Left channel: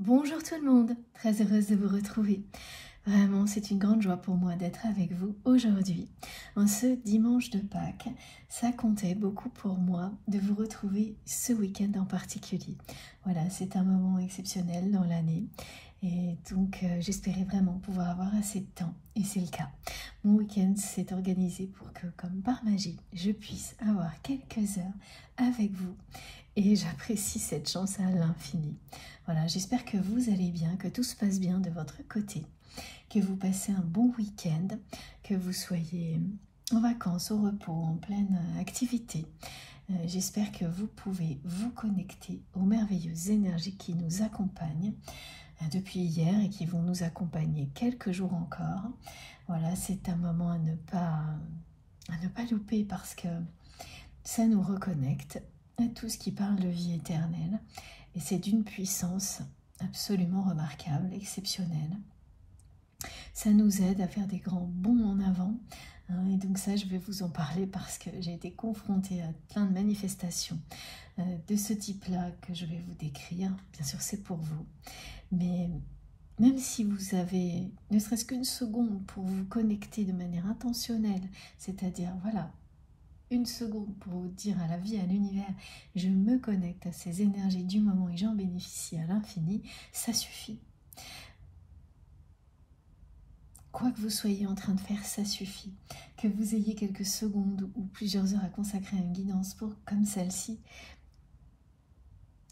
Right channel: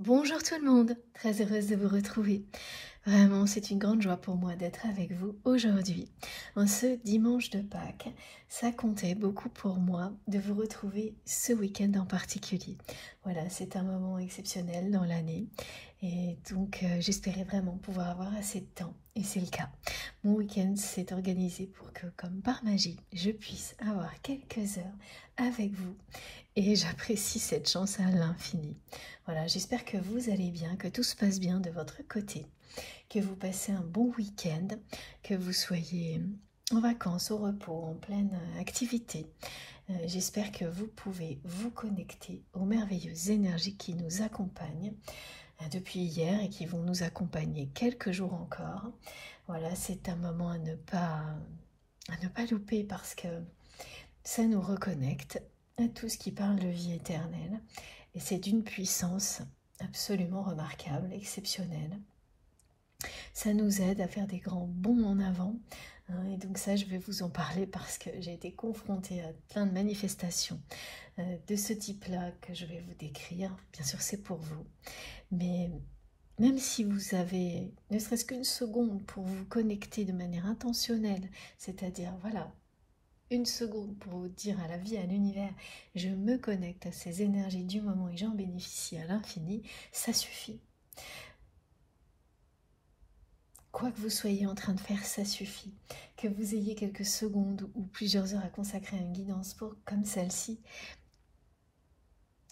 Bonjour tout le monde, très heureuse de vous retrouver. Vraiment, c'est une grande joie pour moi d'être avec vous aujourd'hui. En ce dimanche de Pâques, ça comptait beaucoup pour moi de vous retrouver ce week-end en particulier. Voilà, c'est un moment exceptionnel dans l'année et donc j'espérais vraiment pouvoir avoir assez de temps et c'est le cas. Mon week-end s'est organisé pour que, comme par magie, je puisse avoir quelques heures avec vous et j'apprécie cette chance à l'infini. Voilà, j'espère que vous allez bien, que tout se passe bien de votre côté, que vous passez un bon week-end, que vous soyez en vacances, au repos, en pleine activité. J'espère que vous pouvez vous connecter aux merveilleuses énergies qui nous accompagnent depuis hier et qui vont nous accompagner quelques jours encore. Voilà, c'est un moment à ne pas louper parce que ça nous reconnecte à tout ce qui parle de vie éternelle. Et c'est d'une puissance absolument remarquable, exceptionnelle. Ça nous aide à faire des grands bonds en avant. Et donc ça, je vais vous en parler parce que j'ai été confrontée à plein de manifestations de ce type-là que je vais vous décrire. Bien sûr, c'est pour vous. Mais même si vous avez ne serait-ce qu'une seconde pour vous connecter de manière intentionnelle, c'est-à-dire, voilà, une seconde pour vous dire à la vie, à l'univers, je me connecte à ces énergies du moment et j'en bénéficie à l'infini, ça suffit. Quoi que vous soyez en train de faire, ça suffit. Que vous ayez quelques secondes ou plusieurs heures à consacrer à une guidance comme celle-ci,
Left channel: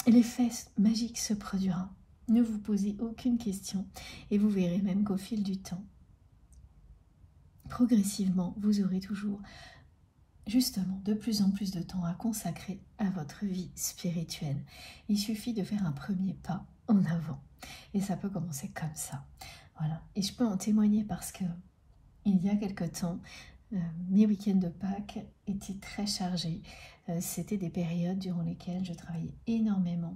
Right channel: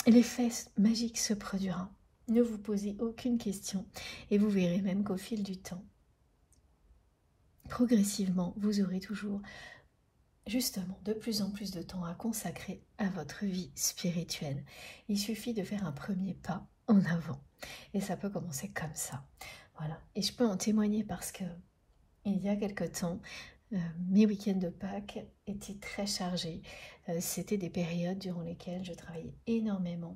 l'effet magique se produira. Ne vous posez aucune question et vous verrez même qu'au fil du temps, progressivement, vous aurez toujours justement de plus en plus de temps à consacrer à votre vie spirituelle. Il suffit de faire un premier pas en avant et ça peut commencer comme ça. Voilà, et je peux en témoigner parce que il y a quelque temps, mes week-ends de Pâques étaient très chargés. C'était des périodes durant lesquelles je travaillais énormément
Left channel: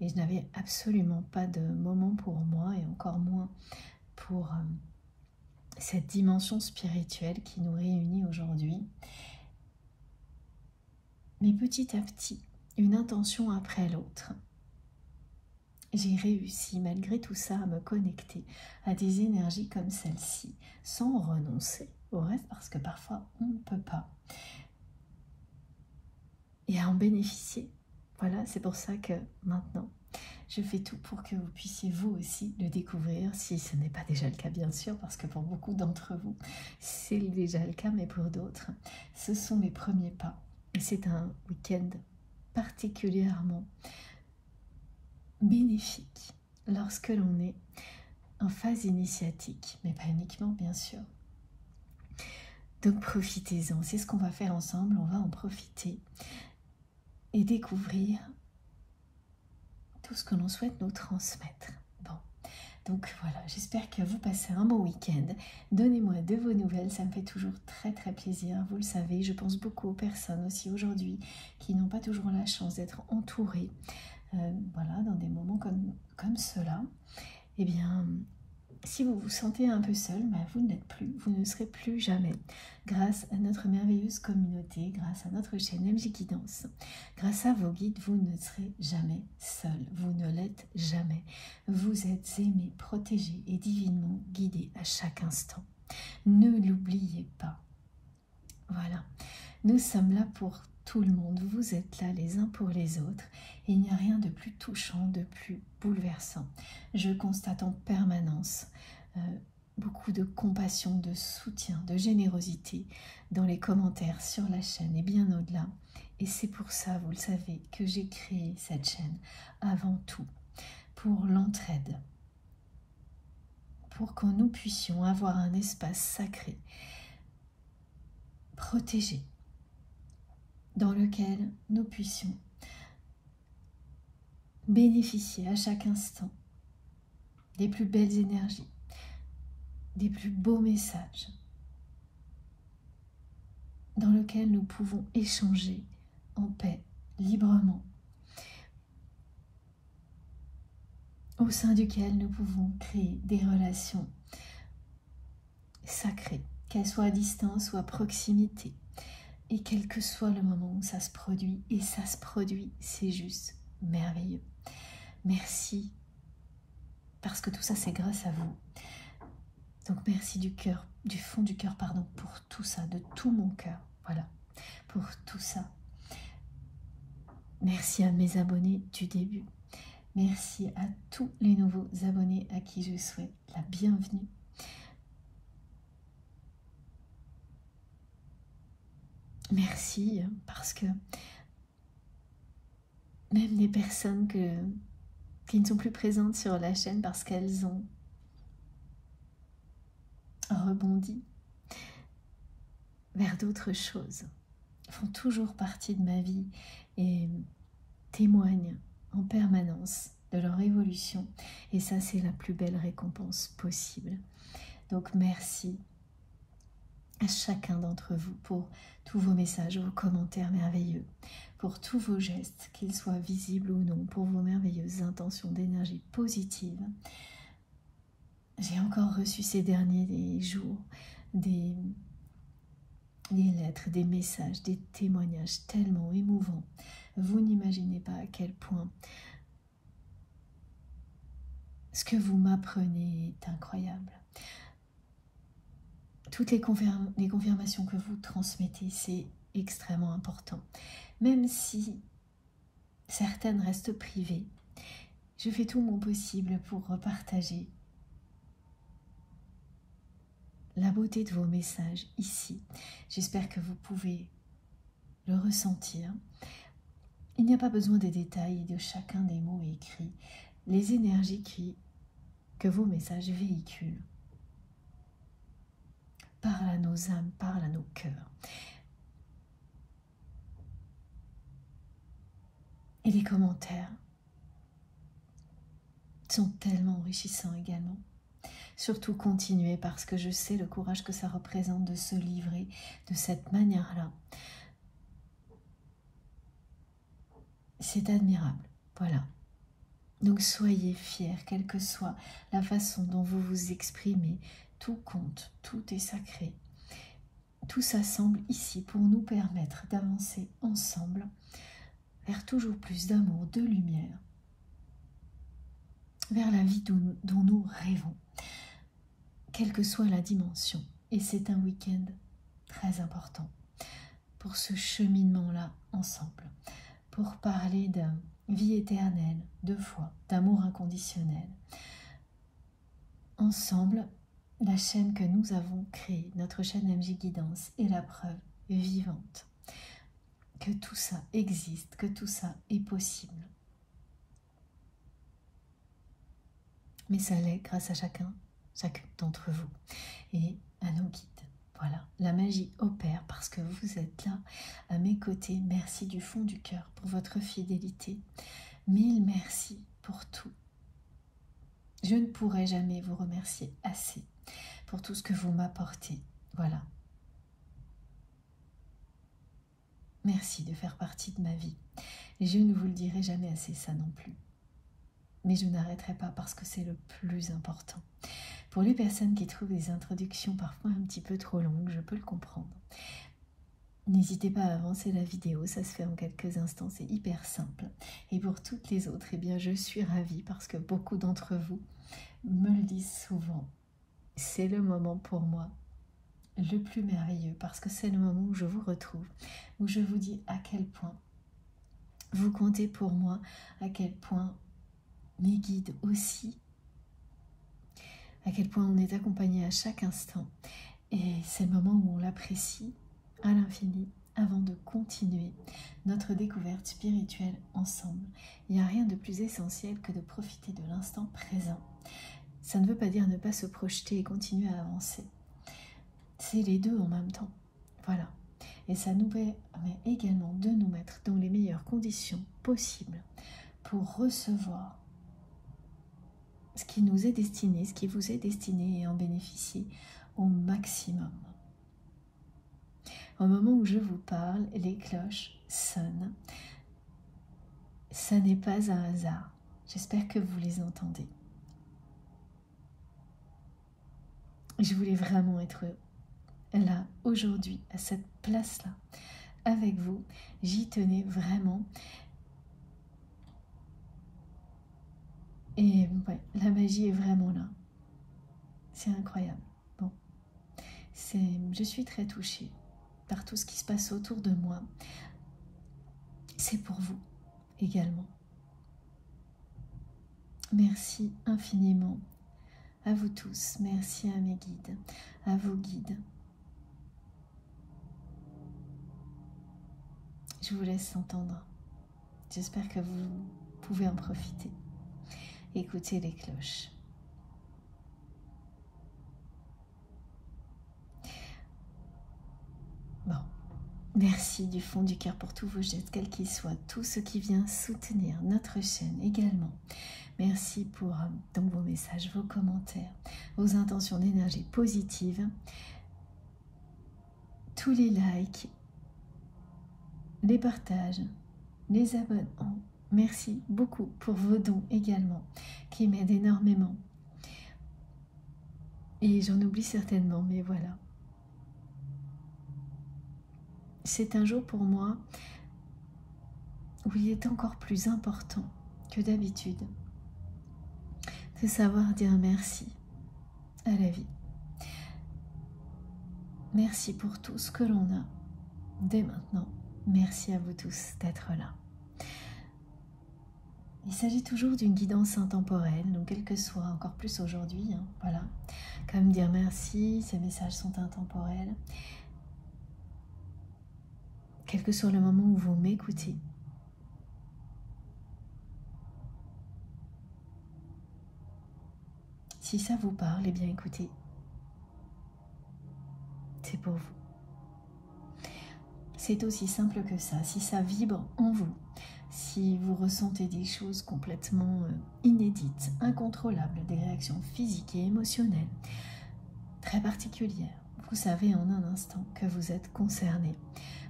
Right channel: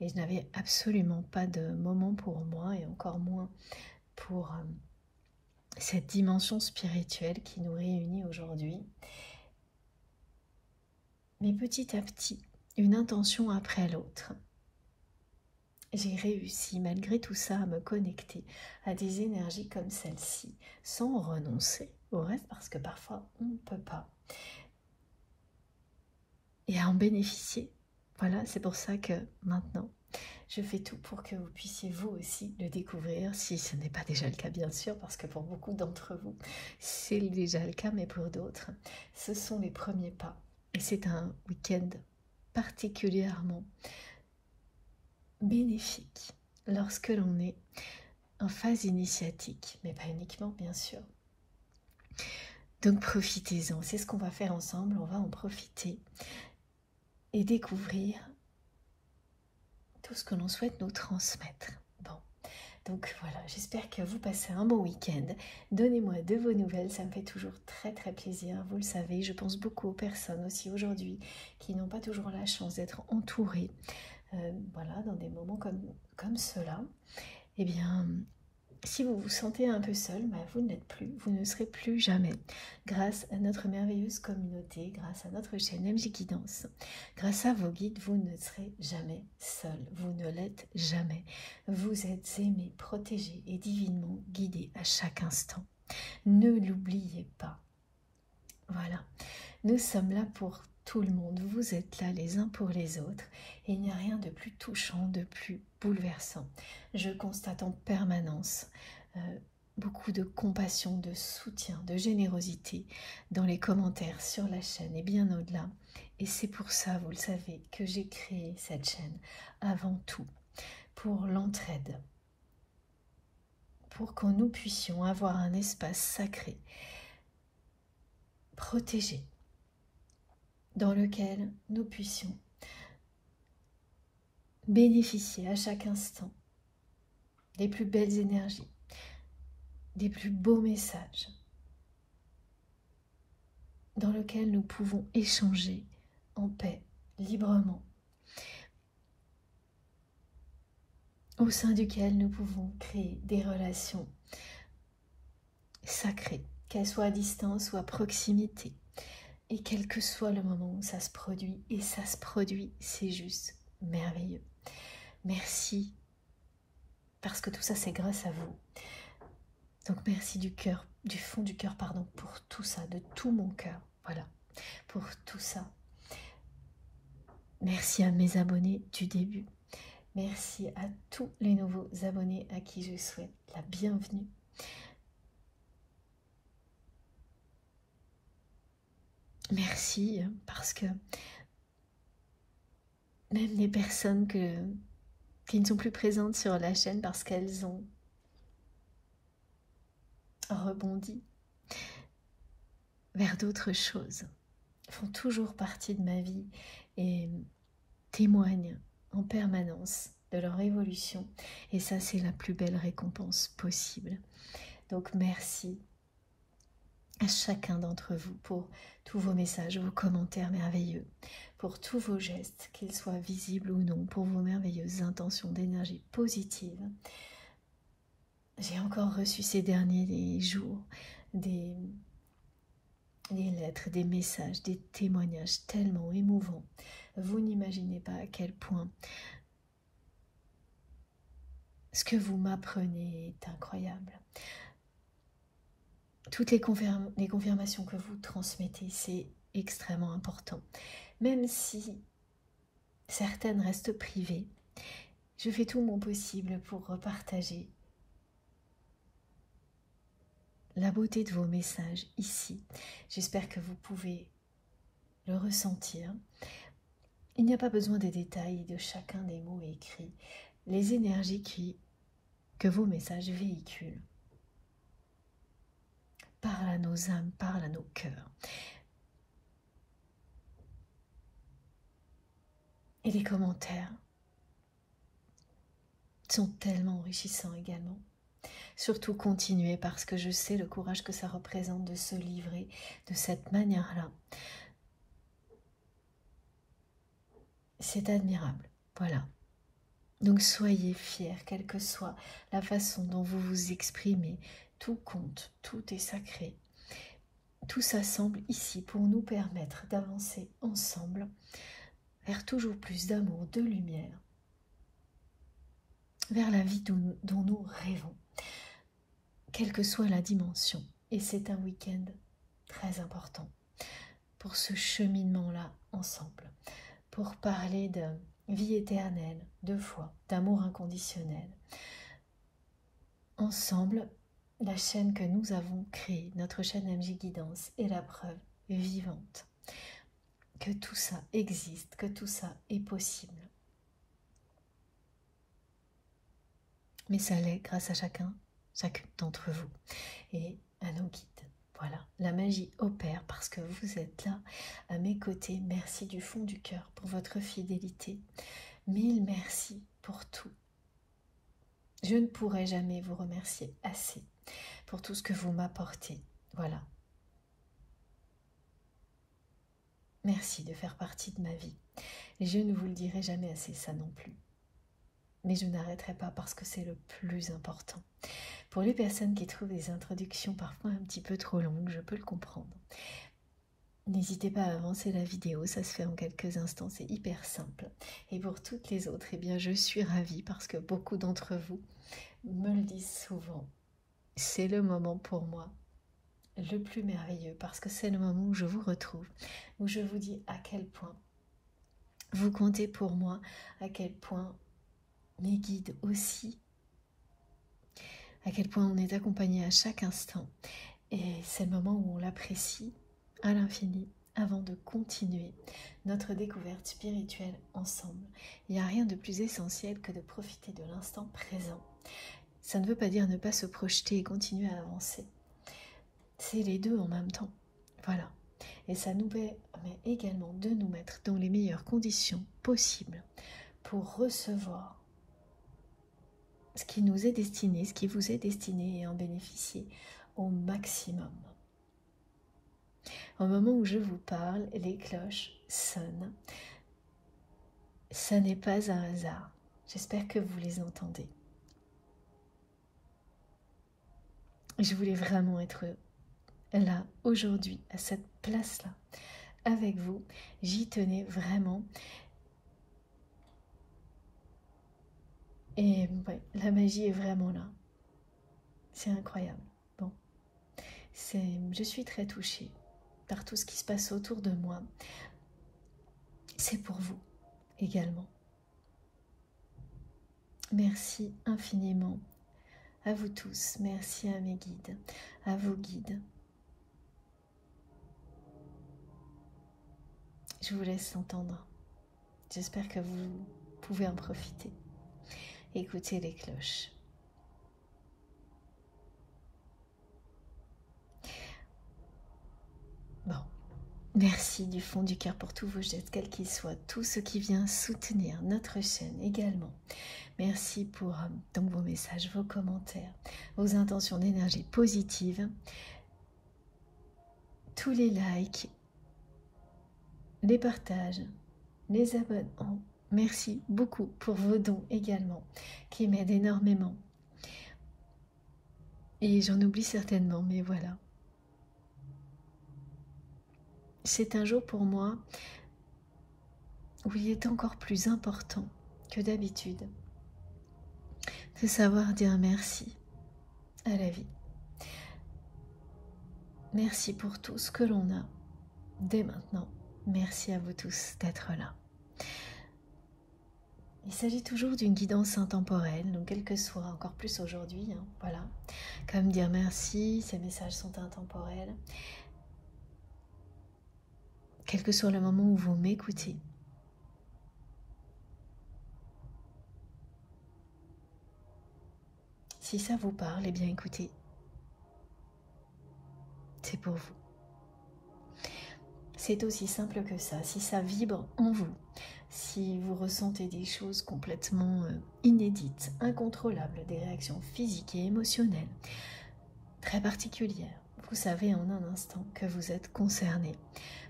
et je n'avais absolument pas de moment pour moi et encore moins pour cette dimension spirituelle qui nous réunit aujourd'hui. Mais petit à petit, une intention après l'autre, j'ai réussi malgré tout ça à me connecter à des énergies comme celle-ci, sans renoncer au reste parce que parfois on ne peut pas, et à en bénéficier. Voilà, c'est pour ça que maintenant, je fais tout pour que vous puissiez vous aussi le découvrir, si ce n'est pas déjà le cas bien sûr, parce que pour beaucoup d'entre vous, c'est déjà le cas, mais pour d'autres, ce sont les premiers pas. Et c'est un week-end particulièrement bénéfique lorsque l'on est en phase initiatique, mais pas uniquement bien sûr. Donc profitez-en, c'est ce qu'on va faire ensemble, on va en profiter et découvrir tout ce que l'on souhaite nous transmettre. Bon, donc voilà, j'espère que vous passez un bon week-end. Donnez-moi de vos nouvelles, ça me fait toujours très très plaisir. Vous le savez, je pense beaucoup aux personnes aussi aujourd'hui qui n'ont pas toujours la chance d'être entourées, voilà, dans des moments comme cela. Eh bien, si vous vous sentez un peu seul, bah vous ne l'êtes plus, vous ne serez plus jamais. Grâce à notre merveilleuse communauté, grâce à notre chaîne MJ Guidance, grâce à vos guides, vous ne serez jamais seul. Vous ne l'êtes jamais. Vous êtes aimé, protégé et divinement guidé à chaque instant. Ne l'oubliez pas. Voilà, nous sommes là pour tout le monde. Vous êtes là les uns pour les autres. Et il n'y a rien de plus touchant, de plus bouleversant. Je constate en permanence beaucoup de compassion, de soutien, de générosité dans les commentaires sur la chaîne et bien au-delà. Et c'est pour ça, vous le savez, que j'ai créé cette chaîne avant tout, pour l'entraide, pour que nous puissions avoir un espace sacré, protégé, dans lequel nous puissions bénéficier à chaque instant des plus belles énergies, des plus beaux messages, dans lequel nous pouvons échanger en paix, librement, au sein duquel nous pouvons créer des relations sacrées, qu'elles soient à distance ou à proximité, et quel que soit le moment où ça se produit, et ça se produit, c'est juste merveilleux. Merci parce que tout ça, c'est grâce à vous. Donc merci du cœur, du fond du cœur, pardon, pour tout ça, de tout mon cœur. Voilà, pour tout ça. Merci à mes abonnés du début. Merci à tous les nouveaux abonnés à qui je souhaite la bienvenue. Merci parce que même les personnes qui ne sont plus présentes sur la chaîne parce qu'elles ont rebondi vers d'autres choses, font toujours partie de ma vie et témoignent en permanence de leur évolution. Et ça, c'est la plus belle récompense possible. Donc merci à chacun d'entre vous pour tous vos messages, vos commentaires merveilleux, pour tous vos gestes, qu'ils soient visibles ou non, pour vos merveilleuses intentions d'énergie positive. J'ai encore reçu ces derniers jours des lettres, des messages, des témoignages tellement émouvants. Vous n'imaginez pas à quel point ce que vous m'apprenez est incroyable. Toutes les confirmations que vous transmettez, c'est extrêmement important. Même si certaines restent privées, je fais tout mon possible pour repartager la beauté de vos messages ici. J'espère que vous pouvez le ressentir. Il n'y a pas besoin des détails de chacun des mots écrits. Les énergies que vos messages véhiculent parlent à nos âmes, parlent à nos cœurs. Et les commentaires sont tellement enrichissants également. Surtout continuez parce que je sais le courage que ça représente de se livrer de cette manière-là. C'est admirable, voilà. Donc soyez fiers, quelle que soit la façon dont vous vous exprimez, tout compte, tout est sacré. Tout s'assemble ici pour nous permettre d'avancer ensemble vers toujours plus d'amour, de lumière, vers la vie dont nous rêvons, quelle que soit la dimension. Et c'est un week-end très important pour ce cheminement-là ensemble, pour parler de vie éternelle, de foi, d'amour inconditionnel. Ensemble, la chaîne que nous avons créée, notre chaîne MJ Guidance, est la preuve vivante que tout ça existe, que tout ça est possible. Mais ça l'est grâce à chacune d'entre vous et à nos guides. Voilà, la magie opère parce que vous êtes là à mes côtés. Merci du fond du cœur pour votre fidélité. Mille merci pour tout. Je ne pourrai jamais vous remercier assez pour tout ce que vous m'apportez. Voilà. Merci de faire partie de ma vie. Et je ne vous le dirai jamais assez, ça non plus. Mais je n'arrêterai pas parce que c'est le plus important. Pour les personnes qui trouvent des introductions parfois un petit peu trop longues, je peux le comprendre. N'hésitez pas à avancer la vidéo, ça se fait en quelques instants, c'est hyper simple. Et pour toutes les autres, eh bien, je suis ravie parce que beaucoup d'entre vous me le disent souvent. C'est le moment pour moi le plus merveilleux parce que c'est le moment où je vous retrouve, où je vous dis à quel point vous comptez pour moi, à quel point mes guides aussi, à quel point on est accompagné à chaque instant. Et c'est le moment où on l'apprécie à l'infini avant de continuer notre découverte spirituelle ensemble. Il n'y a rien de plus essentiel que de profiter de l'instant présent. Ça ne veut pas dire ne pas se projeter et continuer à avancer. C'est les deux en même temps. Voilà. Et ça nous permet également de nous mettre dans les meilleures conditions possibles pour recevoir ce qui nous est destiné, ce qui vous est destiné et en bénéficier au maximum. Au moment où je vous parle, les cloches sonnent. Ça n'est pas un hasard. J'espère que vous les entendez. Je voulais vraiment être là, aujourd'hui, à cette place-là, avec vous. J'y tenais vraiment. Et ouais, la magie l'énergie est vraiment là. C'est incroyable. Bon, je suis très touchée par tout ce qui se passe autour de moi. C'est pour vous également. Merci infiniment à vous tous. Merci à mes guides, à vos guides. Je vous laisse entendre. J'espère que vous pouvez en profiter. Écoutez les cloches. Bon, merci du fond du cœur pour tous vos gestes, quels qu'ils soient, tout ce qui vient soutenir notre chaîne également. Merci pour donc vos messages, vos commentaires, vos intentions d'énergie positive, tous les likes, les partages, les abonnements. Merci beaucoup pour vos dons également, qui m'aident énormément. Et j'en oublie certainement, mais voilà. C'est un jour pour moi où il est encore plus important que d'habitude de savoir dire merci à la vie. Merci pour tout ce que l'on a dès maintenant. Merci à vous tous d'être là. Il s'agit toujours d'une guidance intemporelle, donc quel que soit, encore plus aujourd'hui, hein, voilà. Comme dire merci, ces messages sont intemporels. Quel que soit le moment où vous m'écoutez. Si ça vous parle, eh bien écoutez, c'est pour vous. C'est aussi simple que ça. Si ça vibre en vous, si vous ressentez des choses complètement inédites, incontrôlables, des réactions physiques et émotionnelles très particulières, vous savez en un instant que vous êtes concerné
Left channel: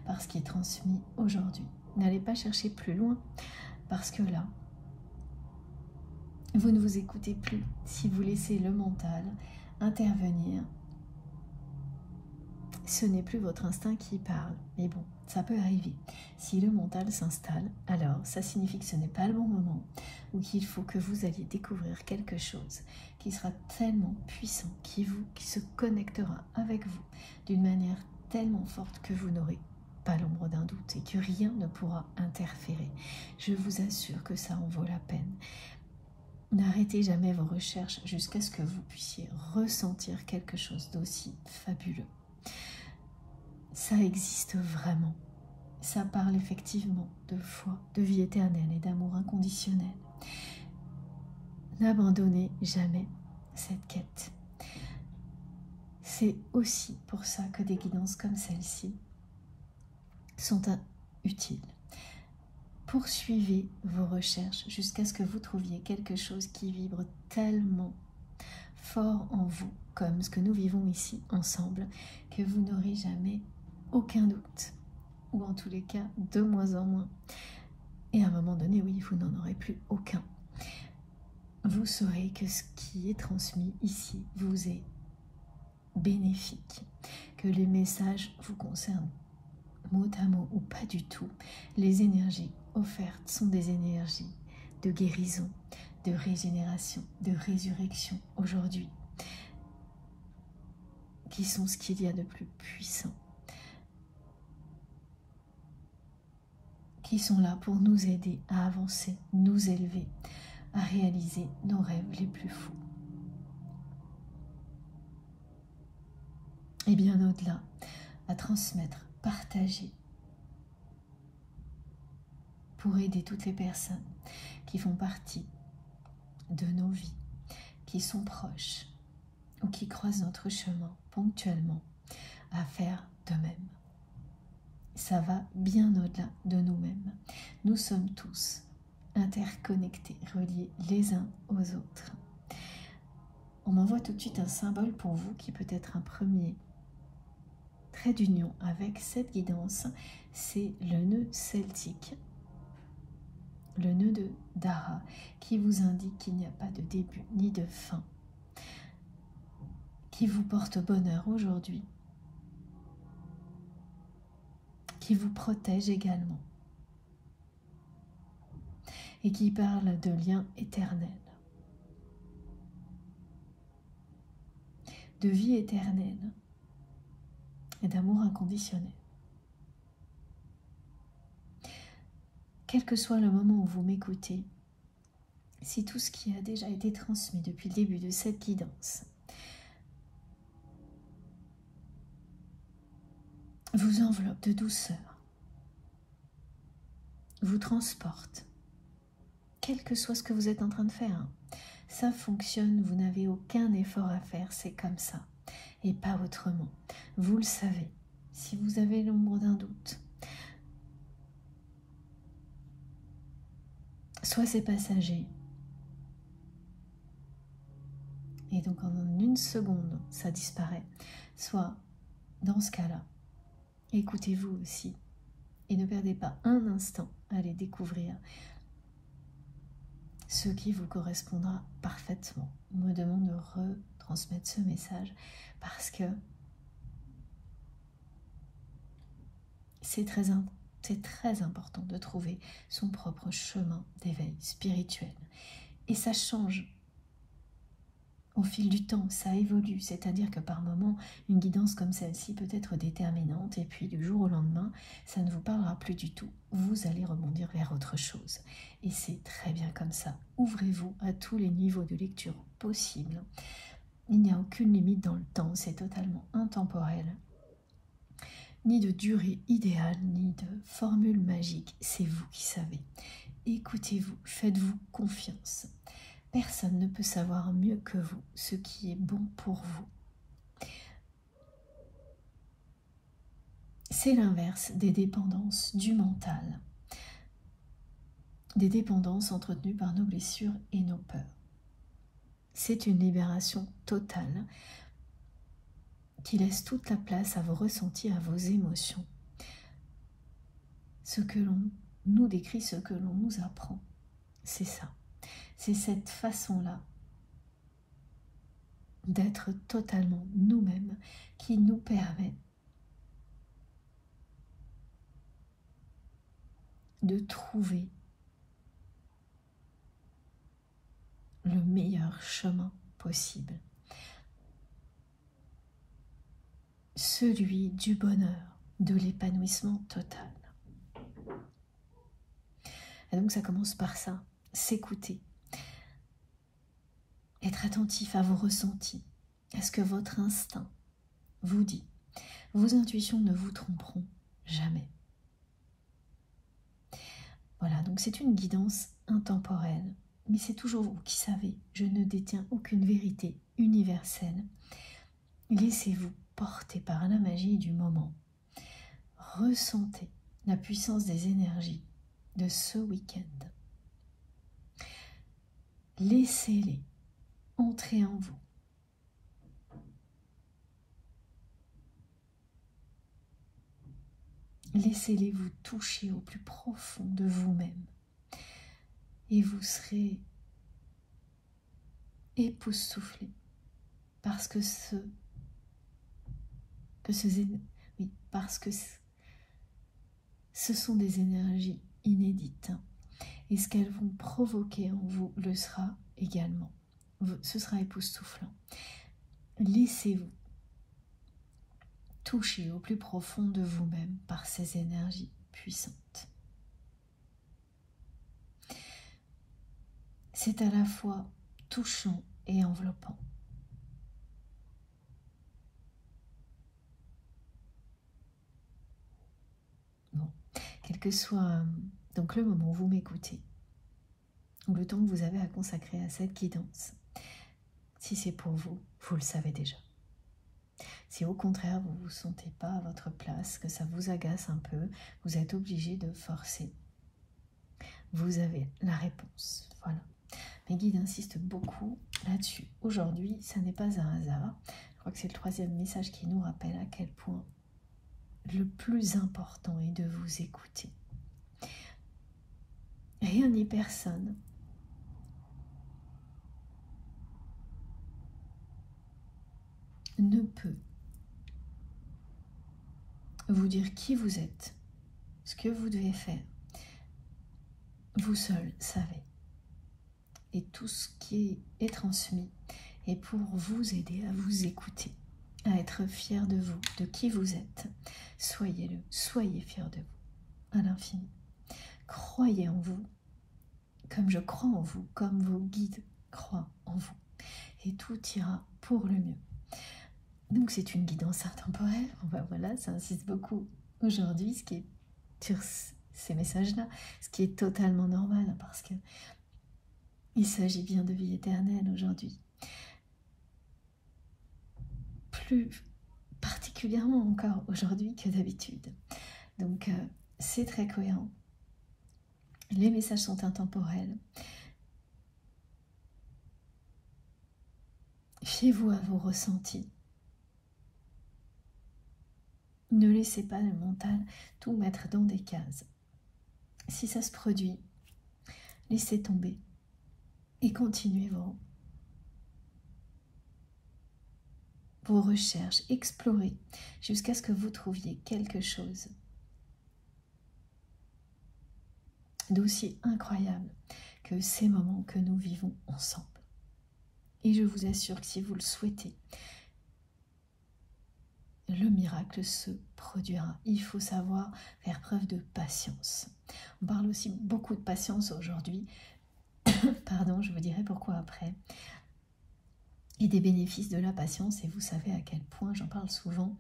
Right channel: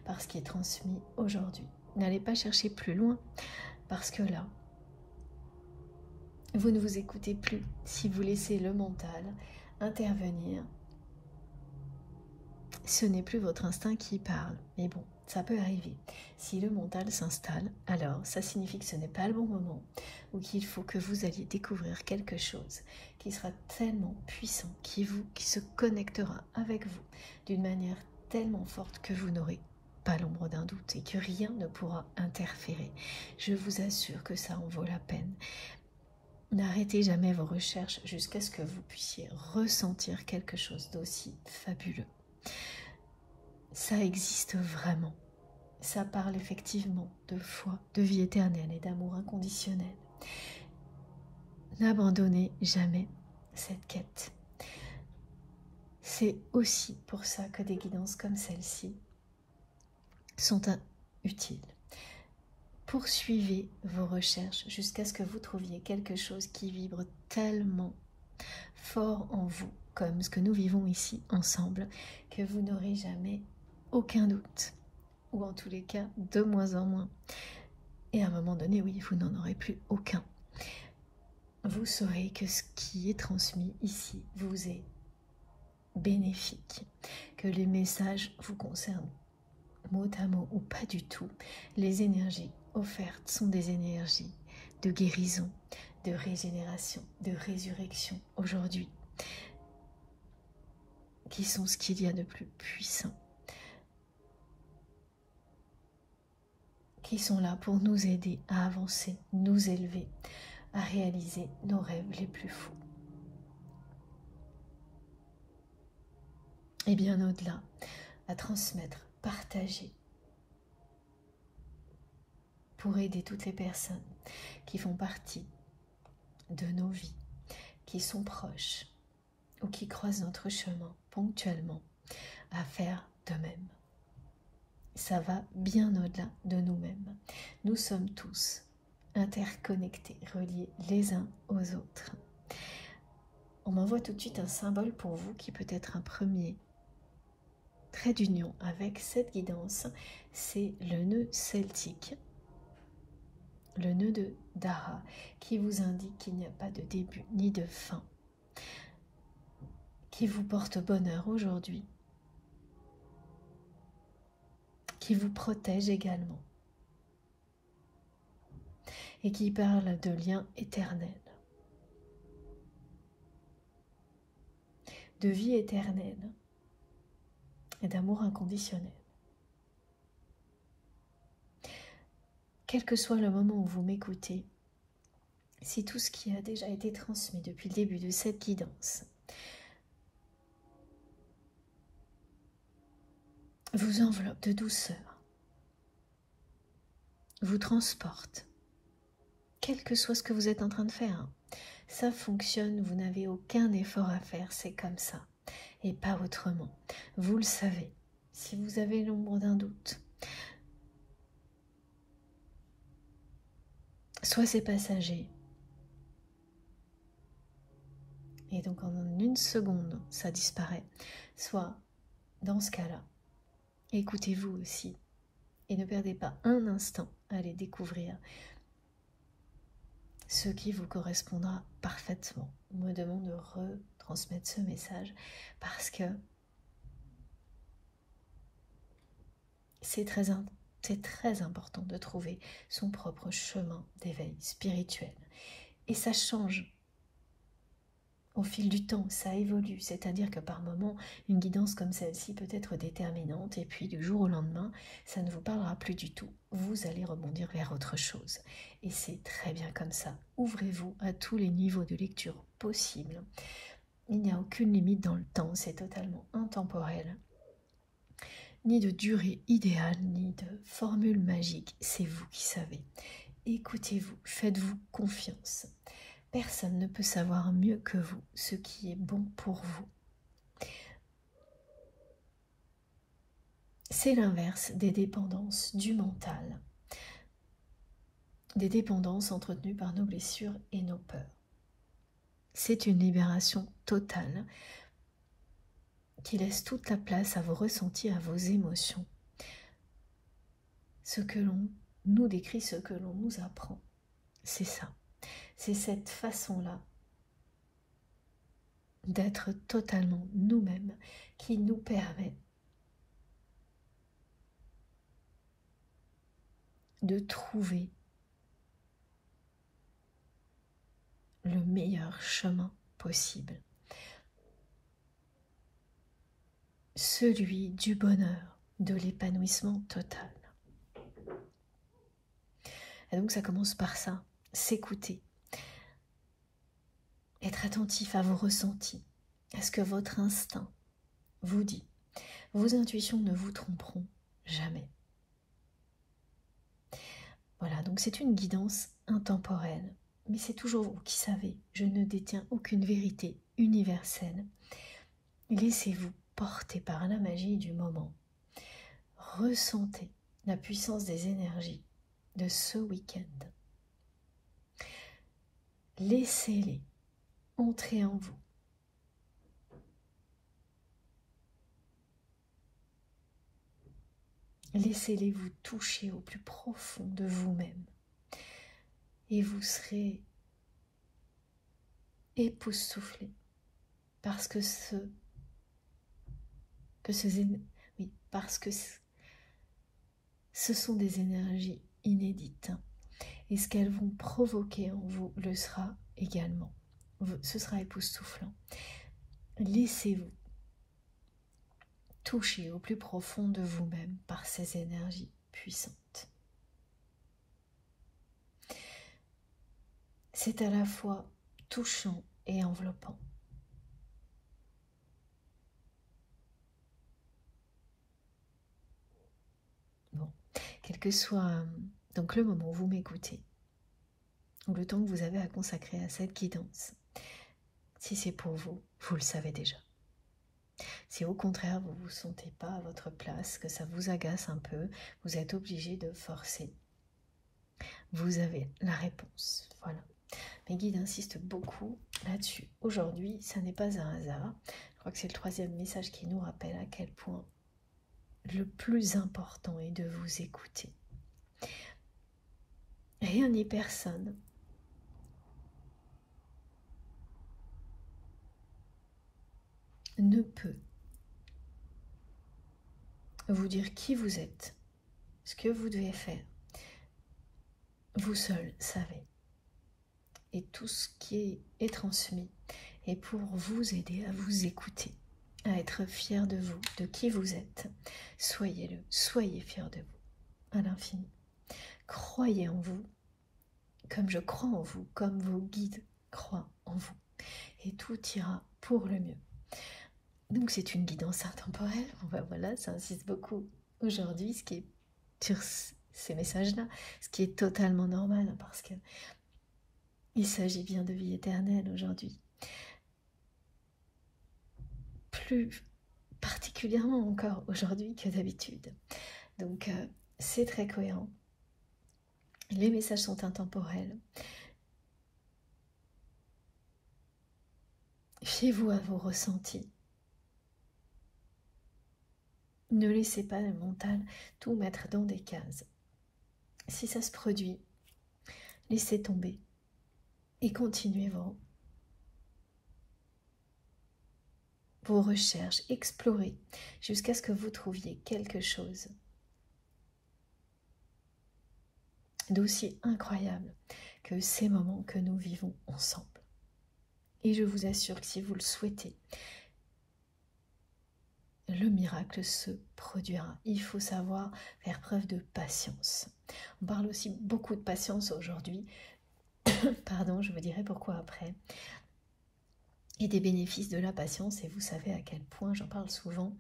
par ce qui est transmis aujourd'hui. N'allez pas chercher plus loin, parce que là, vous ne vous écoutez plus. Si vous laissez le mental intervenir, ce n'est plus votre instinct qui parle. Mais bon, ça peut arriver. Si le mental s'installe, alors ça signifie que ce n'est pas le bon moment, ou qu'il faut que vous alliez découvrir quelque chose qui sera tellement puissant, qui se connectera avec vous d'une manière tellement forte que vous n'aurez pas l'ombre d'un doute et que rien ne pourra interférer. Je vous assure que ça en vaut la peine. N'arrêtez jamais vos recherches jusqu'à ce que vous puissiez ressentir quelque chose d'aussi fabuleux. Ça existe vraiment. Ça parle effectivement de foi, de vie éternelle et d'amour inconditionnel. N'abandonnez jamais cette quête. C'est aussi pour ça que des guidances comme celle-ci sont utiles. Poursuivez vos recherches jusqu'à ce que vous trouviez quelque chose qui vibre tellement fort en vous, comme ce que nous vivons ici ensemble, que vous n'aurez jamais aucun doute, ou en tous les cas de moins en moins. Et à un moment donné, oui, vous n'en aurez plus aucun. Vous saurez que ce qui est transmis ici vous est bénéfique, que les messages vous concernent mot à mot ou pas du tout. Les énergies offertes sont des énergies de guérison, de régénération, de résurrection aujourd'hui, qui sont ce qu'il y a de plus puissant, qui sont là pour nous aider à avancer, nous élever, à réaliser nos rêves les plus fous. Et bien au-delà, à transmettre, partager, pour aider toutes les personnes qui font partie de nos vies, qui sont proches ou qui croisent notre chemin ponctuellement, à faire de même. Ça va bien au-delà de nous-mêmes. Nous sommes tous interconnectés, reliés les uns aux autres. On m'envoie tout de suite un symbole pour vous qui peut être un premier trait d'union avec cette guidance, c'est le nœud celtique, le nœud de Dara, qui vous indique qu'il n'y a pas de début ni de fin, qui vous porte bonheur aujourd'hui, qui vous protège également et qui parle de lien éternel. de vie éternelle et d'amour inconditionnel. Quel que soit le moment où vous m'écoutez, si tout ce qui a déjà été transmis depuis le début de cette guidance vous enveloppe de douceur, vous transporte, quel que soit ce que vous êtes en train de faire, hein, ça fonctionne, vous n'avez aucun effort à faire, c'est comme ça, et pas autrement. Vous le savez, si vous avez l'ombre d'un doute, soit c'est passager, et donc en une seconde, ça disparaît, soit dans ce cas-là, écoutez-vous aussi, et ne perdez pas un instant à aller découvrir ce qui vous correspondra parfaitement. On me demande de retransmettre ce message parce que c'est très important de trouver son propre chemin d'éveil spirituel. Et ça change au fil du temps, ça évolue. C'est-à-dire que par moments, une guidance comme celle-ci peut être déterminante et puis du jour au lendemain, ça ne vous parlera plus du tout. Vous allez rebondir vers autre chose. Et c'est très bien comme ça. Ouvrez-vous à tous les niveaux de lecture possibles. Il n'y a aucune limite dans le temps, c'est totalement intemporel. Ni de durée idéale, ni de formule magique, c'est vous qui savez. Écoutez-vous, faites-vous confiance. Personne ne peut savoir mieux que vous ce qui est bon pour vous. C'est l'inverse des dépendances du mental, des dépendances entretenues par nos blessures et nos peurs. C'est une libération totale qui laisse toute la place à vos ressentis, à vos émotions. Ce que l'on nous décrit, ce que l'on nous apprend, c'est ça. C'est cette façon-là d'être totalement nous-mêmes qui nous permet de trouver le meilleur chemin possible. Celui du bonheur, de l'épanouissement total. Et donc ça commence par ça, s'écouter. Être attentif à vos ressentis, à ce que votre instinct vous dit. Vos intuitions ne vous tromperont jamais. Voilà, donc c'est une guidance intemporelle, mais c'est toujours vous qui savez. Je ne détiens aucune vérité universelle. Laissez-vous porter par la magie du moment. Ressentez la puissance des énergies de ce week-end. Laissez-les entrer en vous. Laissez-les vous toucher au plus profond de vous-même. Et vous serez époustouflé parce que ce sont des énergies inédites. Et ce qu'elles vont provoquer en vous le sera également. Ce sera époustouflant. Laissez-vous toucher au plus profond de vous-même par ces énergies puissantes. C'est à la fois touchant et enveloppant. Bon, quel que soit donc le moment où vous m'écoutez, ou le temps que vous avez à consacrer à cette guidance, si c'est pour vous, vous le savez déjà. Si au contraire vous ne vous sentez pas à votre place, que ça vous agace un peu, vous êtes obligé de forcer, vous avez la réponse. Voilà. Mes guides insistent beaucoup là-dessus. Aujourd'hui, ça n'est pas un hasard. Je crois que c'est le troisième message qui nous rappelle à quel point le plus important est de vous écouter. Rien ni personne ne peut vous dire qui vous êtes, ce que vous devez faire. Vous seul savez. Et tout ce qui est transmis et pour vous aider à vous écouter, à être fier de vous, de qui vous êtes. Soyez-le, soyez fier de vous, à l'infini. Croyez en vous, comme je crois en vous, comme vos guides croient en vous. Et tout ira pour le mieux. Donc c'est une guidance intemporelle. Voilà, ça insiste beaucoup aujourd'hui, ce qui est sur ces messages-là, ce qui est totalement normal, parce que il s'agit bien de vie éternelle aujourd'hui. Plus particulièrement encore aujourd'hui que d'habitude. Donc c'est très cohérent. Les messages sont intemporels. Fiez-vous à vos ressentis. Ne laissez pas le mental tout mettre dans des cases. Si ça se produit, laissez tomber et continuez vos recherches, explorez jusqu'à ce que vous trouviez quelque chose d'aussi incroyable que ces moments que nous vivons ensemble. Et je vous assure que si vous le souhaitez, le miracle se produira. Il faut savoir faire preuve de patience. On parle aussi beaucoup de patience aujourd'hui. Pardon, je vous dirai pourquoi après. Et des bénéfices de la patience. Et vous savez à quel point j'en parle souvent.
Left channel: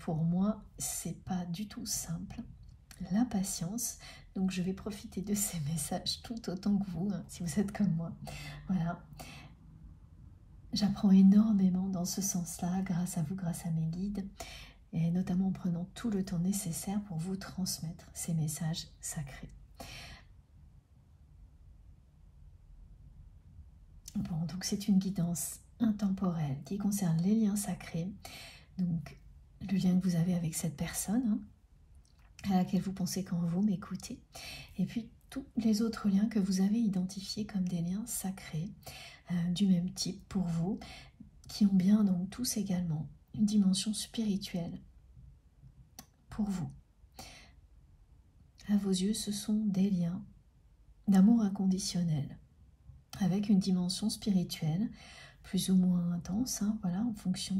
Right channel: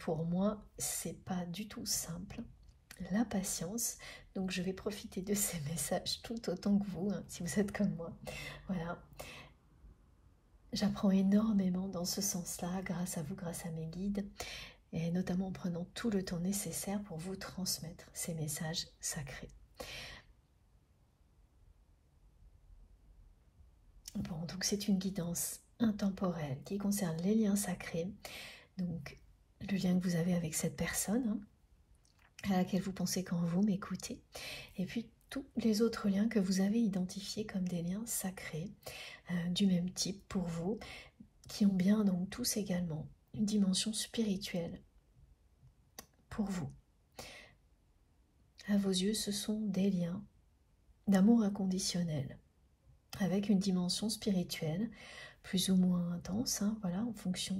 Pour moi, c'est pas du tout simple. La patience. Donc je vais profiter de ces messages tout autant que vous, hein, si vous êtes comme moi. Voilà. J'apprends énormément dans ce sens-là, grâce à vous, grâce à mes guides, et notamment en prenant tout le temps nécessaire pour vous transmettre ces messages sacrés. Bon, donc c'est une guidance intemporelle qui concerne les liens sacrés, donc le lien que vous avez avec cette personne, hein, à laquelle vous pensez quand vous m'écoutez, et puis tous les autres liens que vous avez identifiés comme des liens sacrés, du même type pour vous, qui ont bien donc tous également une dimension spirituelle pour vous. À vos yeux, ce sont des liens d'amour inconditionnel, avec une dimension spirituelle plus ou moins intense, hein, voilà, en fonction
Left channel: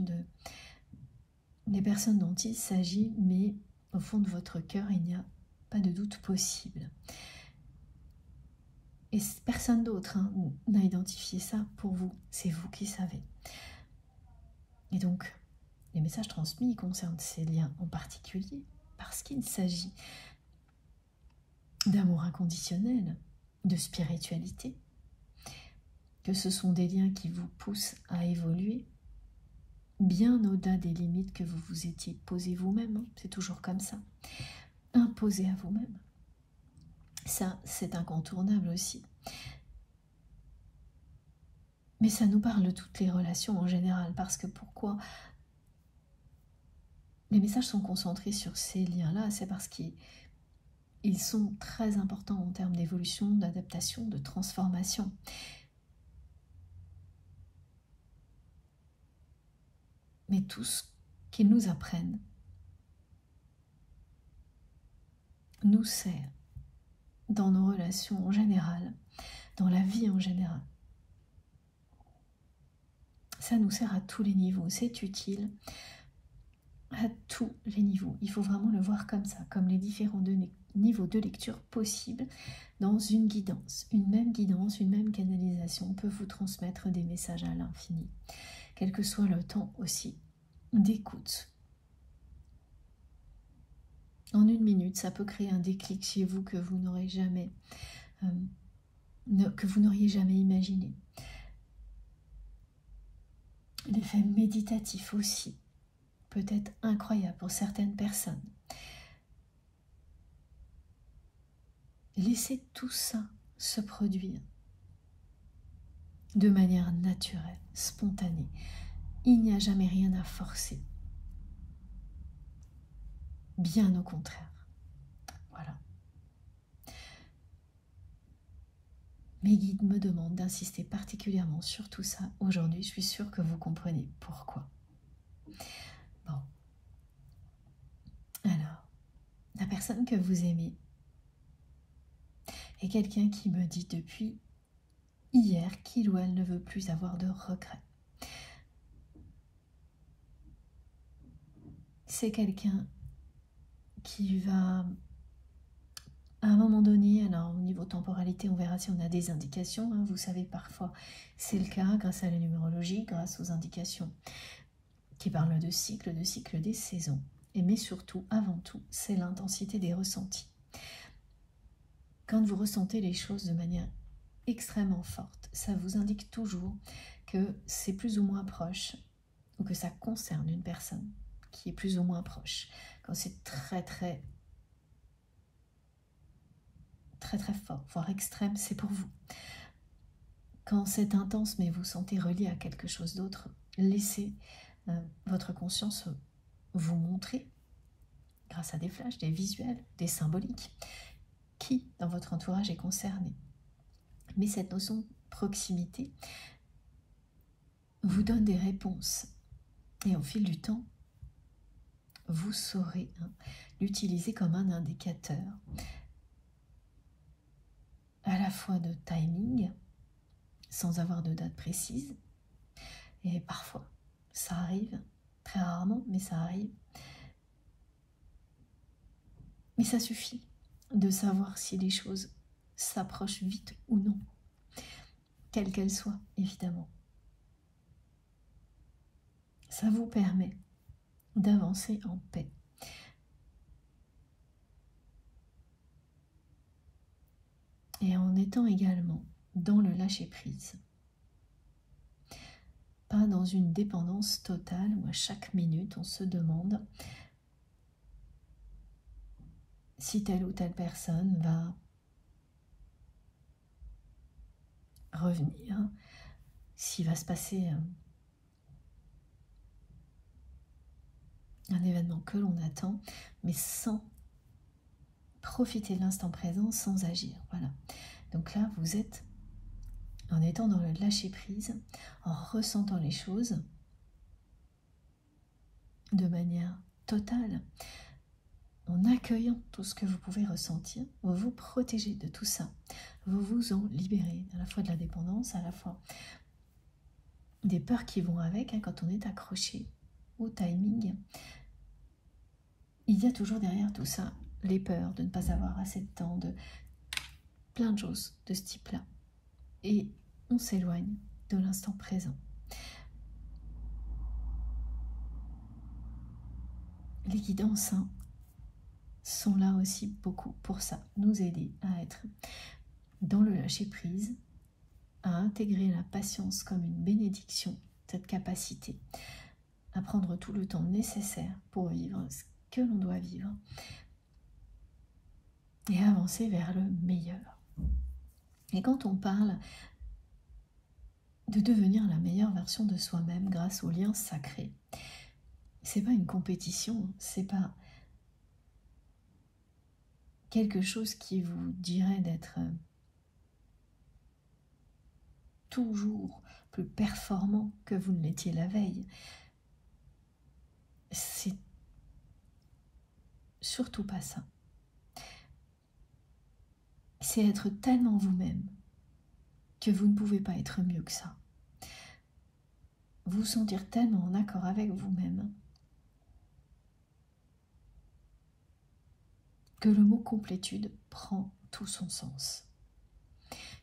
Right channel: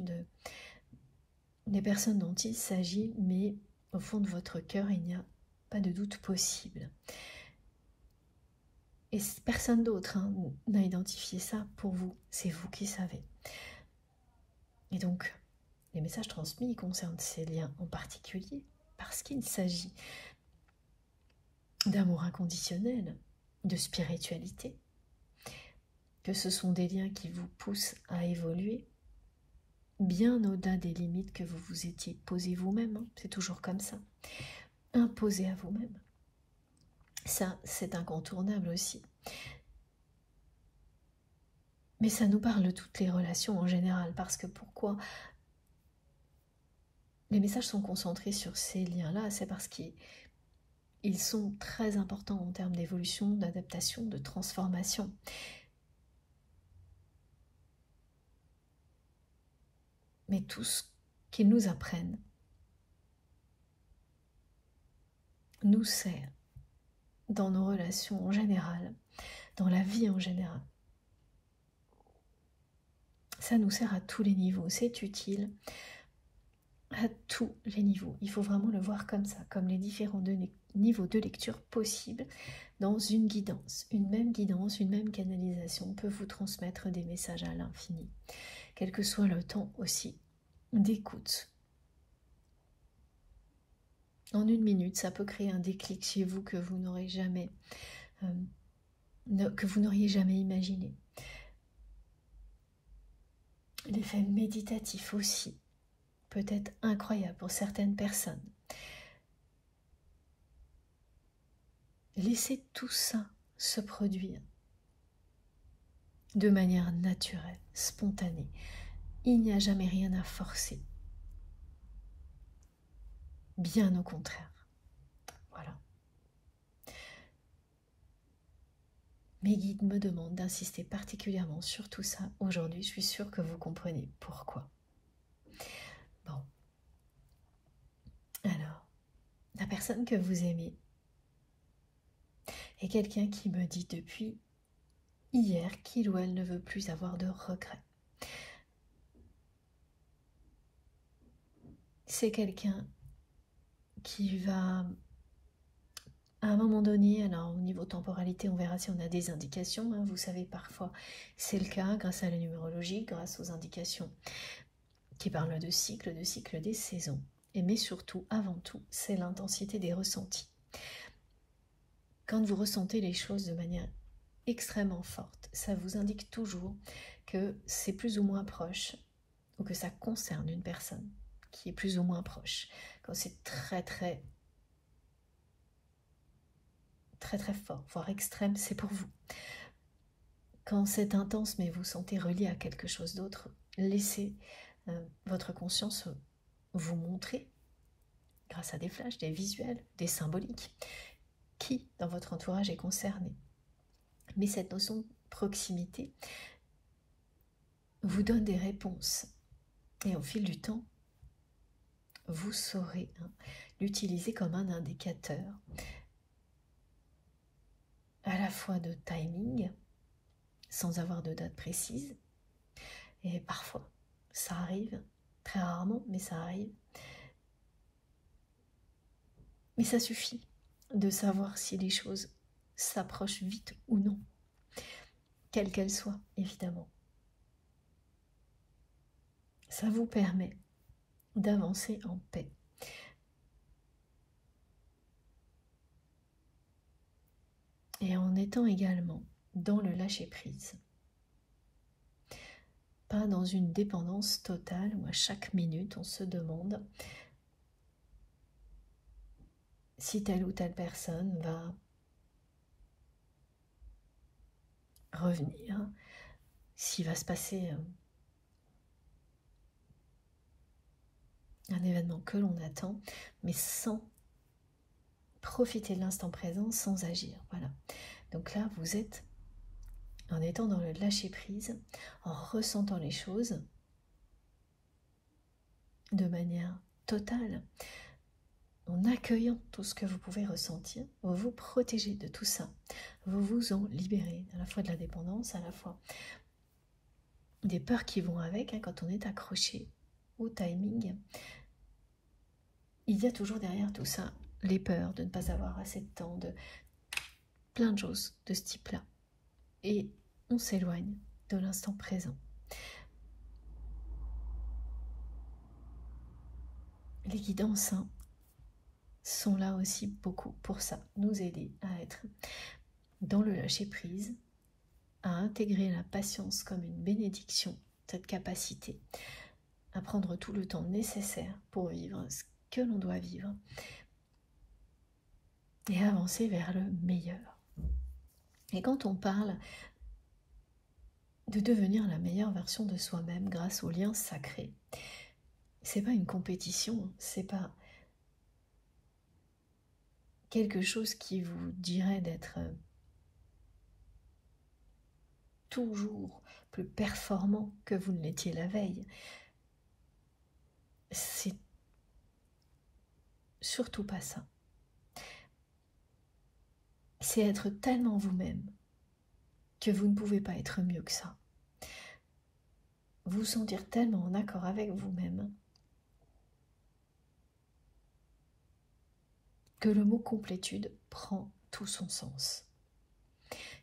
des personnes dont il s'agit, mais au fond de votre cœur, il n'y a pas de doute possible. Et personne d'autre n'a identifié ça pour vous, c'est vous qui savez. Et donc, les messages transmis concernent ces liens en particulier, parce qu'il s'agit d'amour inconditionnel, de spiritualité, que ce sont des liens qui vous poussent à évoluer bien au-delà des limites que vous vous étiez posées vous-même, hein, c'est toujours comme ça, imposées à vous-même. Ça, c'est incontournable aussi. Mais ça nous parle de toutes les relations en général, parce que pourquoi les messages sont concentrés sur ces liens-là, c'est parce qu'ils sont très importants en termes d'évolution, d'adaptation, de transformation. Mais tout ce qu'ils nous apprennent nous sert dans nos relations en général, dans la vie en général. Ça nous sert à tous les niveaux, c'est utile à tous les niveaux. Il faut vraiment le voir comme ça, comme les différents niveaux de lecture possibles dans une guidance. Une même canalisation peut vous transmettre des messages à l'infini, quel que soit le temps aussi d'écoute. En 1 minute, ça peut créer un déclic chez vous que vous n'auriez jamais imaginé. L'effet méditatif aussi peut être incroyable pour certaines personnes. Laissez tout ça se produire de manière naturelle, spontanée. Il n'y a jamais rien à forcer. Bien au contraire. Voilà. Mes guides me demandent d'insister particulièrement sur tout ça aujourd'hui. Je suis sûre que vous comprenez pourquoi. Bon. Alors, la personne que vous aimez est quelqu'un qui me dit depuis hier qu'il ou elle ne veut plus avoir de regrets. C'est quelqu'un qui va, à un moment donné, alors au niveau temporalité, on verra si on a des indications, hein, vous savez, parfois c'est le cas grâce à la numérologie, grâce aux indications qui parlent de cycle des saisons, mais surtout, avant tout, c'est l'intensité des ressentis. Quand vous ressentez les choses de manière extrêmement forte, ça vous indique toujours que c'est plus ou moins proche, ou que ça concerne une personne qui est plus ou moins proche. Quand c'est très fort, voire extrême, c'est pour vous. Quand c'est intense, mais vous sentez relié à quelque chose d'autre, laissez votre conscience vous montrer, grâce à des flashs, des visuels, des symboliques, qui dans votre entourage est concerné. Mais cette notion de proximité vous donne des réponses. Et au fil du temps, vous saurez l'utiliser comme un indicateur à la fois de timing, sans avoir de date précise, et parfois, ça arrive, très rarement, mais ça arrive. Mais ça suffit de savoir si les choses s'approchent vite ou non, quelles qu'elles soient, évidemment. Ça vous permet d'avancer en paix. Et en étant également dans le lâcher-prise. Pas dans une dépendance totale où à chaque minute on se demande si telle ou telle personne va revenir, s'il va se passer un événement que l'on attend, mais sans profiter de l'instant présent, sans agir. Voilà. Donc là, vous êtes en étant dans le lâcher-prise, en ressentant les choses de manière totale, en accueillant tout ce que vous pouvez ressentir, vous vous protégez de tout ça, vous vous en libérez, à la fois de la dépendance, à la fois des peurs qui vont avec, quand on est accroché au timing. Il y a toujours derrière tout ça les peurs de ne pas avoir assez de temps, de plein de choses de ce type-là. Et on s'éloigne de l'instant présent. Les guidances sont là aussi beaucoup pour ça, nous aider à être dans le lâcher-prise, à intégrer la patience comme une bénédiction, cette capacité à prendre tout le temps nécessaire pour vivre ce que l'on doit vivre et avancer vers le meilleur. Et quand on parle de devenir la meilleure version de soi-même grâce au lien sacré, c'est pas une compétition, c'est pas quelque chose qui vous dirait d'être toujours plus performant que vous ne l'étiez la veille. C'est surtout pas ça. C'est être tellement vous-même que vous ne pouvez pas être mieux que ça. Vous sentir tellement en accord avec vous-même que le mot complétude prend tout son sens.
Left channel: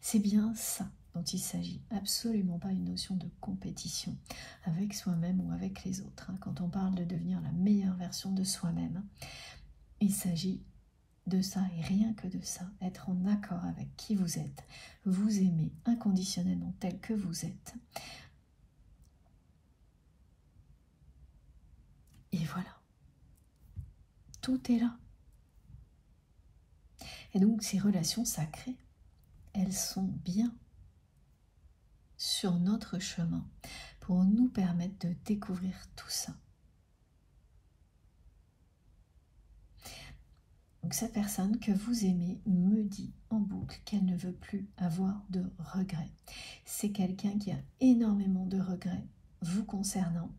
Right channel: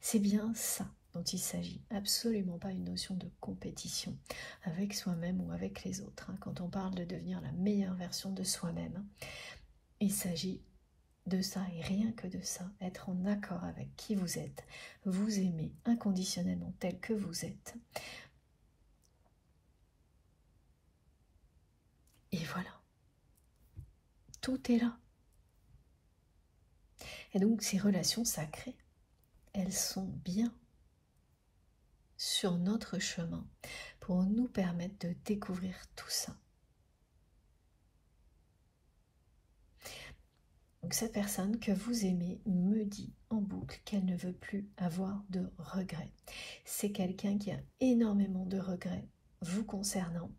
C'est bien ça dont il s'agit, absolument pas une notion de compétition avec soi-même ou avec les autres. Quand on parle de devenir la meilleure version de soi-même, il s'agit de ça et rien que de ça, être en accord avec qui vous êtes, vous aimer inconditionnellement tel que vous êtes. Et voilà, tout est là. Et donc ces relations sacrées, elles sont bien sur notre chemin pour nous permettre de découvrir tout ça. Donc cette personne que vous aimez me dit en boucle qu'elle ne veut plus avoir de regrets. C'est quelqu'un qui a énormément de regrets vous concernant.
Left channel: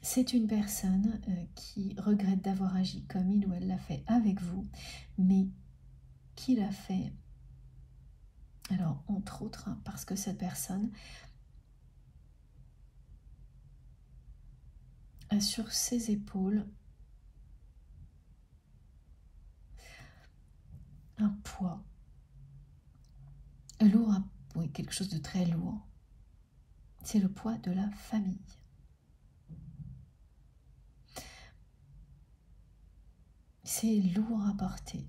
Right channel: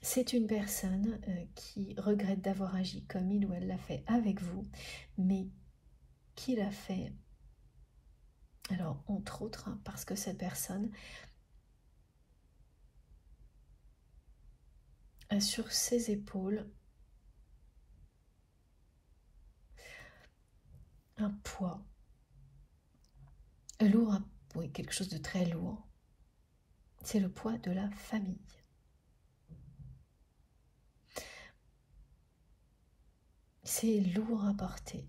C'est une personne qui regrette d'avoir agi comme il ou elle l'a fait avec vous, mais qui l'a fait, alors entre autres, parce que cette personne a sur ses épaules un poids lourd, oui, quelque chose de très lourd. C'est le poids de la famille. C'est lourd à porter.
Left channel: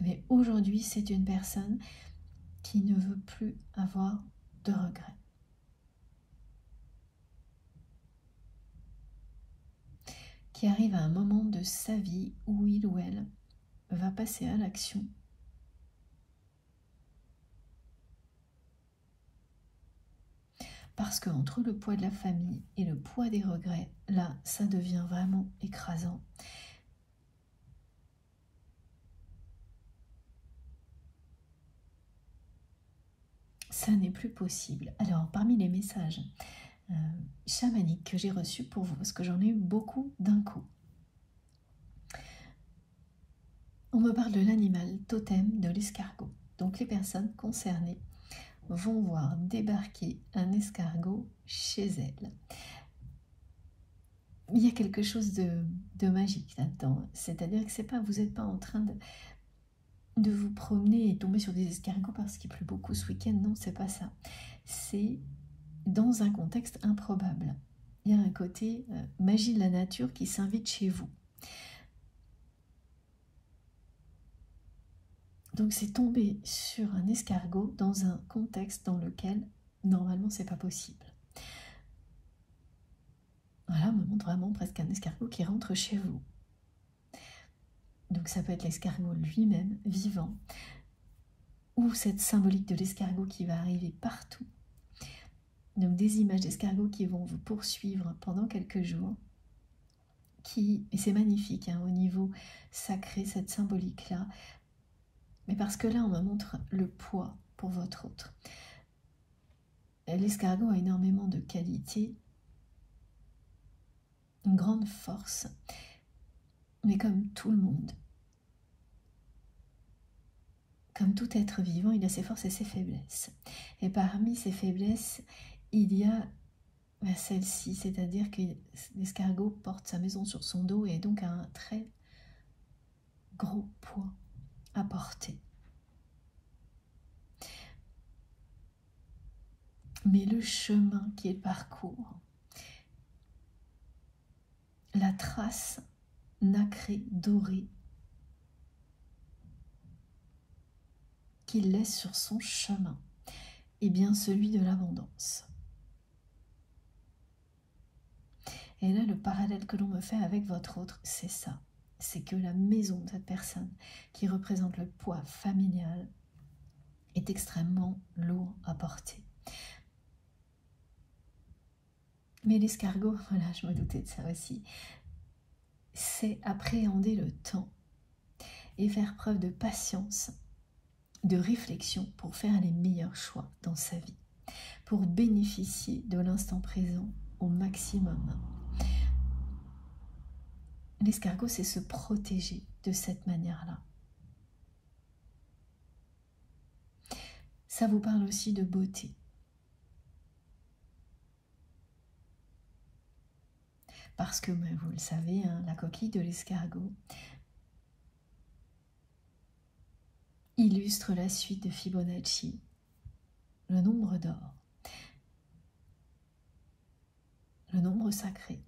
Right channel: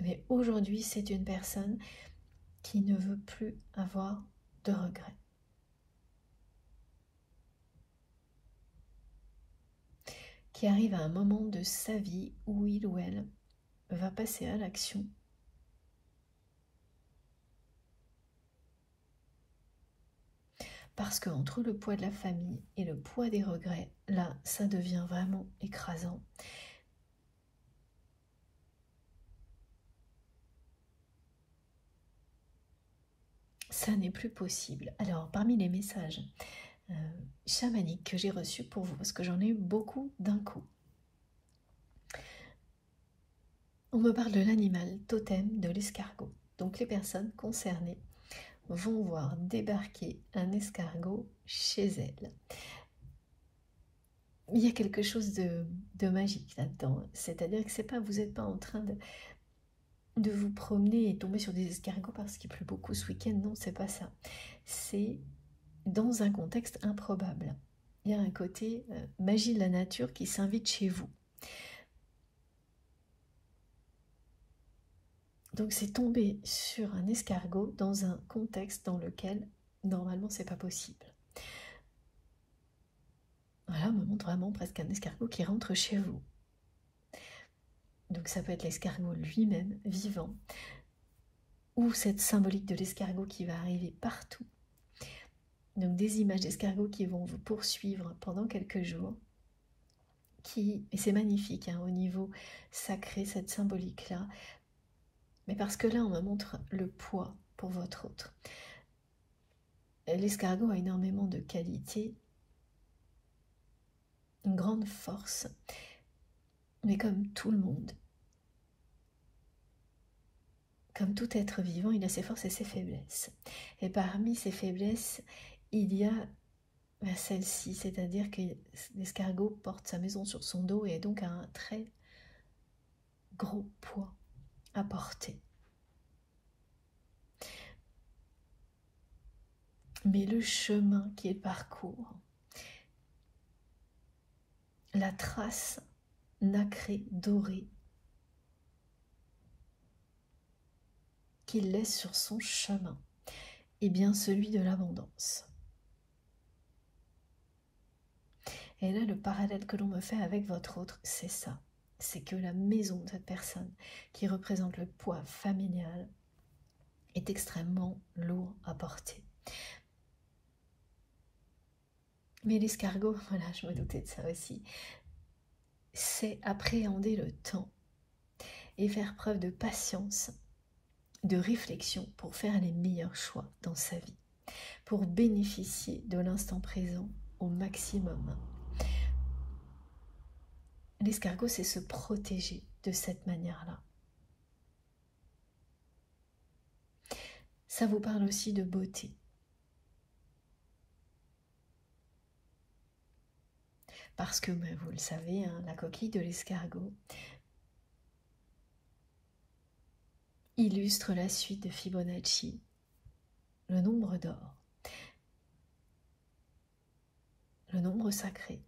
Mais aujourd'hui, c'est une personne qui ne veut plus avoir de regrets. Qui arrive à un moment de sa vie où il ou elle va passer à l'action. Parce qu'entre le poids de la famille et le poids des regrets, là, ça devient vraiment écrasant. Ça n'est plus possible. Alors, parmi les messages chamaniques que j'ai reçus pour vous, parce que j'en ai eu beaucoup d'un coup, on me parle de l'animal totem de l'escargot. Donc, les personnes concernées vont voir débarquer un escargot chez elles. Il y a quelque chose de magique là-dedans. C'est-à-dire que c'est pas, vous n'êtes pas en train de vous promener et tomber sur des escargots parce qu'il pleut beaucoup ce week-end. Non, c'est pas ça. C'est dans un contexte improbable. Il y a un côté magie de la nature qui s'invite chez vous. Donc c'est tomber sur un escargot dans un contexte dans lequel normalement c'est pas possible. Voilà, on me montre vraiment presque un escargot qui rentre chez vous. Donc ça peut être l'escargot lui-même, vivant, ou cette symbolique de l'escargot qui va arriver partout. Donc des images d'escargots qui vont vous poursuivre pendant quelques jours. Et c'est magnifique hein, au niveau sacré, cette symbolique-là. Mais parce que là, on me montre le poids pour votre autre. L'escargot a énormément de qualités, une grande force, mais comme tout le monde, comme tout être vivant, il a ses forces et ses faiblesses. Et parmi ces faiblesses, il y a celle-ci, c'est-à-dire que l'escargot porte sa maison sur son dos et donc a un très gros poids à porter. Mais le chemin qu'il parcourt, la trace nacrée, dorée, qu'il laisse sur son chemin, est bien celui de l'abondance. Et là, le parallèle que l'on me fait avec votre autre, c'est ça. C'est que la maison de cette personne, qui représente le poids familial, est extrêmement lourd à porter. Mais l'escargot, voilà, je me doutais de ça aussi, c'est appréhender le temps et faire preuve de patience, de réflexion pour faire les meilleurs choix dans sa vie, pour bénéficier de l'instant présent au maximum. L'escargot, c'est se protéger de cette manière-là. Ça vous parle aussi de beauté. Parce que, vous le savez, hein, la coquille de l'escargot illustre la suite de Fibonacci, le nombre d'or, le nombre sacré.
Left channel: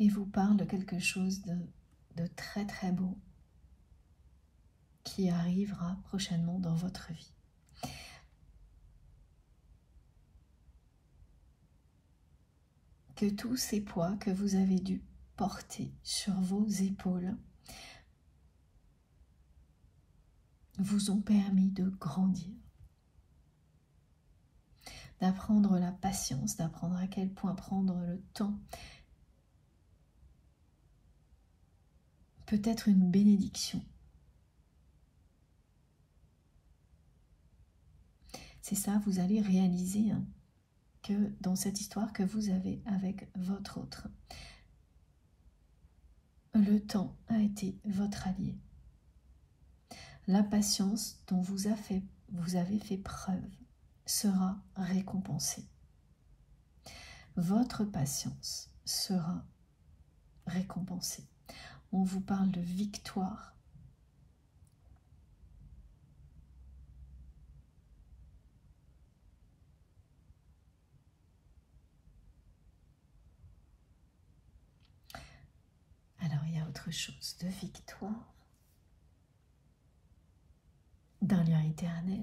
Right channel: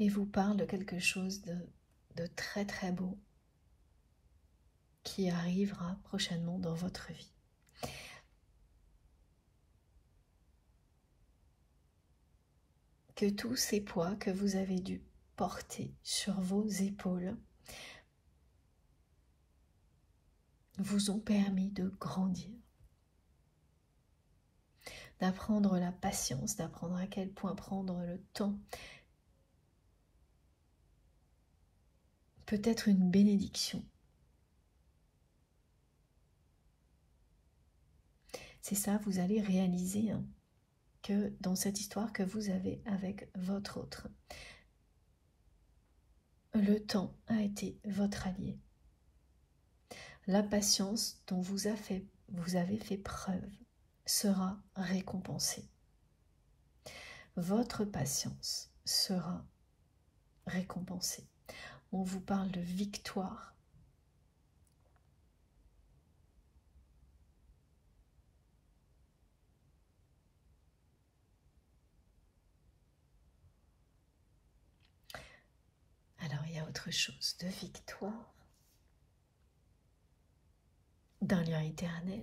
Et vous parle de quelque chose de très très beau qui arrivera prochainement dans votre vie. Que tous ces poids que vous avez dû porter sur vos épaules vous ont permis de grandir, d'apprendre la patience, d'apprendre à quel point prendre le temps peut être une bénédiction. C'est ça, vous allez réaliser hein, que dans cette histoire que vous avez avec votre autre, le temps a été votre allié. La patience dont vous a fait vous avez fait preuve sera récompensée. Votre patience sera récompensée. On vous parle de victoire. Alors, il y a autre chose de victoire, d'un lien éternel.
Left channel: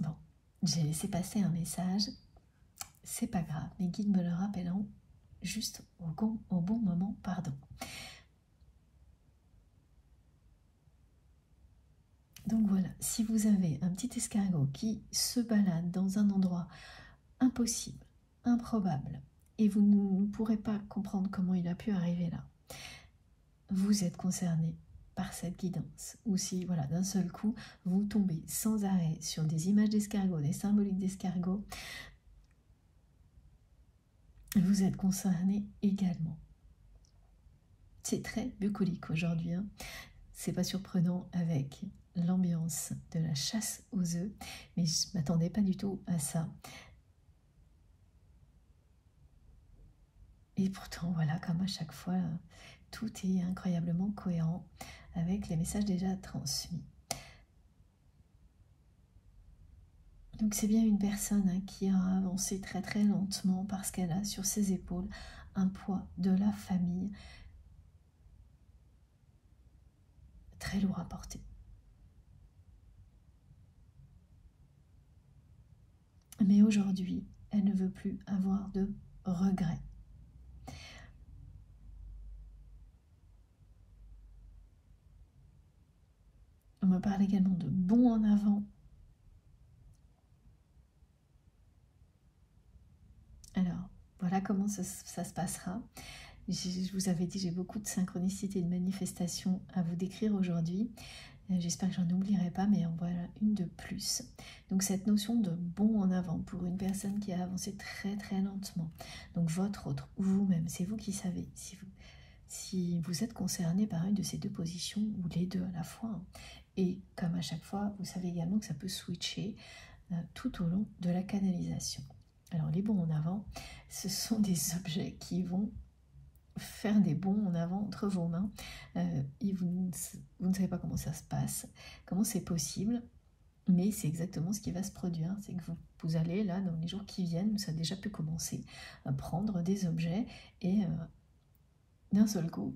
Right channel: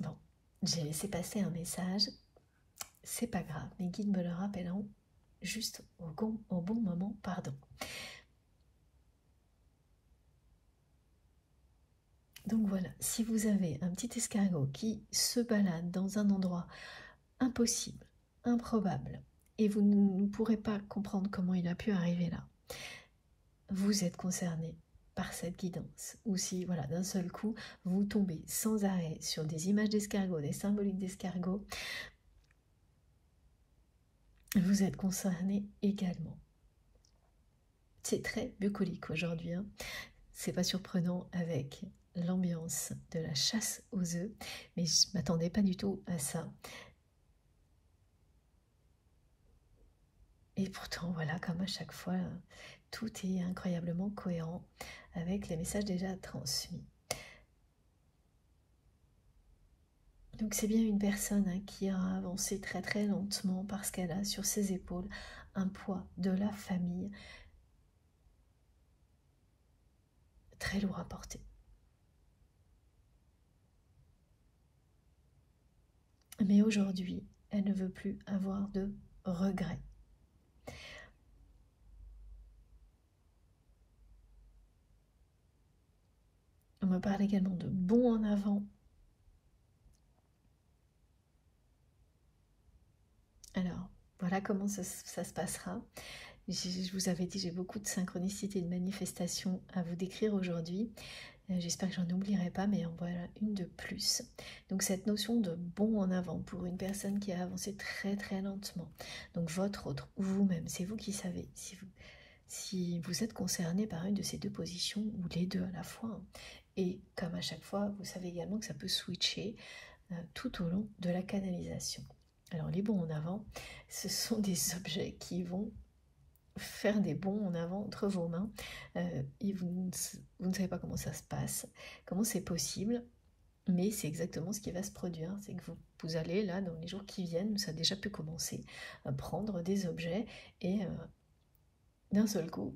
Bon, j'ai laissé passer un message, c'est pas grave, mes guides me le rappelleront juste au bon moment, pardon. Donc voilà, si vous avez un petit escargot qui se balade dans un endroit impossible, improbable, et vous ne pourrez pas comprendre comment il a pu arriver là, vous êtes concerné par cette guidance. Ou si, voilà, d'un seul coup, vous tombez sans arrêt sur des images d'escargots, des symboliques d'escargots, vous êtes concerné également. C'est très bucolique aujourd'hui, hein. C'est pas surprenant avec l'ambiance de la chasse aux œufs, mais je ne m'attendais pas du tout à ça. Et pourtant, voilà, comme à chaque fois, tout est incroyablement cohérent avec les messages déjà transmis. Donc c'est bien une personne qui a avancé très très lentement parce qu'elle a sur ses épaules un poids de la famille très lourd à porter. Mais aujourd'hui, elle ne veut plus avoir de regrets. On me parle également de bond en avant. Alors, voilà comment ça se passera. Je vous avais dit, j'ai beaucoup de synchronicité et de manifestations à vous décrire aujourd'hui. J'espère que j'en oublierai pas, mais en voilà une de plus. Donc cette notion de bond en avant pour une personne qui a avancé très très lentement. Donc votre autre ou vous-même, c'est vous qui savez si vous êtes concerné par une de ces deux positions ou les deux à la fois. Et comme à chaque fois, vous savez également que ça peut switcher tout au long de la canalisation. Alors les bonds en avant, ce sont des objets qui vont faire des bonds en avant entre vos mains et vous ne savez pas comment ça se passe, comment c'est possible, mais c'est exactement ce qui va se produire. C'est que vous allez là dans les jours qui viennent, ça a déjà pu commencer, à prendre des objets et d'un seul coup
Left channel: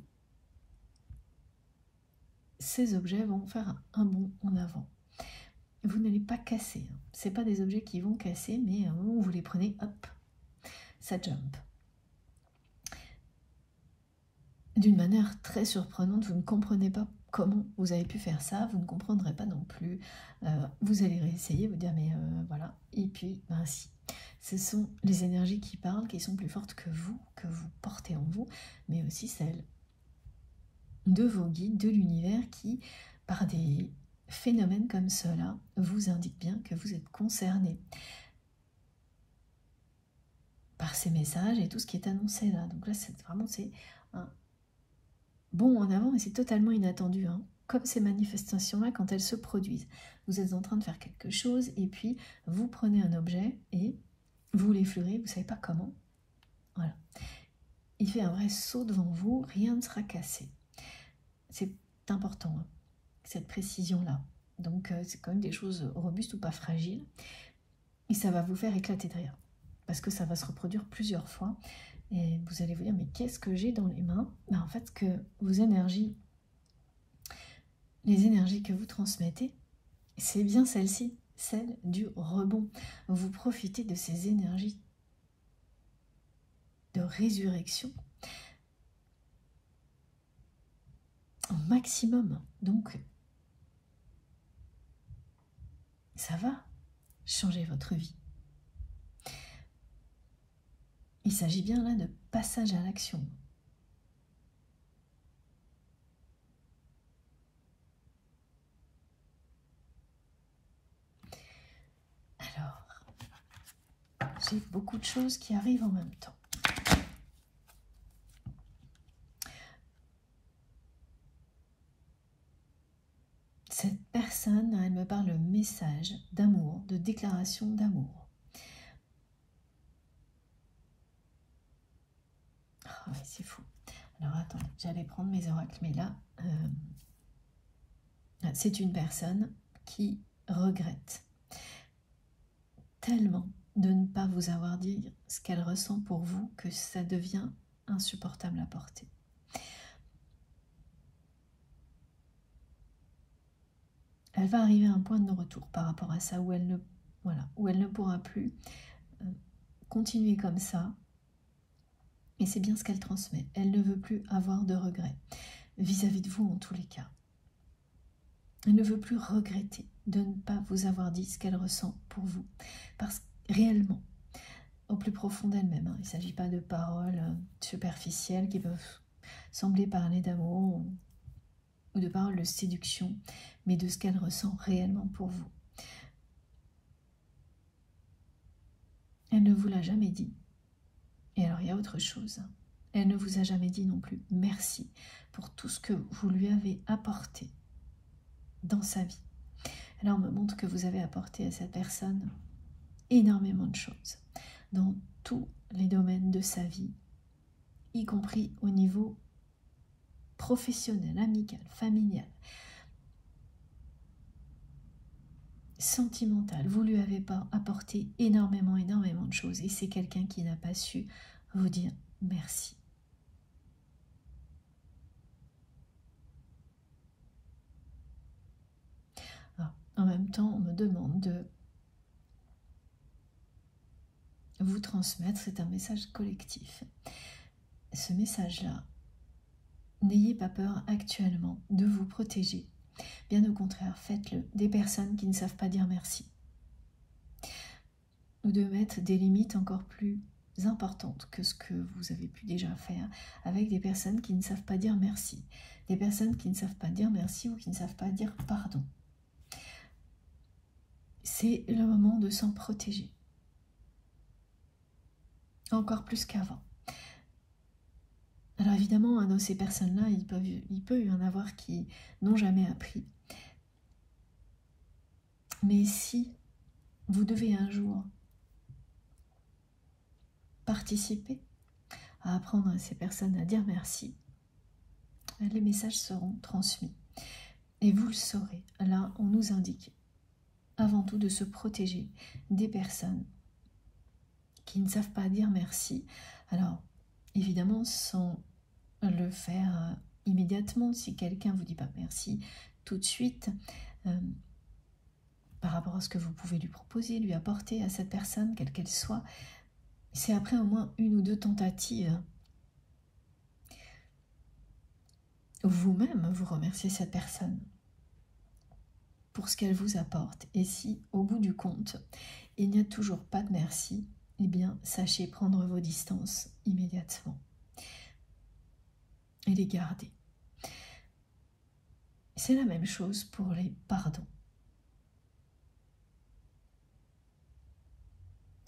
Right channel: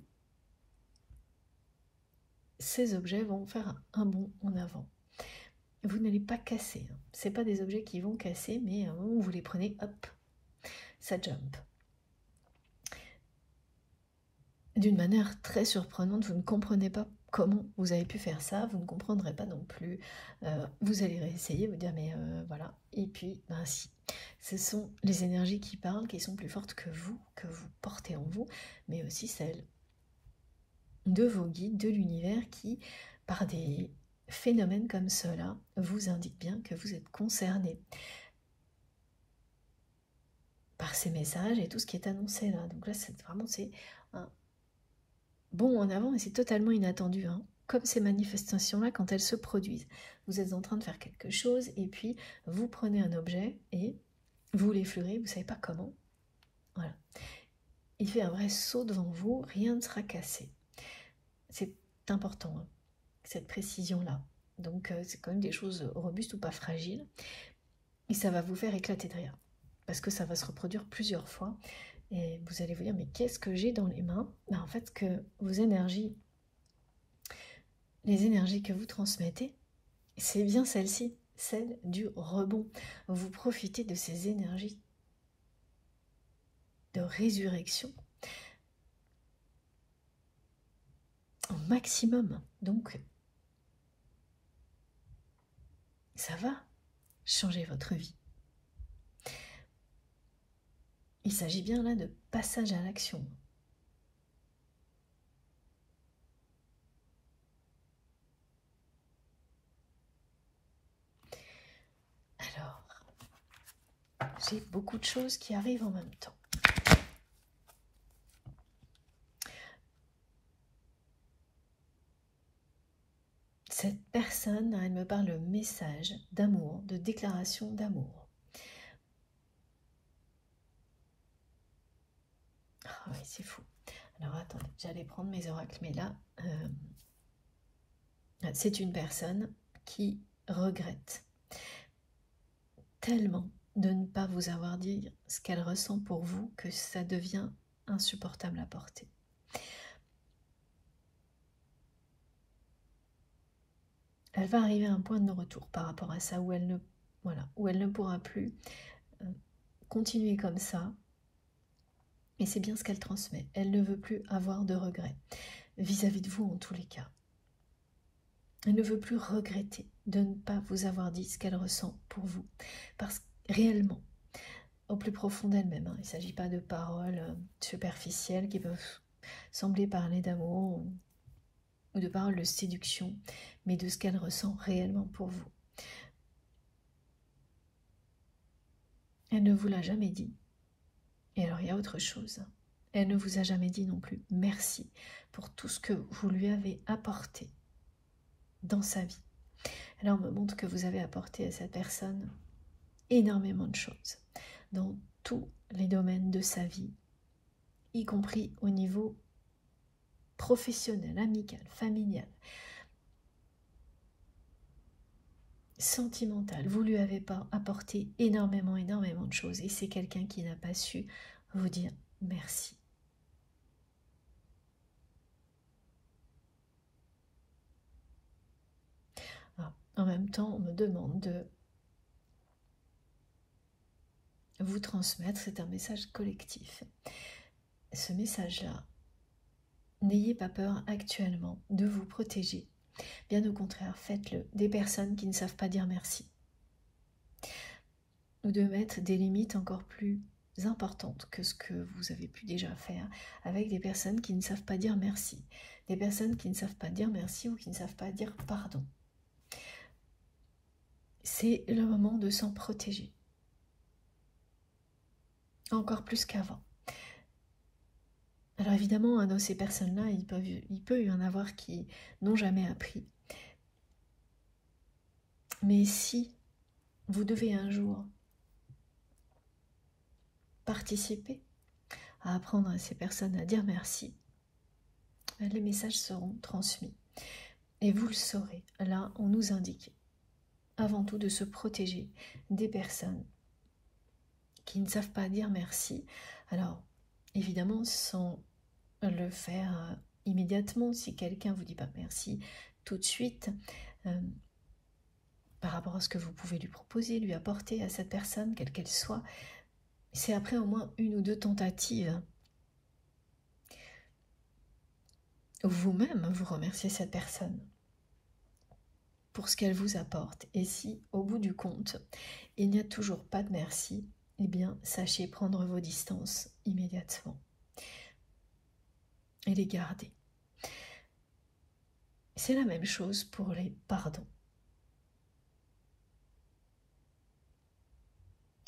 ces objets vont faire un bond en avant. Vous n'allez pas casser, hein. C'est pas des objets qui vont casser, mais vous les prenez, hop, ça jump. D'une manière très surprenante, vous ne comprenez pas comment vous avez pu faire ça, vous ne comprendrez pas non plus. Vous allez réessayer, vous dire mais voilà, et puis ben si. Ce sont les énergies qui parlent, qui sont plus fortes que vous portez en vous, mais aussi celles de vos guides, de l'univers qui, par des phénomènes comme cela, vous indiquent bien que vous êtes concerné par ces messages et tout ce qui est annoncé là. Donc là, c'est vraiment un bond en avant et c'est totalement inattendu, hein. Comme ces manifestations-là, quand elles se produisent, vous êtes en train de faire quelque chose et puis vous prenez un objet et vous l'effleurez, vous ne savez pas comment. Voilà. Il fait un vrai saut devant vous, rien ne sera cassé. C'est important, hein, cette précision-là. Donc c'est quand même des choses robustes ou pas fragiles. Et ça va vous faire éclater de rire. Parce que ça va se reproduire plusieurs fois. Et vous allez vous dire, mais qu'est-ce que j'ai dans les mains? Ben, en fait, que vos énergies, les énergies que vous transmettez, c'est bien celle-ci, celle du rebond. Vous profitez de ces énergies de résurrection au maximum. Donc, ça va changer votre vie. Il s'agit bien là de passage à l'action. Alors, j'ai beaucoup de choses qui arrivent en même temps. déclaration d'amour. Ah oui, c'est fou. Alors attendez, j'allais prendre mes oracles, mais là, c'est une personne qui regrette tellement de ne pas vous avoir dit ce qu'elle ressent pour vous que ça devient insupportable à porter. Elle va arriver à un point de non-retour par rapport à ça, où elle ne, voilà, où elle ne pourra plus continuer comme ça. Et c'est bien ce qu'elle transmet. Elle ne veut plus avoir de regrets vis-à-vis de vous en tous les cas. Elle ne veut plus regretter de ne pas vous avoir dit ce qu'elle ressent pour vous. Parce que réellement, au plus profond d'elle-même, il ne s'agit pas de paroles superficielles qui peuvent sembler parler d'amour ou de paroles de séduction, mais de ce qu'elle ressent réellement pour vous. Elle ne vous l'a jamais dit. Et alors il y a autre chose. Elle ne vous a jamais dit non plus merci pour tout ce que vous lui avez apporté dans sa vie. Elle me montre que vous avez apporté à cette personne énormément de choses dans tous les domaines de sa vie, y compris au niveau professionnel, amical, familial, sentimental. Vous lui avez apporté énormément de choses et c'est quelqu'un qui n'a pas su vous dire merci. Alors, en même temps, on me demande de vous transmettre, c'est un message collectif. Ce message-là, n'ayez pas peur actuellement de vous protéger. Bien au contraire, faites-le. Des personnes qui ne savent pas dire merci. Ou de mettre des limites encore plus importantes que ce que vous avez pu déjà faire avec des personnes qui ne savent pas dire merci. Des personnes qui ne savent pas dire merci ou qui ne savent pas dire pardon. C'est le moment de s'en protéger. Encore plus qu'avant. Alors évidemment, dans ces personnes-là, il peut y en avoir qui n'ont jamais appris. Mais si vous devez un jour participer à apprendre à ces personnes à dire merci, les messages seront transmis. Et vous le saurez. Là, on nous indique avant tout de se protéger des personnes qui ne savent pas dire merci. Alors, évidemment, sans le faire immédiatement, si quelqu'un vous dit pas merci tout de suite, par rapport à ce que vous pouvez lui proposer, lui apporter à cette personne, quelle qu'elle soit, c'est après au moins 1 ou 2 tentatives. Vous-même, vous remerciez cette personne pour ce qu'elle vous apporte. Et si, au bout du compte, il n'y a toujours pas de merci, eh bien, sachez prendre vos distances immédiatement et les garder. C'est la même chose pour les pardons.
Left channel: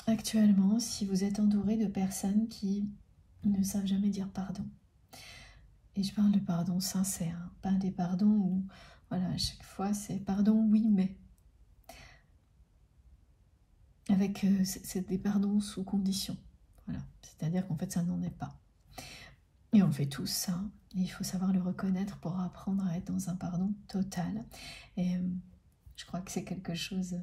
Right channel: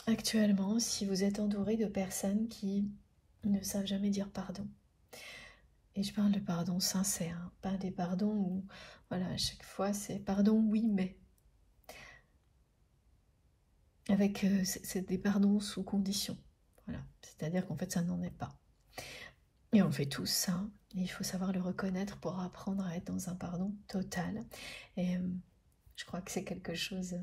Actuellement, si vous êtes entouré de personnes qui ne savent jamais dire pardon, et je parle de pardon sincère, pas des pardons où, voilà, à chaque fois c'est pardon, oui, mais. Avec c'est des pardons sous condition. Voilà, c'est-à-dire qu'en fait ça n'en est pas. Et on fait tous ça. Et il faut savoir le reconnaître pour apprendre à être dans un pardon total. Et je crois que c'est quelque chose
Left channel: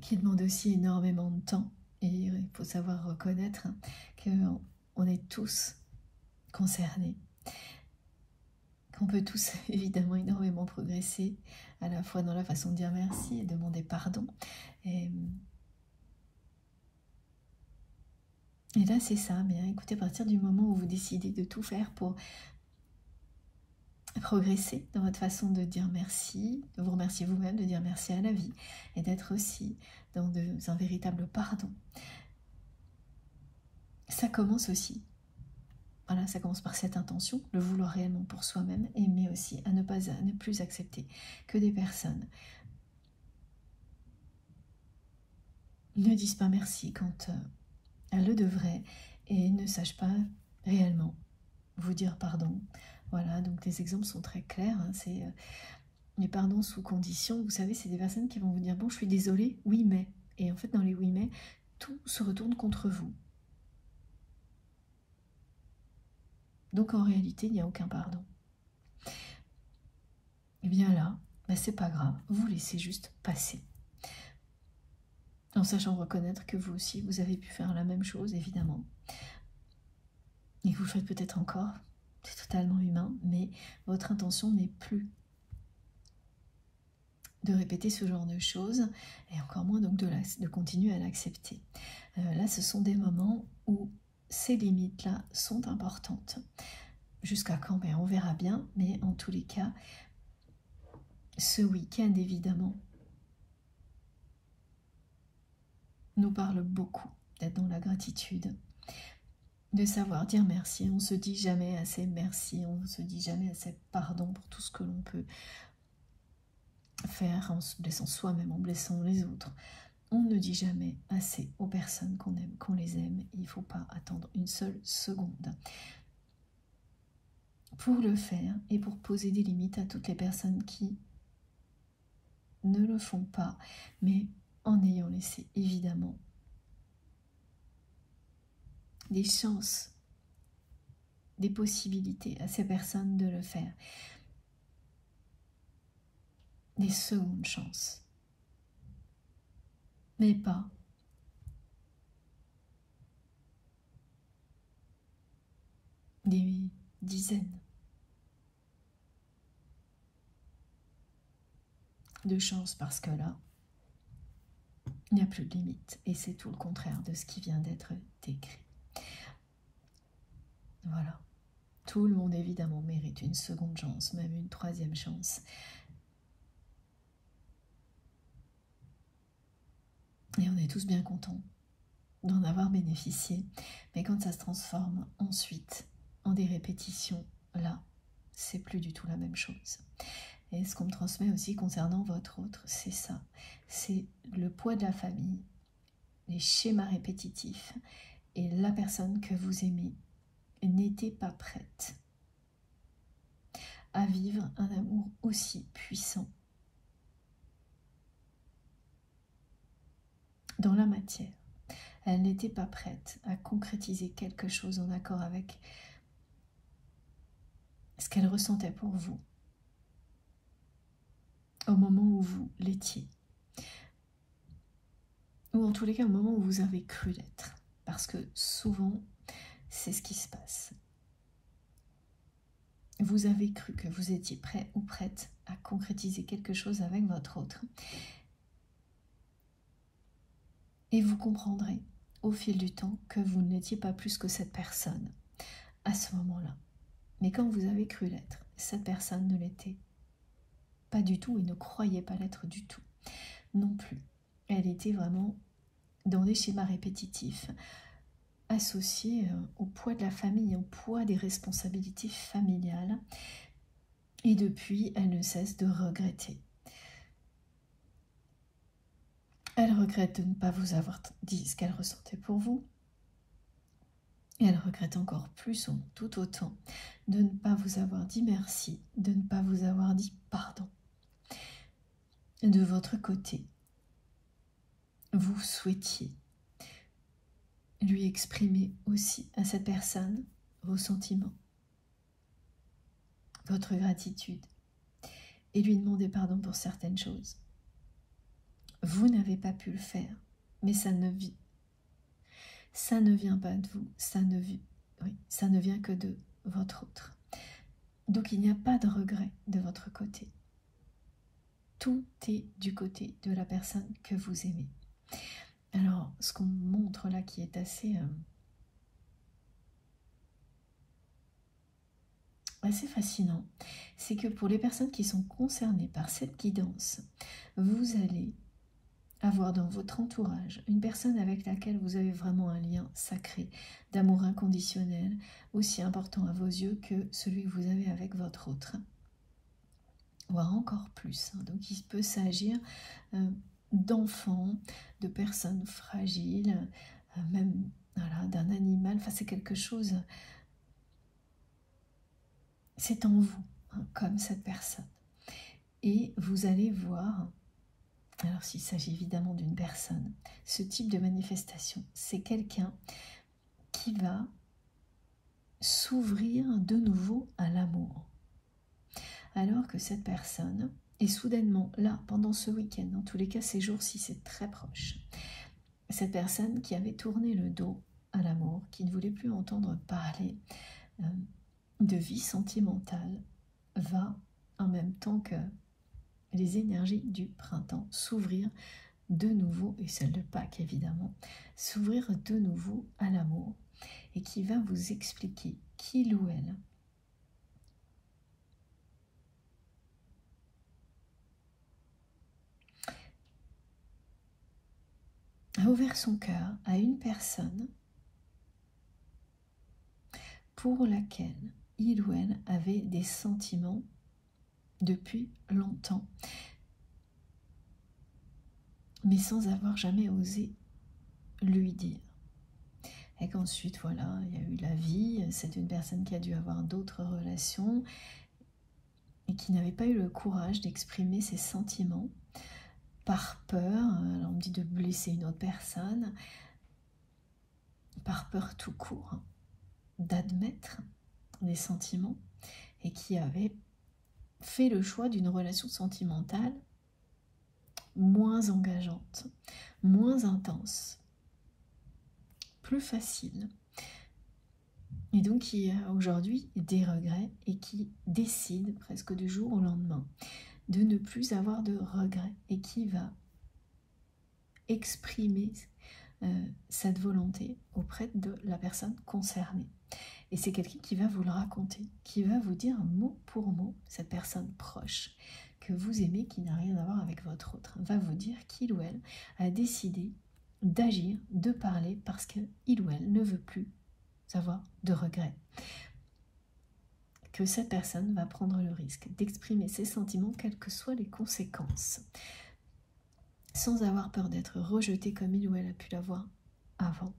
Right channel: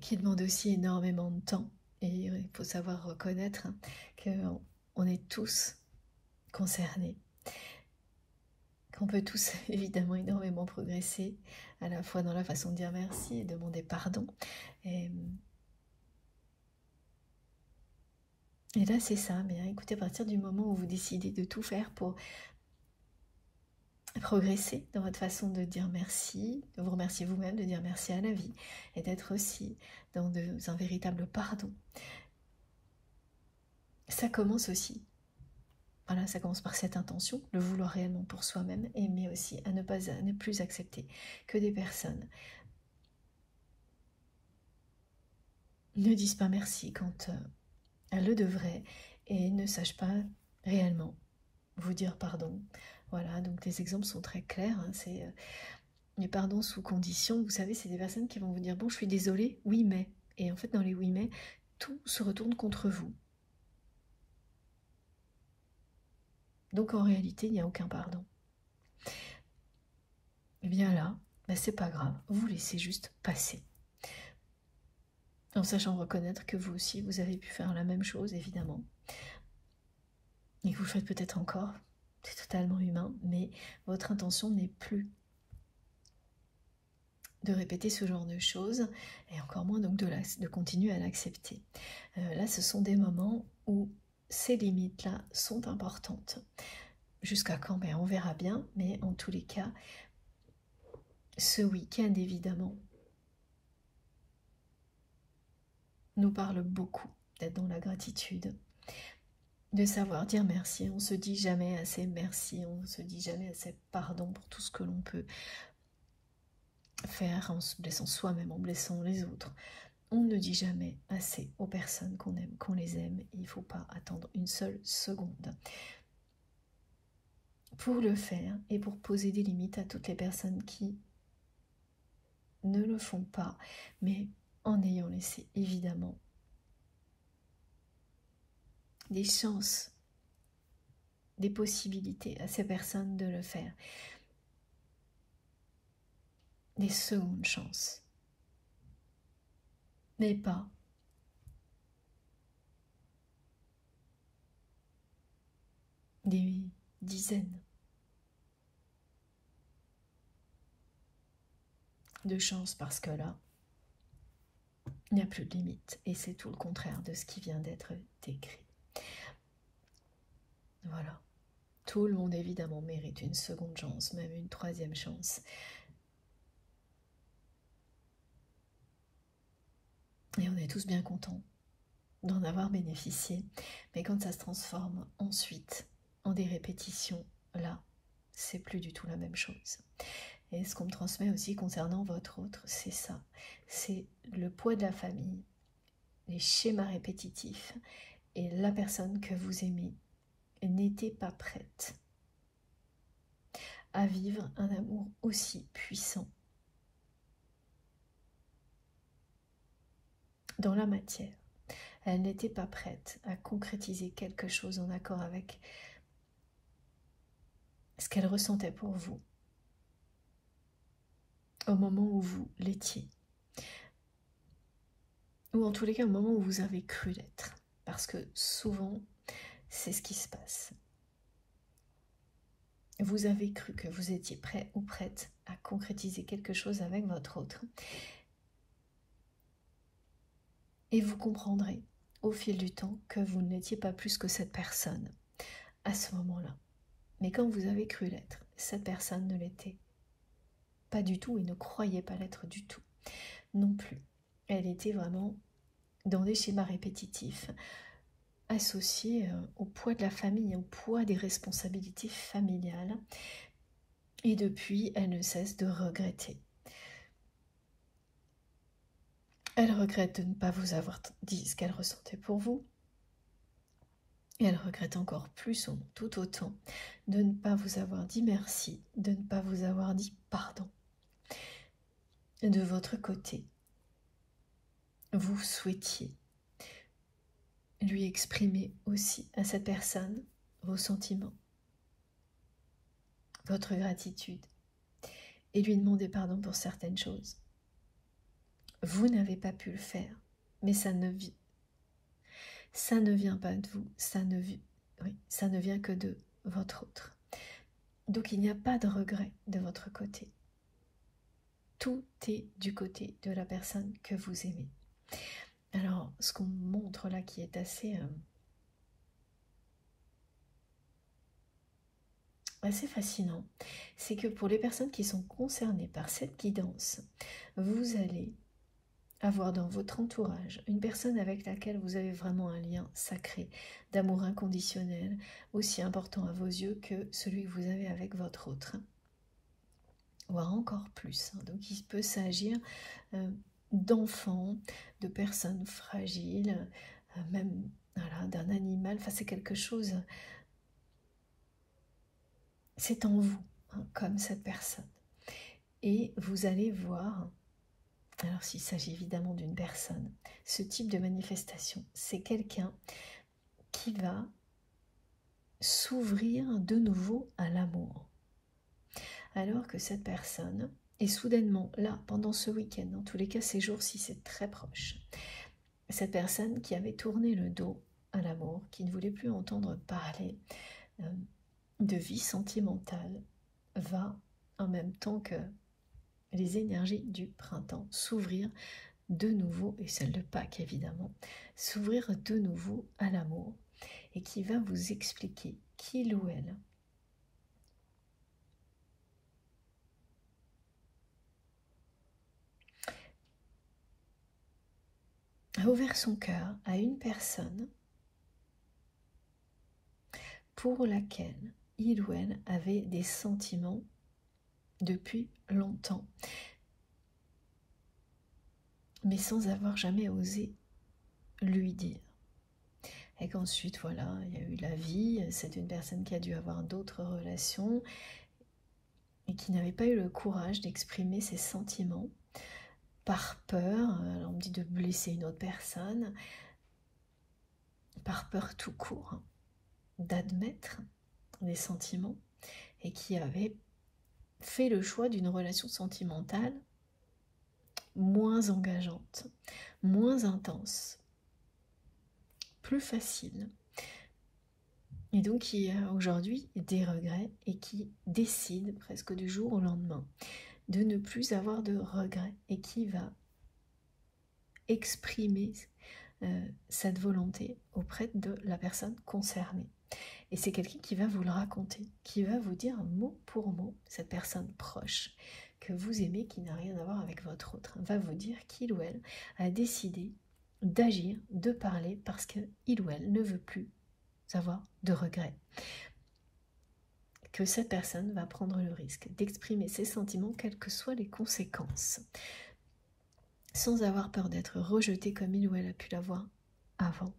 qui demande aussi énormément de temps. Et il faut savoir reconnaître qu'on est tous concernés. Qu'on peut tous évidemment énormément progresser, à la fois dans la façon de dire merci et demander pardon. Et là c'est ça, mais écoutez, à partir du moment où vous décidez de tout faire pour progresser dans votre façon de dire merci, de vous remercier vous-même, de dire merci à la vie, et d'être aussi dans un véritable pardon. Ça commence aussi. Voilà, ça commence par cette intention, le vouloir réellement pour soi-même, mais aussi à ne plus accepter que des personnes ne disent pas merci quand elles le devraient et ne sachent pas réellement vous dire pardon. Voilà, donc les exemples sont très clairs. C'est les pardons sous condition, vous savez, c'est des personnes qui vont vous dire « Bon, je suis désolée, oui, mais… » Et en fait, dans les « oui, mais », tout se retourne contre vous. Donc, en réalité, il n'y a aucun pardon. Et bien là, ben, c'est pas grave, vous laissez juste passer. En sachant reconnaître que vous aussi, vous avez pu faire la même chose, évidemment. Et vous le faites peut-être encore, c'est totalement humain, mais votre intention n'est plus de répéter ce genre de choses, et encore moins donc de continuer à l'accepter. Là, ce sont des moments où ces limites-là sont importantes. Jusqu'à quand? Ben, on verra bien, mais en tous les cas, ce week-end, évidemment, nous parle beaucoup d'être dans la gratitude, de savoir dire merci. On se dit jamais assez merci, on se dit jamais assez pardon pour tout ce que l'on peut faire en se blessant soi-même, en blessant les autres. On ne dit jamais assez aux personnes qu'on aime, qu'on les aime. Il ne faut pas attendre une seule seconde pour le faire et pour poser des limites à toutes les personnes qui ne le font pas, mais en ayant laissé évidemment des chances, des possibilités à ces personnes de le faire, des secondes chances, mais pas des dizaines de chances, parce que là, il n'y a plus de limite, et c'est tout le contraire de ce qui vient d'être décrit. Voilà. Tout le monde, évidemment, mérite une seconde chance, même une troisième chance. Et on est tous bien contents d'en avoir bénéficié. Mais quand ça se transforme ensuite en des répétitions, là, c'est plus du tout la même chose. Et ce qu'on me transmet aussi concernant votre autre, c'est ça. C'est le poids de la famille, les schémas répétitifs, et la personne que vous aimez n'était pas prête à vivre un amour aussi puissant dans la matière. Elle n'était pas prête à concrétiser quelque chose en accord avec ce qu'elle ressentait pour vous au moment où vous l'étiez. Ou en tous les cas au moment où vous avez cru l'être. Parce que souvent, c'est ce qui se passe. Vous avez cru que vous étiez prêt ou prête à concrétiser quelque chose avec votre autre. Et vous comprendrez au fil du temps que vous n'étiez pas plus que cette personne à ce moment-là. Mais quand vous avez cru l'être, cette personne ne l'était pas du tout et ne croyait pas l'être du tout non plus. Elle était vraiment dans des schémas répétitifs associés au poids de la famille, au poids des responsabilités familiales. Et depuis, elle ne cesse de regretter. Elle regrette de ne pas vous avoir dit ce qu'elle ressentait pour vous. Et elle regrette encore plus, ou tout autant, de ne pas vous avoir dit merci, de ne pas vous avoir dit pardon. De votre côté, vous souhaitiez lui exprimer aussi à cette personne vos sentiments, votre gratitude, et lui demander pardon pour certaines choses. Vous n'avez pas pu le faire, mais ça ne vient pas de vous, ça ne vient que de votre autre. Donc il n'y a pas de regret de votre côté. Tout est du côté de la personne que vous aimez. Alors, ce qu'on montre là qui est assez fascinant, c'est que pour les personnes qui sont concernées par cette guidance, vous allez avoir dans votre entourage une personne avec laquelle vous avez vraiment un lien sacré, d'amour inconditionnel, aussi important à vos yeux que celui que vous avez avec votre autre, voire encore plus. Donc il peut s'agir d'enfants, de personnes fragiles, même voilà, d'un animal. Enfin, c'est quelque chose, c'est en vous, hein, comme cette personne. Et vous allez voir, alors s'il s'agit évidemment d'une personne, ce type de manifestation, c'est quelqu'un qui va s'ouvrir de nouveau à l'amour. Alors que cette personne est soudainement là pendant ce week-end, dans tous les cas ces jours-ci c'est très proche, cette personne qui avait tourné le dos à l'amour, qui ne voulait plus entendre parler de vie sentimentale, va en même temps que les énergies du printemps s'ouvrir de nouveau, et celle de Pâques évidemment, s'ouvrir de nouveau à l'amour, et qui va vous expliquer qu'il ou elle a ouvert son cœur à une personne pour laquelle il ou elle avait des sentiments depuis longtemps, mais sans avoir jamais osé lui dire. Et qu'ensuite, voilà, il y a eu la vie, c'est une personne qui a dû avoir d'autres relations et qui n'avait pas eu le courage d'exprimer ses sentiments par peur, on me dit de blesser une autre personne, par peur tout court, d'admettre des sentiments, et qui avait fait le choix d'une relation sentimentale moins engageante, moins intense, plus facile, et donc qui a aujourd'hui des regrets et qui décide presque du jour au lendemain de ne plus avoir de regrets et qui va exprimer cette volonté auprès de la personne concernée. Et c'est quelqu'un qui va vous le raconter, qui va vous dire mot pour mot, cette personne proche que vous aimez, qui n'a rien à voir avec votre autre, va vous dire qu'il ou elle a décidé d'agir, de parler, parce qu'il ou elle ne veut plus avoir de regrets. Que cette personne va prendre le risque d'exprimer ses sentiments, quelles que soient les conséquences, sans avoir peur d'être rejetée comme il ou elle a pu l'avoir avant.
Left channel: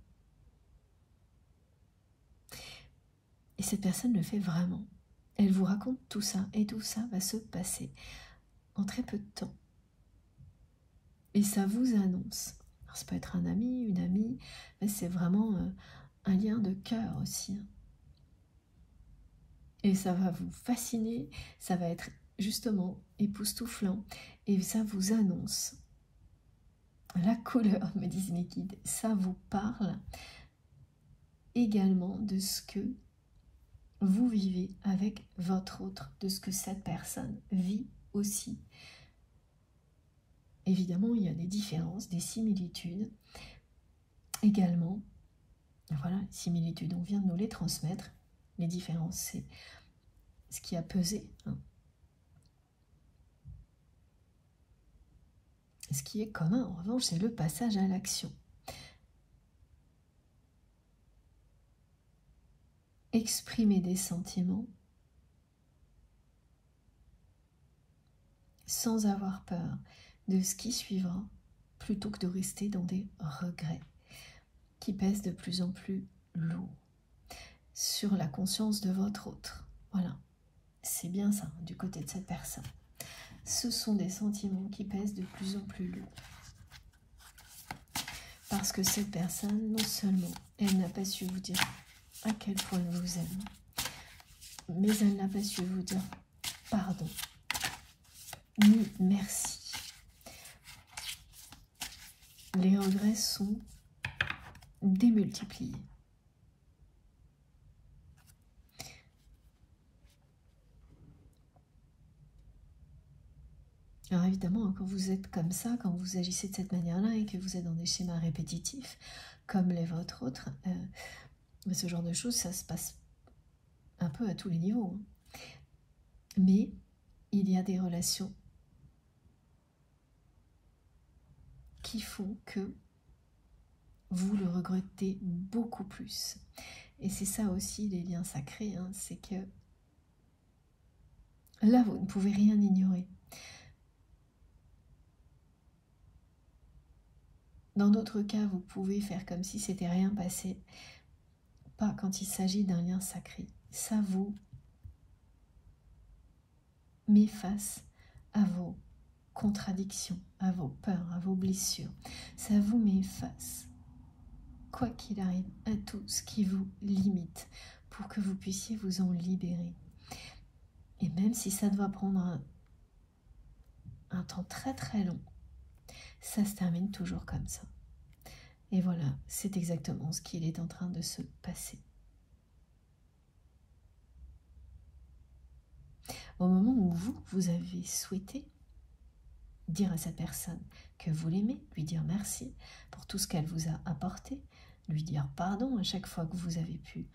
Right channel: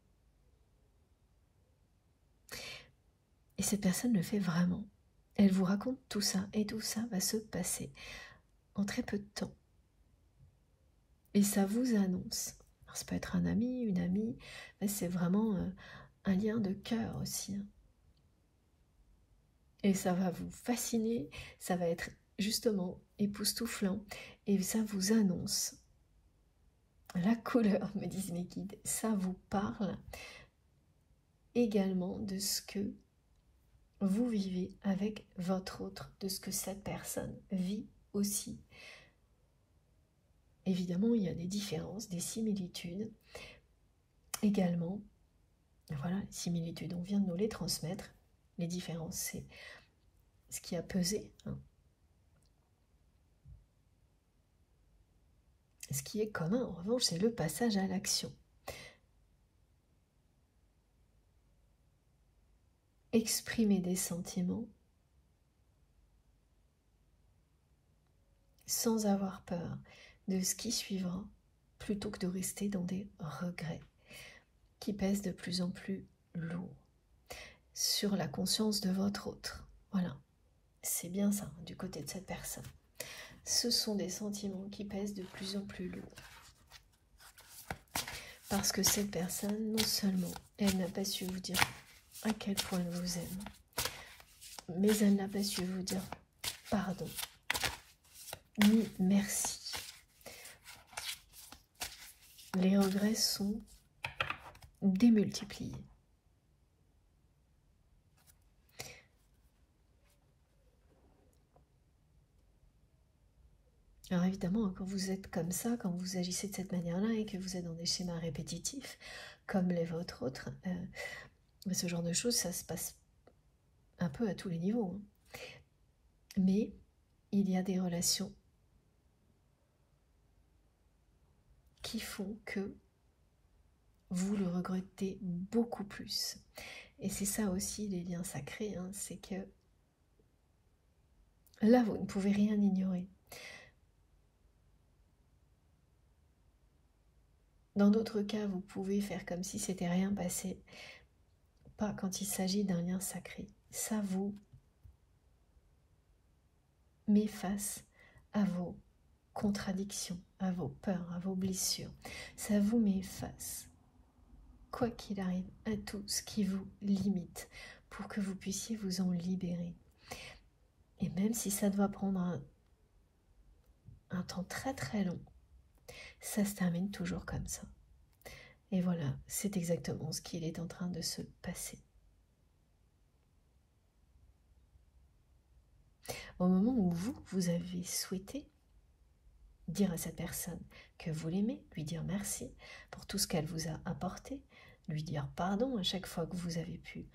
Et cette personne le fait vraiment. Elle vous raconte tout ça, et tout ça va se passer en très peu de temps. Et ça vous annonce. Alors, ça peut être un ami, une amie, mais c'est vraiment un lien de cœur aussi. Et ça va vous fasciner, ça va être justement époustouflant, et ça vous annonce la couleur, me disent mes guides. Ça vous parle également de ce que vous vivez avec votre autre, de ce que cette personne vit aussi. Évidemment, il y a des différences, des similitudes également. Voilà, les similitudes, on vient de nous les transmettre. Les différences, c'est ce qui a pesé. Ce qui est commun, en revanche, c'est le passage à l'action. Exprimer des sentiments sans avoir peur de ce qui suivra, plutôt que de rester dans des regrets qui pèsent de plus en plus lourd sur la conscience de votre autre. Voilà, c'est bien ça, du côté de cette personne. Ce sont des sentiments qui pèsent de plus en plus lourd. Parce que cette personne, non seulement, elle n'a pas su vous dire à quel point elle vous aime, mais elle n'a pas su vous dire pardon, ni merci. Les regrets sont démultipliés. Alors évidemment, quand vous êtes comme ça, quand vous agissez de cette manière-là et que vous êtes dans des schémas répétitifs, comme les vôtres autres, ce genre de choses, ça se passe un peu à tous les niveaux. Mais il y a des relations qui font que vous le regrettez beaucoup plus. Et c'est ça aussi les liens sacrés, c'est que là, vous ne pouvez rien ignorer. Dans d'autres cas, vous pouvez faire comme si c'était rien passé. Pas quand il s'agit d'un lien sacré. Ça vous met face à vos contradictions, à vos peurs, à vos blessures. Ça vous met face, quoi qu'il arrive, à tout ce qui vous limite pour que vous puissiez vous en libérer. Et même si ça doit prendre un temps très très long, ça se termine toujours comme ça. Et voilà, c'est exactement ce qu'il est en train de se passer. Au moment où vous avez souhaité dire à cette personne que vous l'aimez, lui dire merci pour tout ce qu'elle vous a apporté, lui dire pardon à chaque fois que vous avez pu,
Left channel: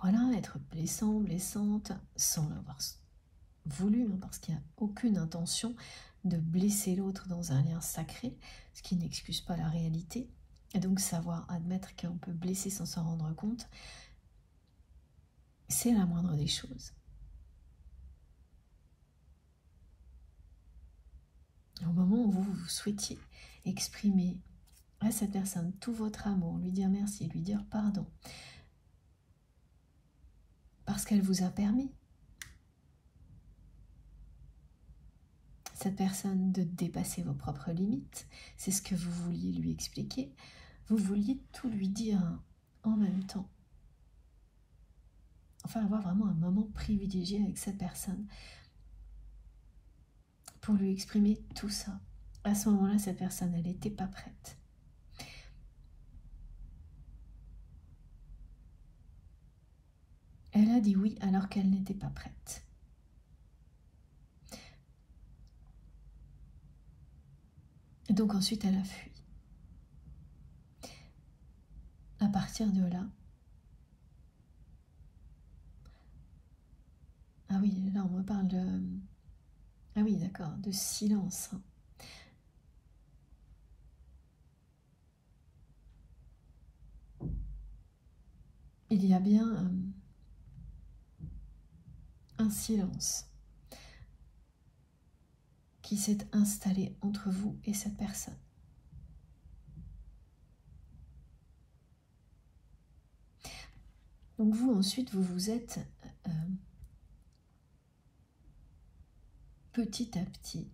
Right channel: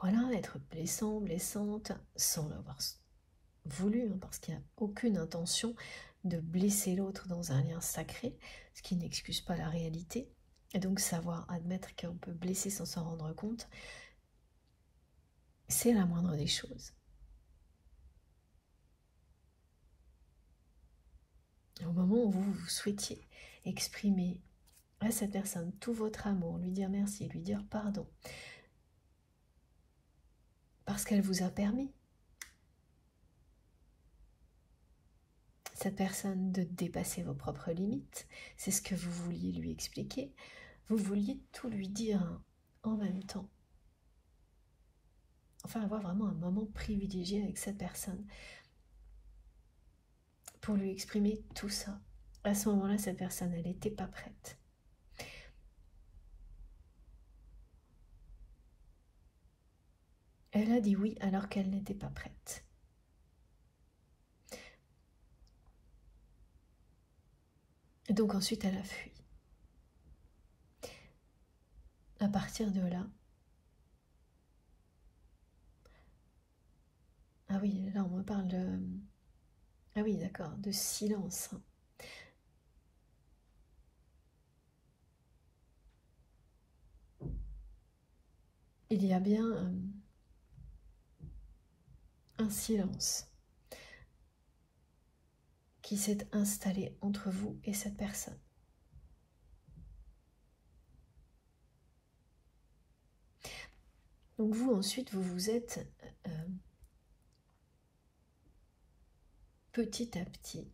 voilà, être blessant, blessante, sans l'avoir voulu, hein, parce qu'il n'y a aucune intention de blesser l'autre dans un lien sacré, ce qui n'excuse pas la réalité. Et donc savoir admettre qu'on peut blesser sans s'en rendre compte, c'est la moindre des choses. Au moment où vous souhaitiez exprimer à cette personne tout votre amour, lui dire merci, lui dire pardon, parce qu'elle vous a permis, cette personne, de dépasser vos propres limites. C'est ce que vous vouliez lui expliquer. Vous vouliez tout lui dire en même temps. Enfin, avoir vraiment un moment privilégié avec cette personne pour lui exprimer tout ça. À ce moment-là, cette personne, elle n'était pas prête. Elle a dit oui alors qu'elle n'était pas prête. Et donc ensuite, elle a fui. À partir de là, ah oui, là on me parle de... Ah oui, d'accord, de silence. Il y a bien un silence qui s'est installé entre vous et cette personne. Donc vous, ensuite, vous vous êtes petit à petit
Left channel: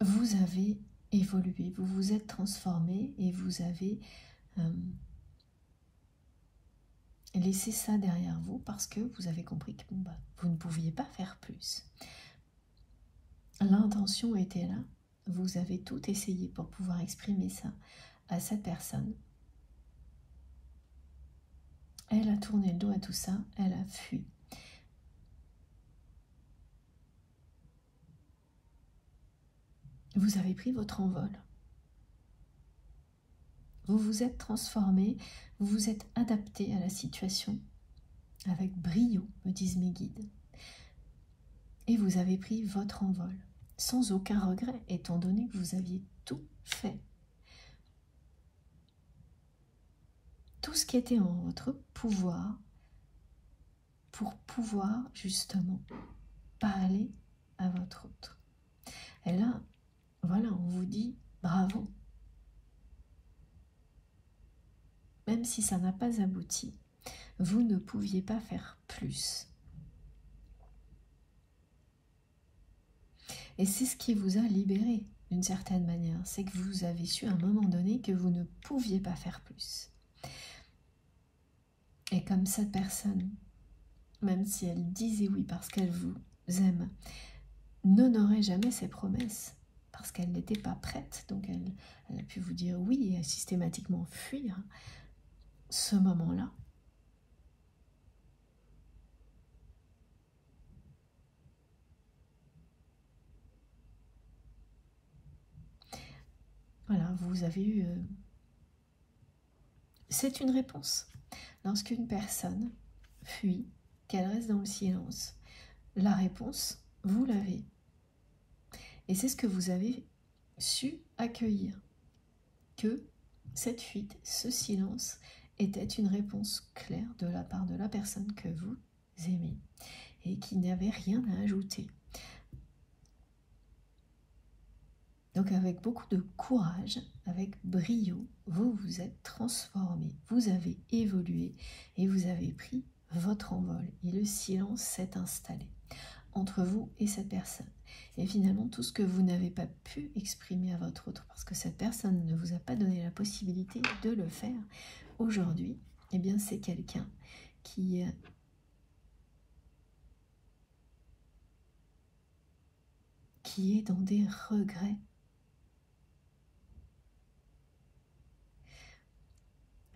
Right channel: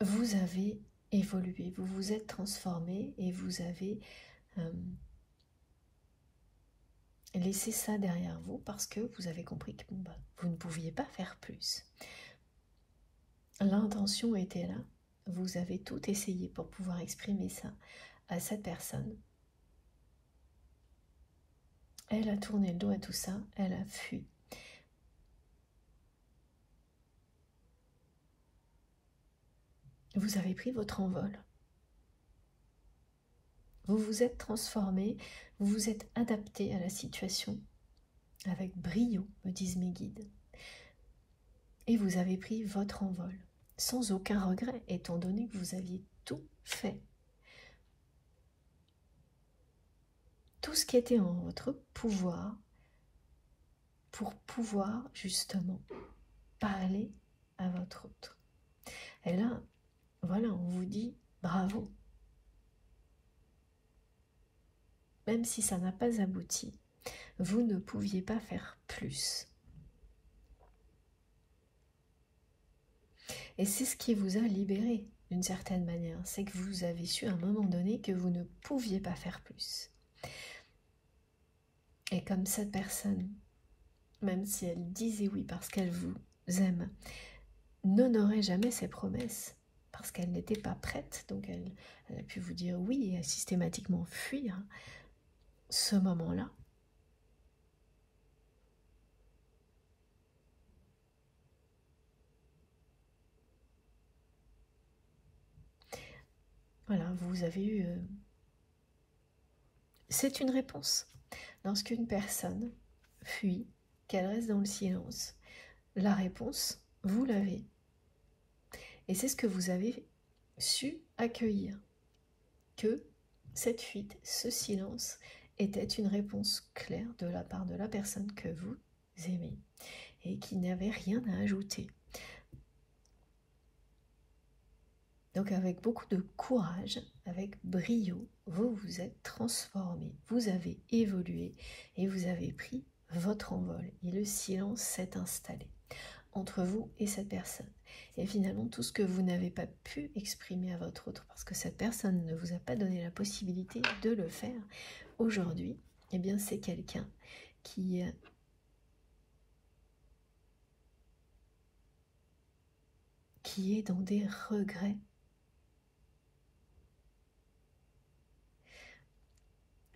vous avez évolué, vous vous êtes transformé et vous avez laissé ça derrière vous parce que vous avez compris que vous ne pouviez pas faire plus. L'intention était là, vous avez tout essayé pour pouvoir exprimer ça à cette personne. Elle a tourné le dos à tout ça, elle a fui. Vous avez pris votre envol. Vous vous êtes transformé, vous vous êtes adapté à la situation avec brio, me disent mes guides. Et vous avez pris votre envol, sans aucun regret, étant donné que vous aviez tout fait. Tout ce qui était en votre pouvoir pour pouvoir justement parler à votre autre. Et là, voilà, on vous dit bravo. Même si ça n'a pas abouti, vous ne pouviez pas faire plus. Et c'est ce qui vous a libéré d'une certaine manière. C'est que vous avez su à un moment donné que vous ne pouviez pas faire plus. Et comme cette personne, même si elle disait oui parce qu'elle vous aime, n'honorait jamais ses promesses parce qu'elle n'était pas prête, donc elle a pu vous dire oui et systématiquement fuir ce moment-là. Voilà, vous avez eu... C'est une réponse. Lorsqu'une personne fuit, qu'elle reste dans le silence, la réponse, vous l'avez. Et c'est ce que vous avez su accueillir. Que cette fuite, ce silence, était une réponse claire de la part de la personne que vous aimez et qui n'avait rien à ajouter. Donc avec avec beaucoup de courage, avec brio, vous vous êtes transformé, vous avez évolué et vous avez pris votre envol. Et le silence s'est installé entre vous et cette personne. Et finalement, tout ce que vous n'avez pas pu exprimer à votre autre, parce que cette personne ne vous a pas donné la possibilité de le faire, aujourd'hui, eh bien, c'est quelqu'un qui est dans des regrets.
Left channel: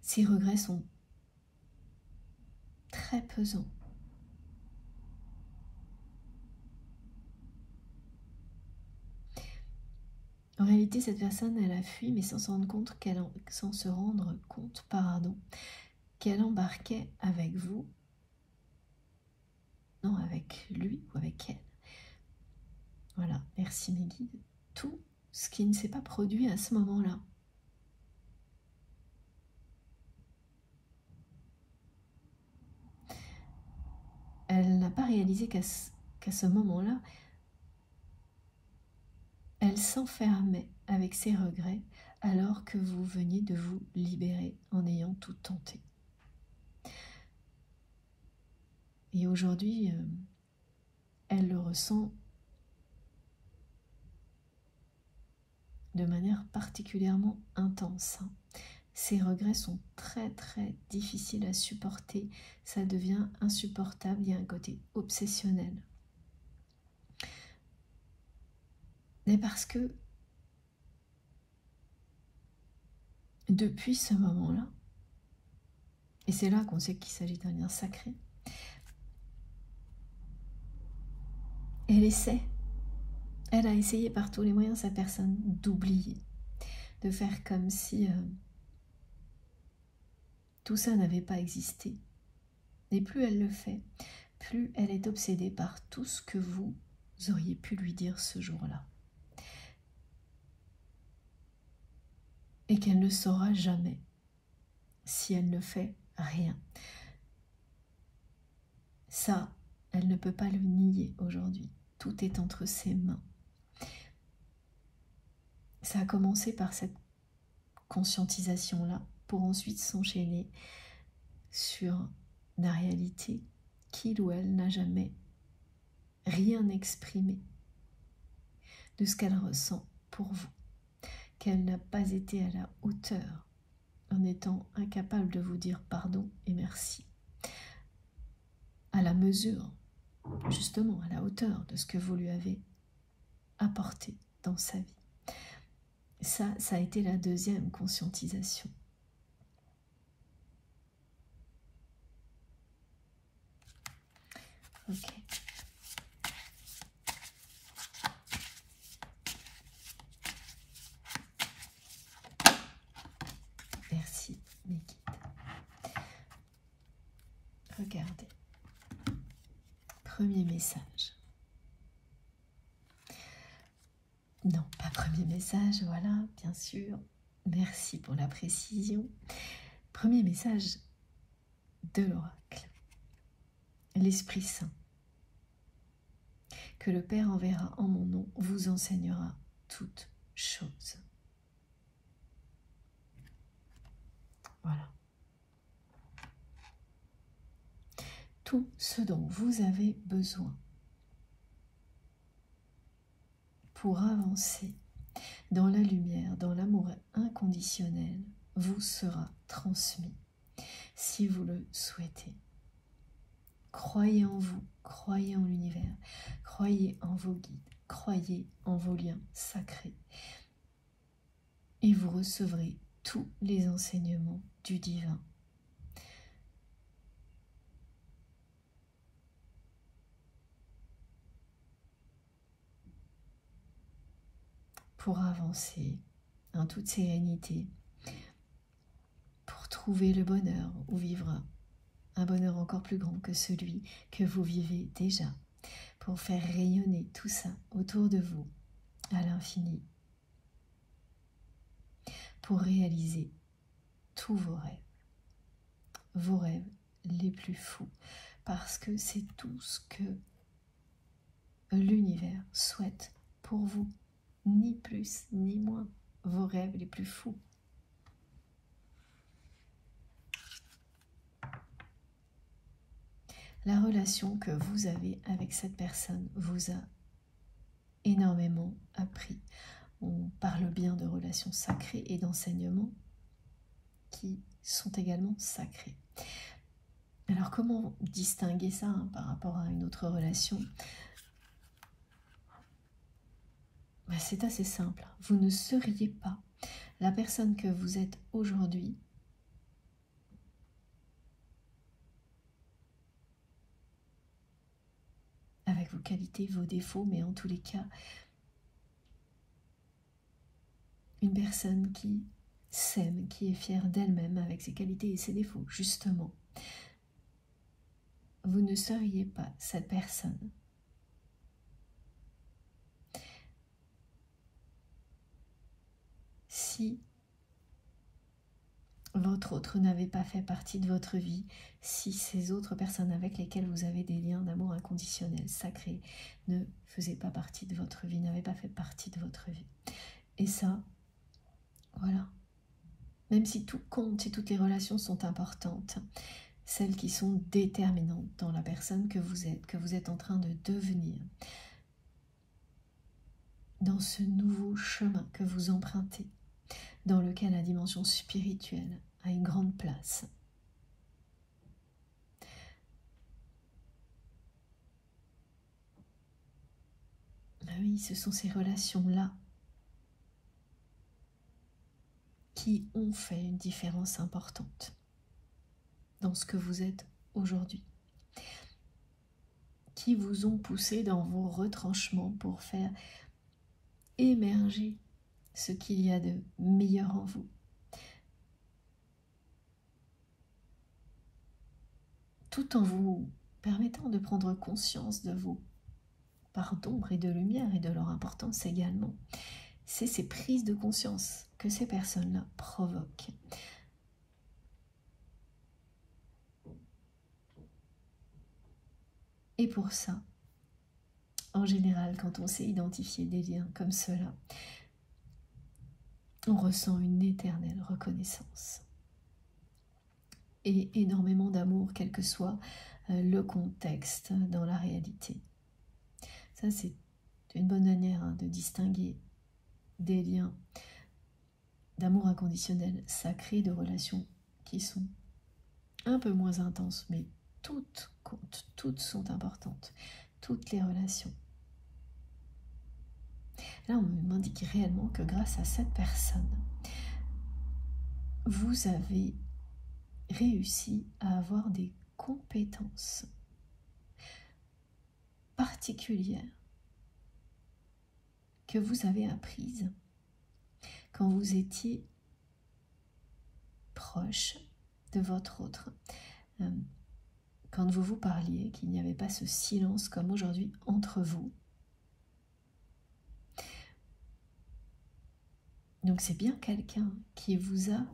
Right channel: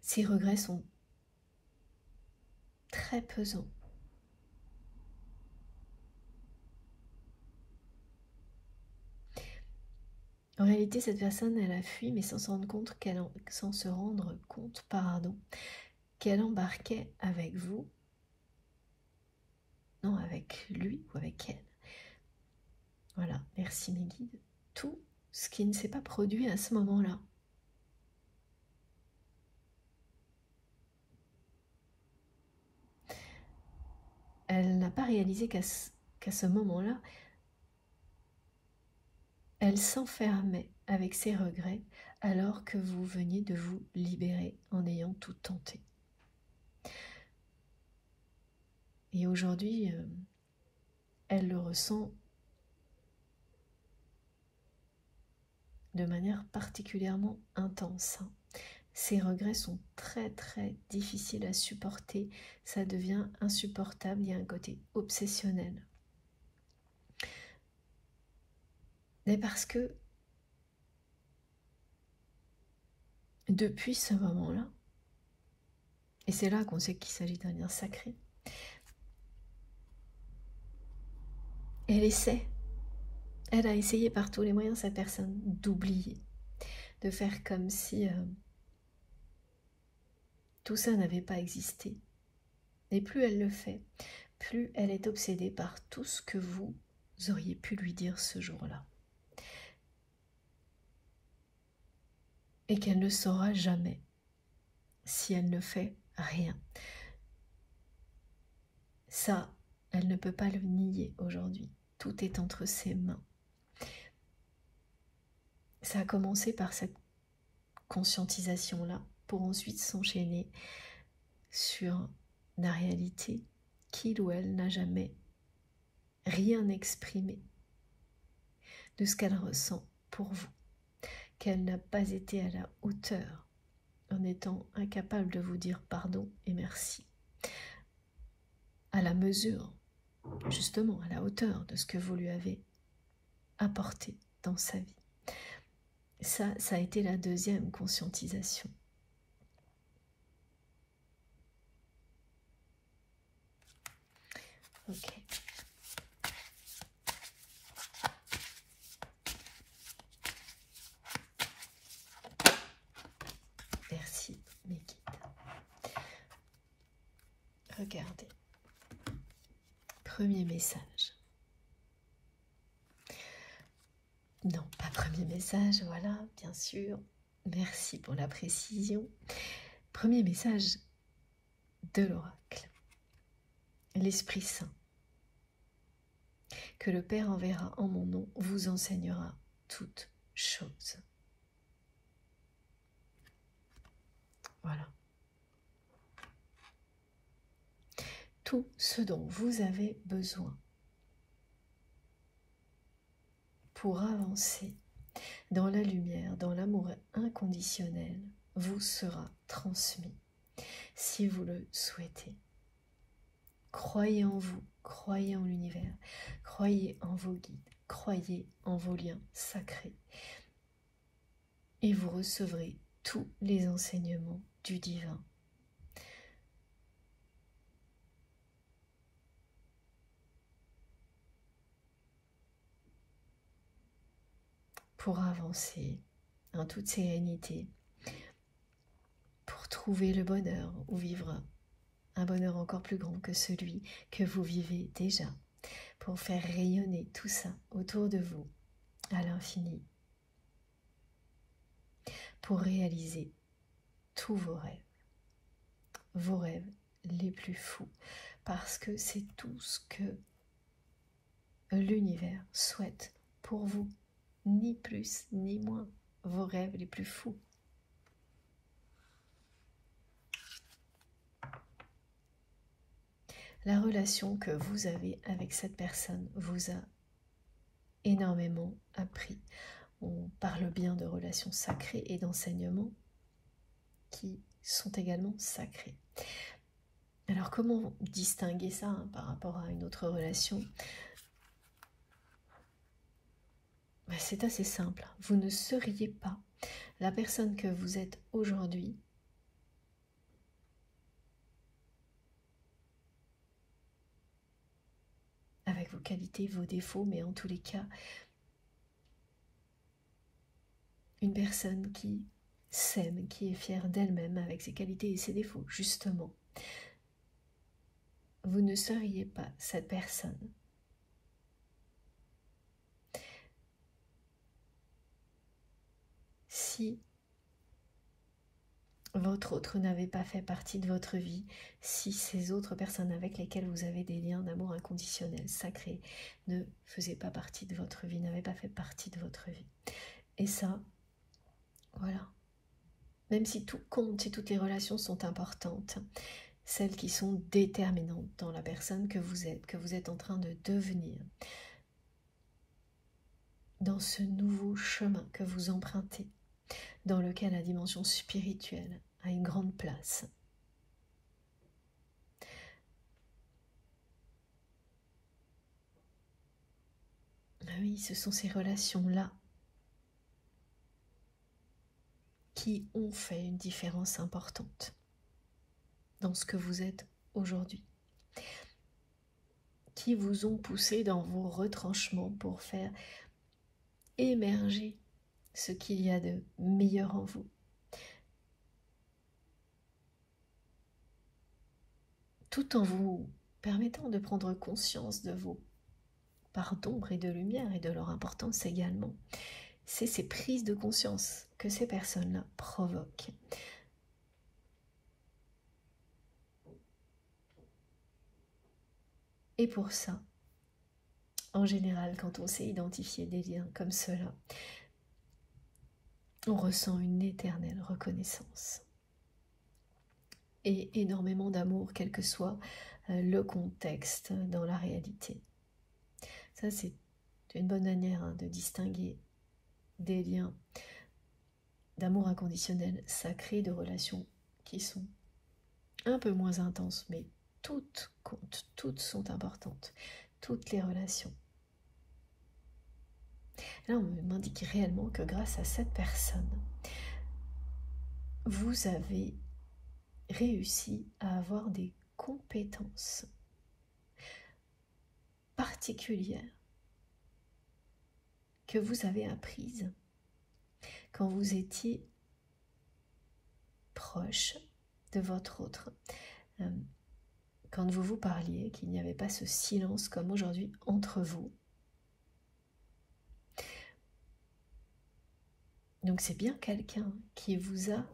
Ces regrets sont très pesants. En réalité, cette personne, elle a fui, mais sans se rendre compte qu'elle embarquait avec vous, non, avec lui ou avec elle. Voilà, merci mes guides. Tout ce qui ne s'est pas produit à ce moment-là. Elle n'a pas réalisé qu'à ce moment-là, elle s'enfermait avec ses regrets alors que vous veniez de vous libérer en ayant tout tenté. Et aujourd'hui, elle le ressent de manière particulièrement intense. Ces regrets sont très très difficiles à supporter, ça devient insupportable, il y a un côté obsessionnel. Mais parce que depuis ce moment-là, et c'est là qu'on sait qu'il s'agit d'un lien sacré, elle a essayé par tous les moyens, cette personne, d'oublier, de faire comme si tout ça n'avait pas existé. Et plus elle le fait, plus elle est obsédée par tout ce que vous auriez pu lui dire ce jour-là. Et qu'elle ne saura jamais si elle ne fait rien. Ça, elle ne peut pas le nier aujourd'hui. Tout est entre ses mains. Ça a commencé par cette conscientisation-là pour ensuite s'enchaîner sur la réalité qu'il ou elle n'a jamais rien exprimé de ce qu'elle ressent pour vous, qu'elle n'a pas été à la hauteur en étant incapable de vous dire pardon et merci, à la mesure, justement à la hauteur de ce que vous lui avez apporté dans sa vie. Ça a été la deuxième conscientisation. Ok. Merci, mes guides. Regardez. Premier message. Non, pas premier message, voilà, bien sûr. Merci pour la précision. Premier message de l'oracle. L'Esprit Saint, que le Père enverra en mon nom, vous enseignera toutes choses. Voilà. Tout ce dont vous avez besoin pour avancer dans la lumière, dans l'amour inconditionnel, vous sera transmis si vous le souhaitez. Croyez en vous, croyez en l'univers, croyez en vos guides, croyez en vos liens sacrés et vous recevrez tous les enseignements du divin. Pour avancer en toute sérénité, pour trouver le bonheur ou vivre un bonheur encore plus grand que celui que vous vivez déjà, pour faire rayonner tout ça autour de vous à l'infini, pour réaliser tous vos rêves les plus fous, parce que c'est tout ce que l'univers souhaite pour vous. ni plus ni moins, vos rêves les plus fous. La relation que vous avez avec cette personne vous a énormément appris. On parle bien de relations sacrées et d'enseignements qui sont également sacrés. Alors comment distinguer ça par rapport à une autre relation? C'est assez simple. Vous ne seriez pas la personne que vous êtes aujourd'hui avec vos qualités, vos défauts, mais en tous les cas, une personne qui s'aime, qui est fière d'elle-même avec ses qualités et ses défauts, justement. Vous ne seriez pas cette personne si votre autre n'avait pas fait partie de votre vie, si ces autres personnes avec lesquelles vous avez des liens d'amour inconditionnel, sacrés, ne faisaient pas partie de votre vie, n'avaient pas fait partie de votre vie. Et ça, voilà. Même si tout compte, si toutes les relations sont importantes, celles qui sont déterminantes dans la personne que vous êtes en train de devenir, dans ce nouveau chemin que vous empruntez, dans lequel la dimension spirituelle a une grande place. Oui, ce sont ces relations-là qui ont fait une différence importante dans ce que vous êtes aujourd'hui, qui vous ont poussé dans vos retranchements pour faire émerger ce qu'il y a de meilleur en vous. Tout en vous permettant de prendre conscience de vos parts d'ombre et de lumière et de leur importance également. C'est ces prises de conscience que ces personnes-là provoquent. Et pour ça, en général, quand on sait identifier des liens comme cela, on ressent une éternelle reconnaissance et énormément d'amour, quel que soit le contexte dans la réalité. Ça, c'est une bonne manière de distinguer des liens d'amour inconditionnel, sacré, de relations qui sont un peu moins intenses, mais toutes comptent, toutes sont importantes, toutes les relations. Là, on m'indique réellement que grâce à cette personne, vous avez réussi à avoir des compétences particulières que vous avez apprises quand vous étiez proche de votre autre, quand vous vous parliez, qu'il n'y avait pas ce silence comme aujourd'hui entre vous. Donc c'est bien quelqu'un qui vous a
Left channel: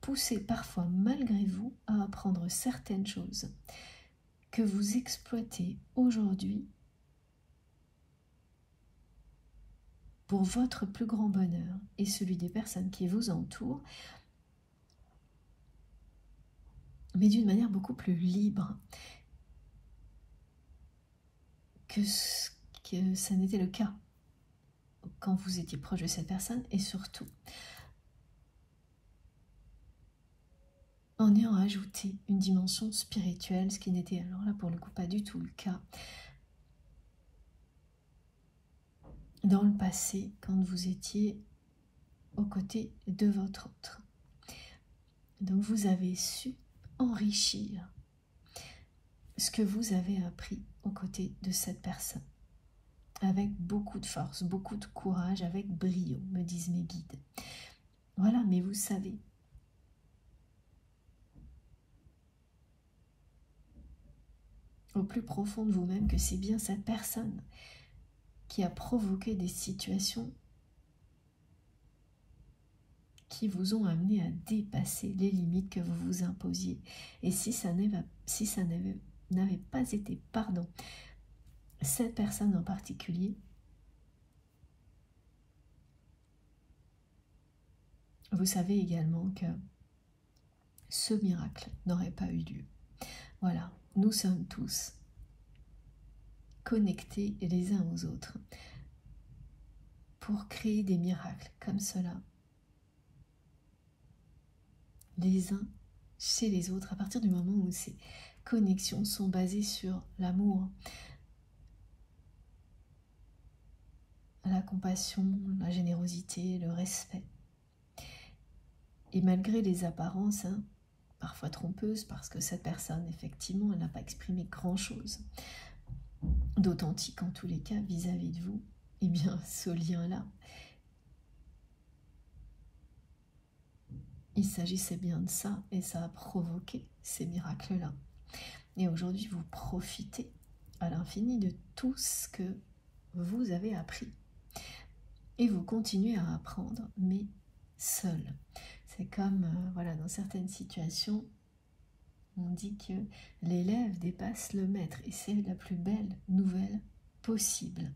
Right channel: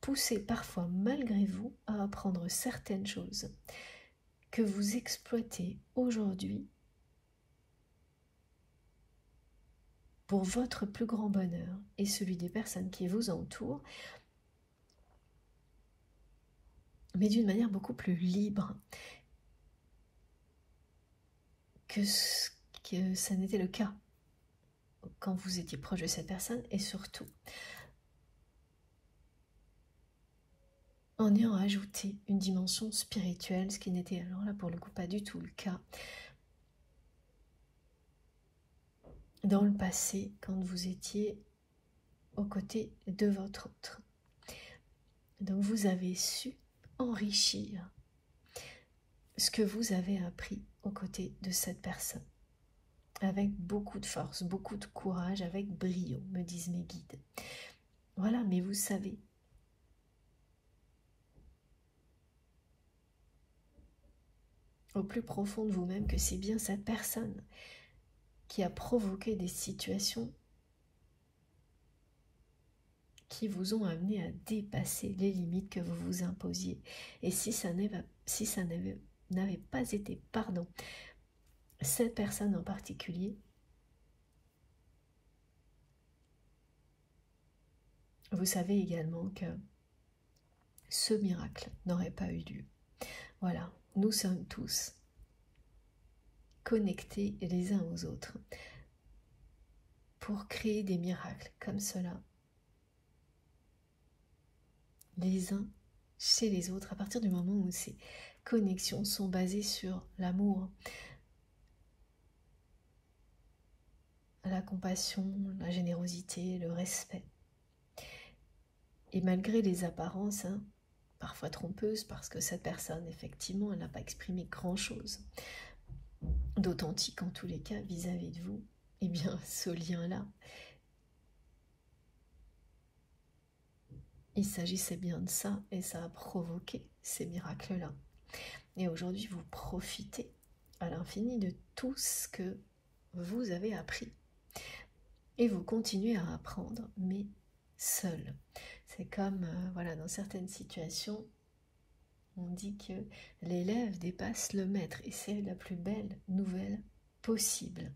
poussé parfois malgré vous à apprendre certaines choses que vous exploitez aujourd'hui pour votre plus grand bonheur et celui des personnes qui vous entourent, mais d'une manière beaucoup plus libre que ça n'était le cas quand vous étiez proche de cette personne, et surtout en ayant ajouté une dimension spirituelle, ce qui n'était alors là pour le coup pas du tout le cas dans le passé quand vous étiez aux côtés de votre autre. Donc vous avez su enrichir ce que vous avez appris aux côtés de cette personne avec beaucoup de force, beaucoup de courage, avec brio, me disent mes guides. Voilà, mais vous savez, au plus profond de vous-même, que c'est bien cette personne qui a provoqué des situations qui vous ont amené à dépasser les limites que vous vous imposiez. Et si ça n'avait pas été, cette personne en particulier, vous savez également que ce miracle n'aurait pas eu lieu. Voilà, nous sommes tous connectés les uns aux autres pour créer des miracles comme cela, les uns chez les autres, à partir du moment où ces connexions sont basées sur l'amour, la compassion, la générosité, le respect. Et malgré les apparences, parfois trompeuses, parce que cette personne, effectivement, elle n'a pas exprimé grand-chose d'authentique en tous les cas vis-à-vis de vous, eh bien, ce lien-là, il s'agissait bien de ça, et ça a provoqué ces miracles-là. Et aujourd'hui, vous profitez à l'infini de tout ce que vous avez appris. Et vous continuez à apprendre, mais seul. C'est comme, voilà, dans certaines situations, on dit que l'élève dépasse le maître, et c'est la plus belle nouvelle possible.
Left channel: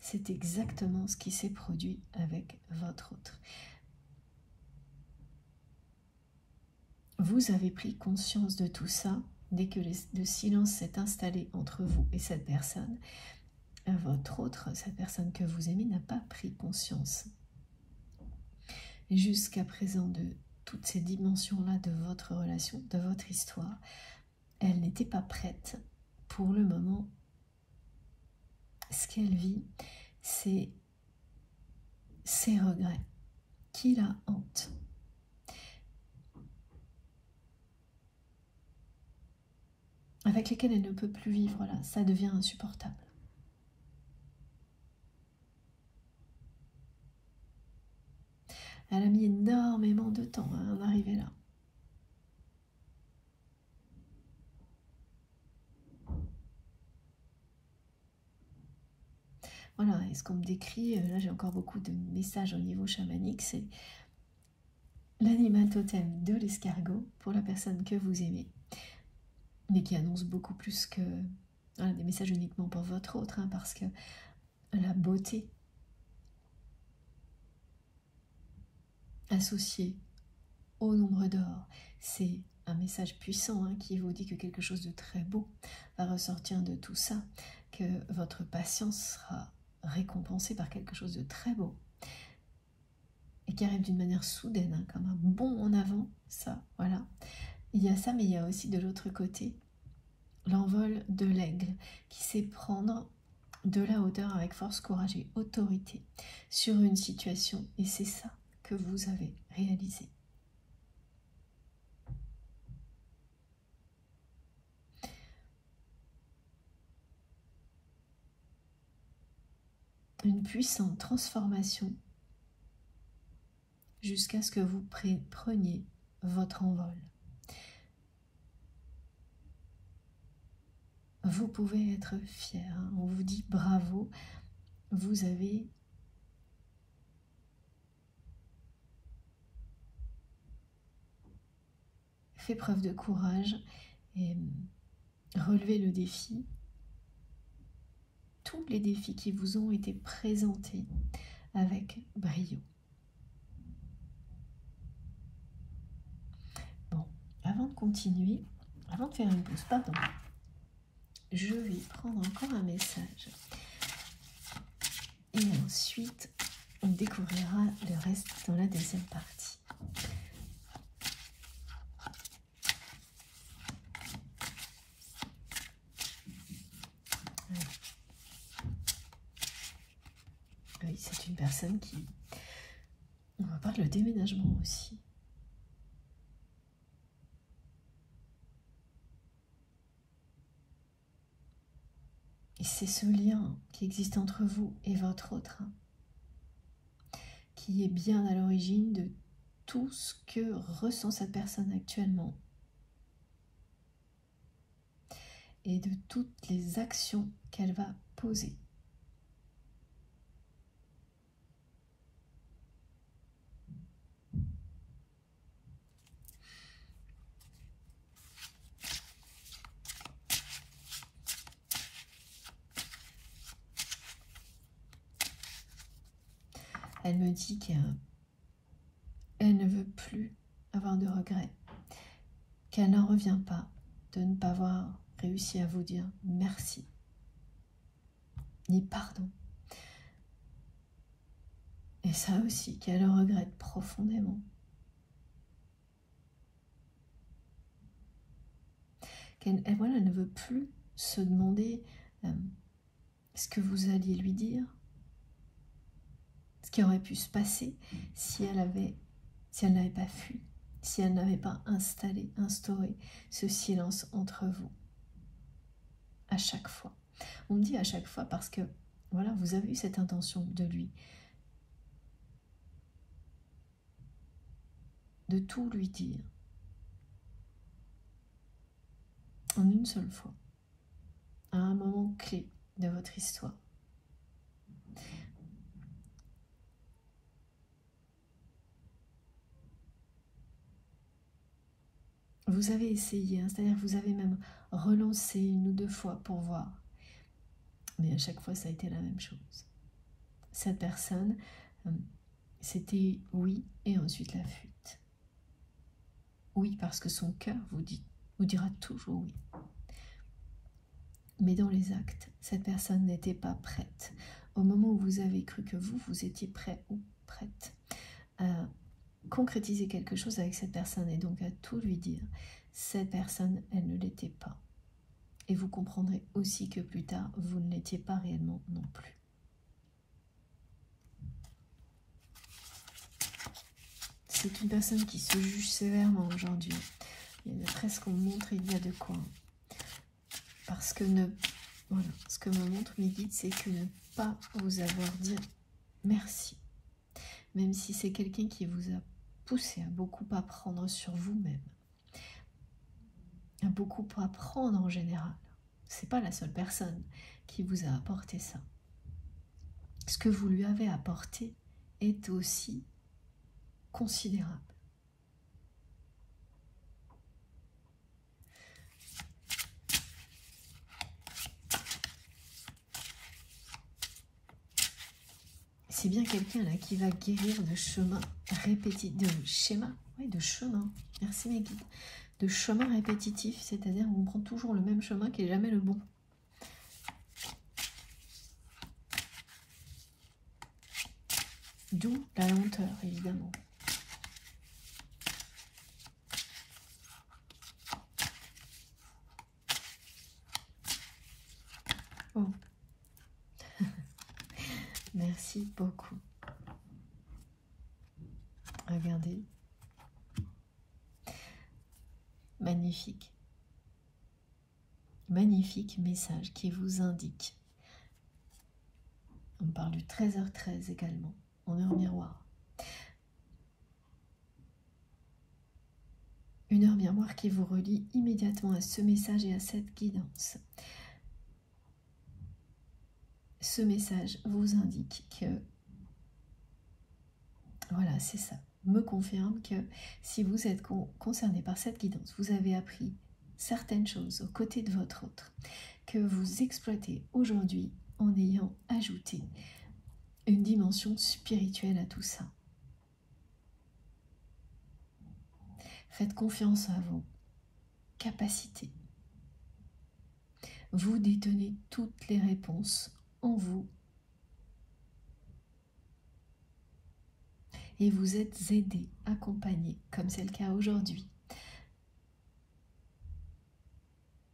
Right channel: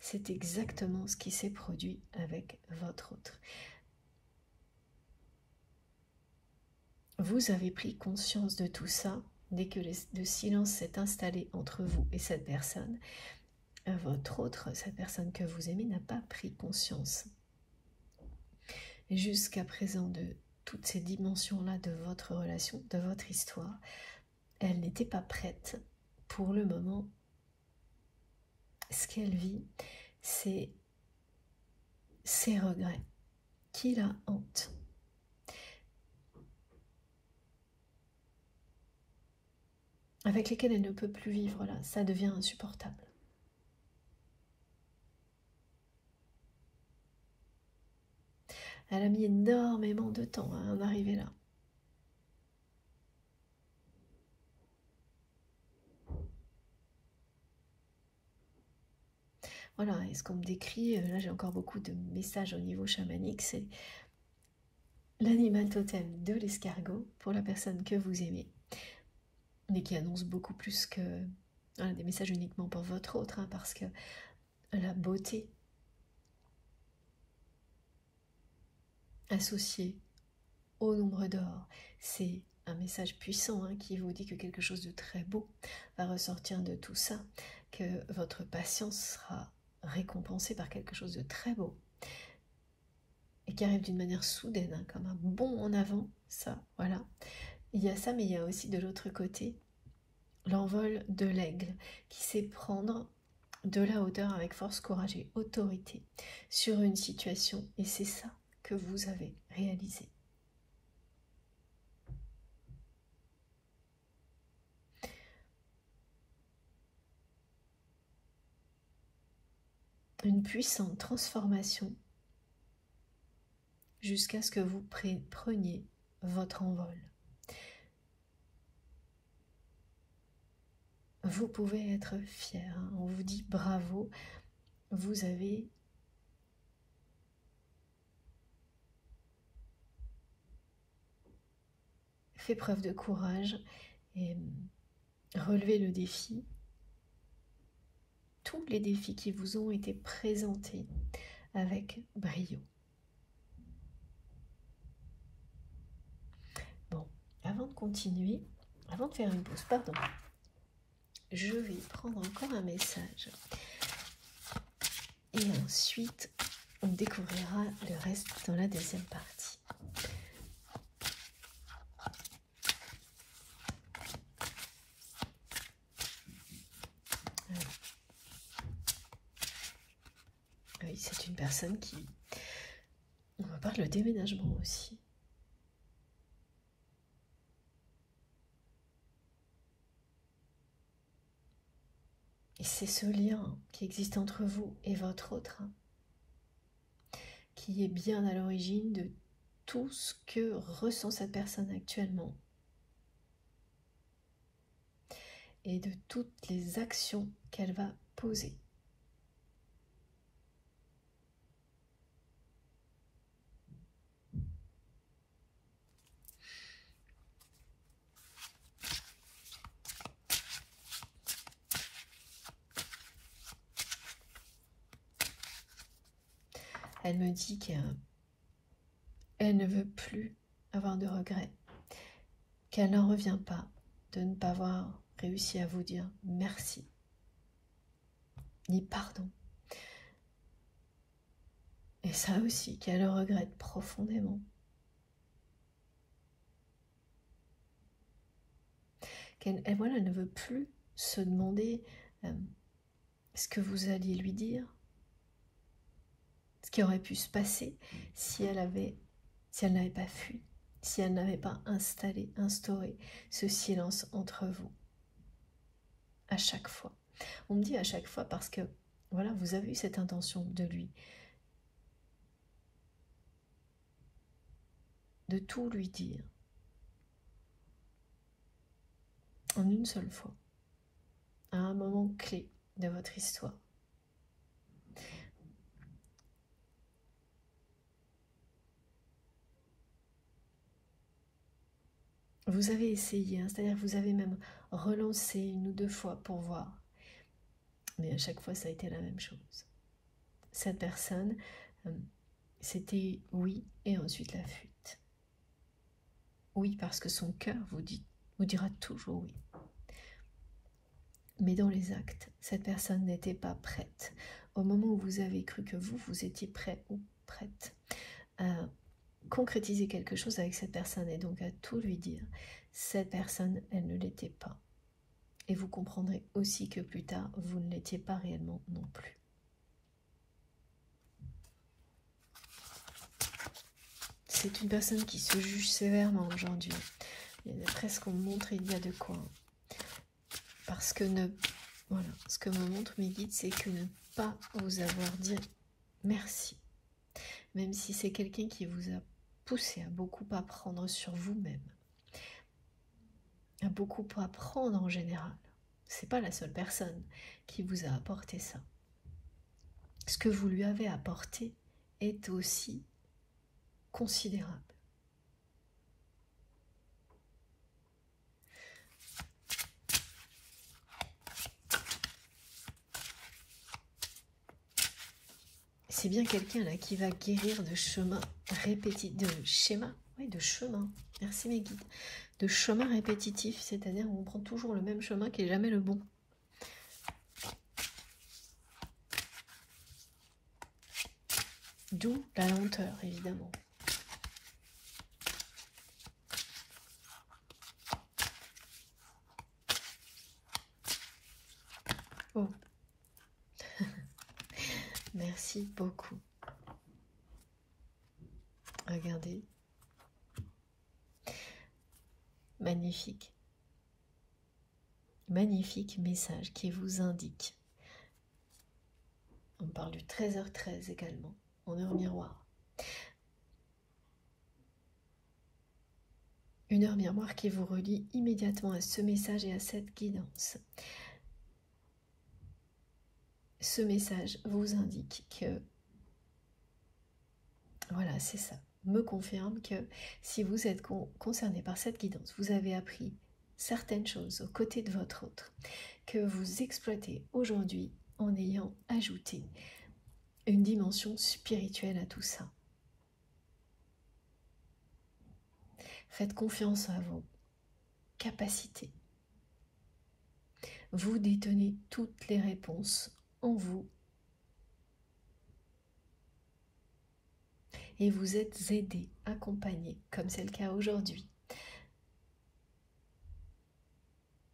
C'est exactement ce qui s'est produit avec votre autre. Vous avez pris conscience de tout ça dès que le silence s'est installé entre vous et cette personne. Votre autre, cette personne que vous aimez, n'a pas pris conscience. Jusqu'à présent, de toutes ces dimensions-là de votre relation, de votre histoire, elle n'était pas prête. Pour le moment, ce qu'elle vit, c'est ses regrets qui la hantent. Avec lesquels elle ne peut plus vivre, là, ça devient insupportable. Elle a mis énormément de temps à en arriver là. Voilà, et ce qu'on me décrit, là j'ai encore beaucoup de messages au niveau chamanique, c'est l'animal totem de l'escargot pour la personne que vous aimez, mais qui annonce beaucoup plus que voilà, des messages uniquement pour votre autre, parce que la beauté associée au nombre d'or, c'est un message puissant qui vous dit que quelque chose de très beau va ressortir de tout ça, que votre patience sera récompensée par quelque chose de très beau et qui arrive d'une manière soudaine, comme un bond en avant, ça, voilà. Il y a ça, mais il y a aussi de l'autre côté l'envol de l'aigle qui sait prendre de la hauteur avec force, courage et autorité sur une situation, et c'est ça que vous avez réalisé. Une puissante transformation jusqu'à ce que vous preniez votre envol. Vous pouvez être fier, on vous dit bravo, vous avez fait preuve de courage et relevé le défi. Tous les défis qui vous ont été présentés avec brio. Bon, avant de continuer, avant de faire une pause, pardon, je vais prendre encore un message. Et ensuite, on découvrira le reste dans la deuxième partie. Oui, c'est une personne qui... On va parler de déménagement aussi. Et c'est ce lien qui existe entre vous et votre autre qui est bien à l'origine de tout ce que ressent cette personne actuellement et de toutes les actions qu'elle va poser. Elle me dit qu'elle qu'elle ne veut plus avoir de regrets, qu'elle n'en revient pas de ne pas avoir réussi à vous dire merci, ni pardon. Et ça aussi, qu'elle le regrette profondément. Elle voilà, ne veut plus se demander ce que vous alliez lui dire, ce qui aurait pu se passer si elle n'avait pas fui, si elle n'avait pas instauré ce silence entre vous. À chaque fois. On me dit à chaque fois parce que, voilà, vous avez eu cette intention de lui, de tout lui dire, en une seule fois, à un moment clé de votre histoire. Vous avez essayé, hein, c'est-à-dire que vous avez même relancé 1 ou 2 fois pour voir. Mais à chaque fois, ça a été la même chose. Cette personne, c'était oui et ensuite la fuite. Oui, parce que son cœur vous dira toujours oui. Mais dans les actes, cette personne n'était pas prête. Au moment où vous avez cru que vous étiez prêt ou prête à concrétiser quelque chose avec cette personne et donc à tout lui dire, cette personne, elle ne l'était pas. Et vous comprendrez aussi que plus tard, vous ne l'étiez pas réellement non plus. C'est une personne qui se juge sévèrement aujourd'hui. Il y a presque, on me montre, il y a de quoi. Parce que voilà, ce que me montre mes guides, c'est que ne pas vous avoir dit merci. Même si c'est quelqu'un qui vous a poussé à beaucoup apprendre sur vous-même. À beaucoup apprendre en général. C'est pas la seule personne qui vous a apporté ça. Ce que vous lui avez apporté est aussi considérable. C'est bien quelqu'un là qui va guérir de chemin répétitif, de schéma, oui, de chemin. Merci mes guides. De chemin répétitif, c'est-à-dire qu'on prend toujours le même chemin qui n'est jamais le bon. D'où la lenteur, évidemment. Oh. Merci beaucoup. Regardez. Magnifique. Magnifique message qui vous indique. On parle du 13h13 également, en heure miroir. Une heure miroir qui vous relie immédiatement à ce message et à cette guidance. Ce message vous indique que, voilà, c'est ça, me confirme que si vous êtes concerné par cette guidance, vous avez appris certaines choses aux côtés de votre autre, que vous exploitez aujourd'hui en ayant ajouté une dimension spirituelle à tout ça. Faites confiance à vos capacités. Vous détenez toutes les réponses en vous. Et vous êtes aidé, accompagné, comme c'est le cas aujourd'hui.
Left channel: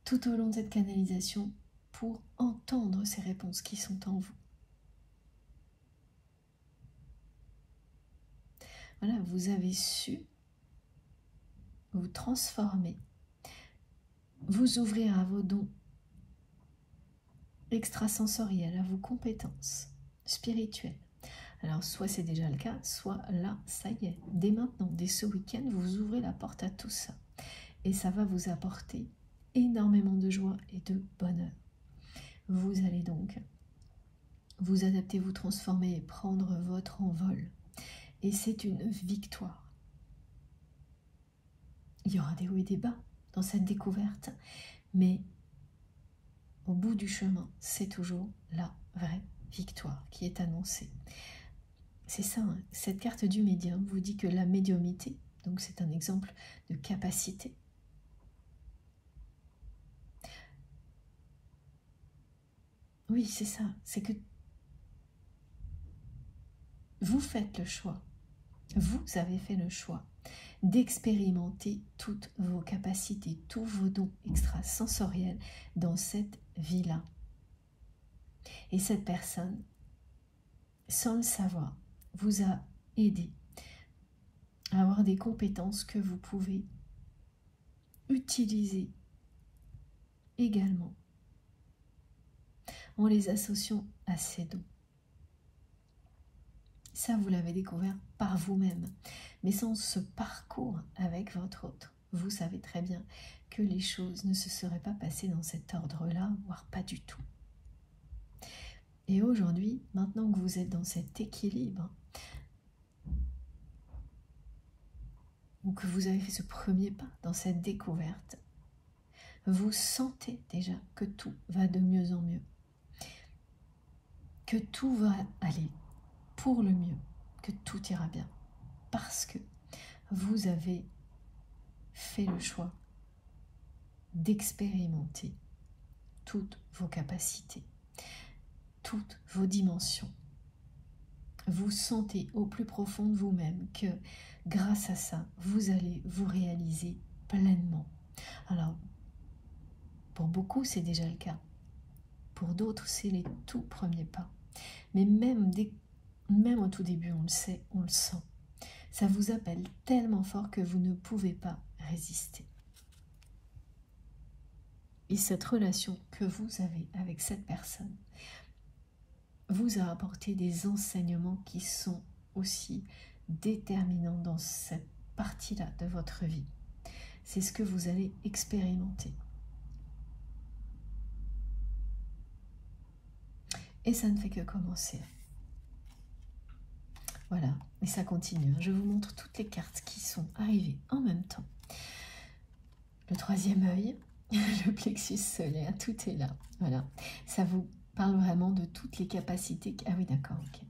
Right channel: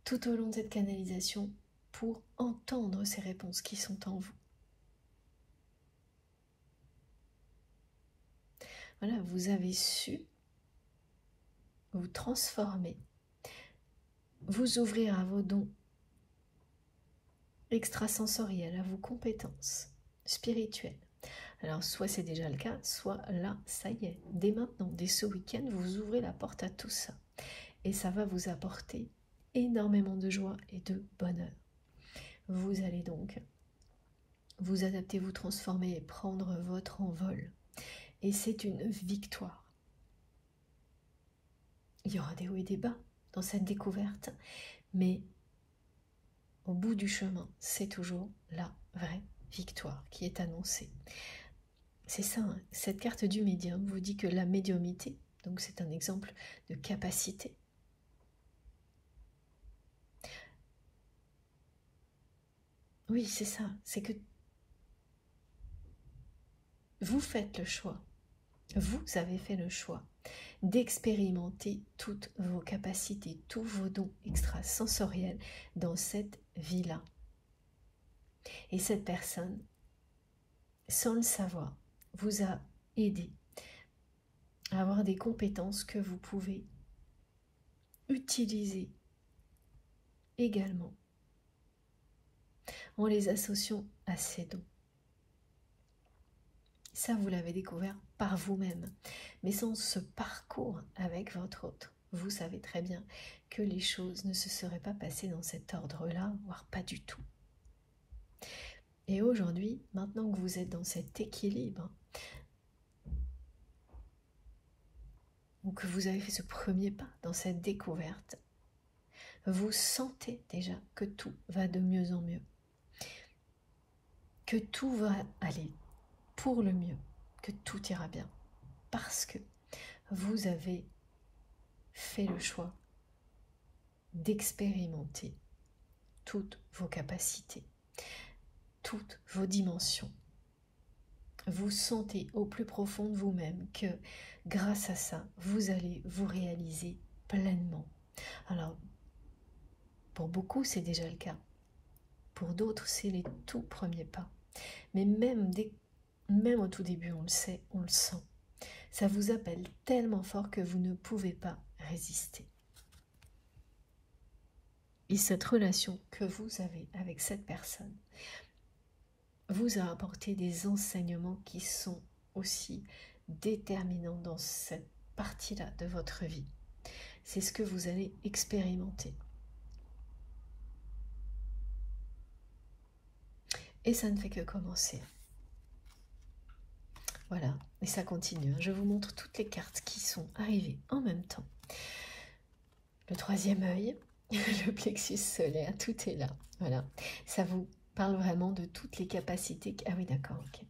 Tout au long de cette canalisation, pour entendre ces réponses qui sont en vous. Voilà, vous avez su vous transformer, vous ouvrir à vos dons extrasensoriels, à vos compétences spirituelles. Alors, soit c'est déjà le cas, soit là, ça y est, dès maintenant, dès ce week-end, vous ouvrez la porte à tout ça. Et ça va vous apporter énormément de joie et de bonheur. Vous allez donc vous adapter, vous transformer et prendre votre envol. Et c'est une victoire. Il y aura des hauts et des bas dans cette découverte, mais au bout du chemin, c'est toujours la vraie victoire qui est annoncée. c'est ça, hein. Cette carte du médium vous dit que la médiumnité, donc c'est un exemple de capacité. Oui, c'est ça, c'est que vous faites le choix, vous avez fait le choix d'expérimenter toutes vos capacités, tous vos dons extrasensoriels dans cette vie-là. Et cette personne, sans le savoir, vous a aidé à avoir des compétences que vous pouvez utiliser également en les associant à ces dons. Ça, vous l'avez découvert par vous-même. Mais sans ce parcours avec votre autre, vous savez très bien que les choses ne se seraient pas passées dans cet ordre-là, voire pas du tout. Et aujourd'hui, maintenant que vous êtes dans cet équilibre, ou que vous avez fait ce premier pas dans cette découverte, vous sentez déjà que tout va de mieux en mieux, que tout va aller pour le mieux, que tout ira bien, parce que vous avez fait le choix d'expérimenter toutes vos capacités, toutes vos dimensions. Vous sentez au plus profond de vous-même que grâce à ça, vous allez vous réaliser pleinement. Alors, pour beaucoup, c'est déjà le cas. Pour d'autres, c'est les tout premiers pas. Mais même au tout début, on le sait, on le sent. Ça vous appelle tellement fort que vous ne pouvez pas résister. Et cette relation que vous avez avec cette personne vous a apporté des enseignements qui sont aussi déterminants dans cette partie-là de votre vie. C'est ce que vous allez expérimenter. Et ça ne fait que commencer. Voilà, et ça continue. Je vous montre toutes les cartes qui sont arrivées en même temps. Le troisième œil, le plexus solaire, tout est là. Voilà, ça vous parle vraiment de toutes les capacités. Ah oui, d'accord, ok.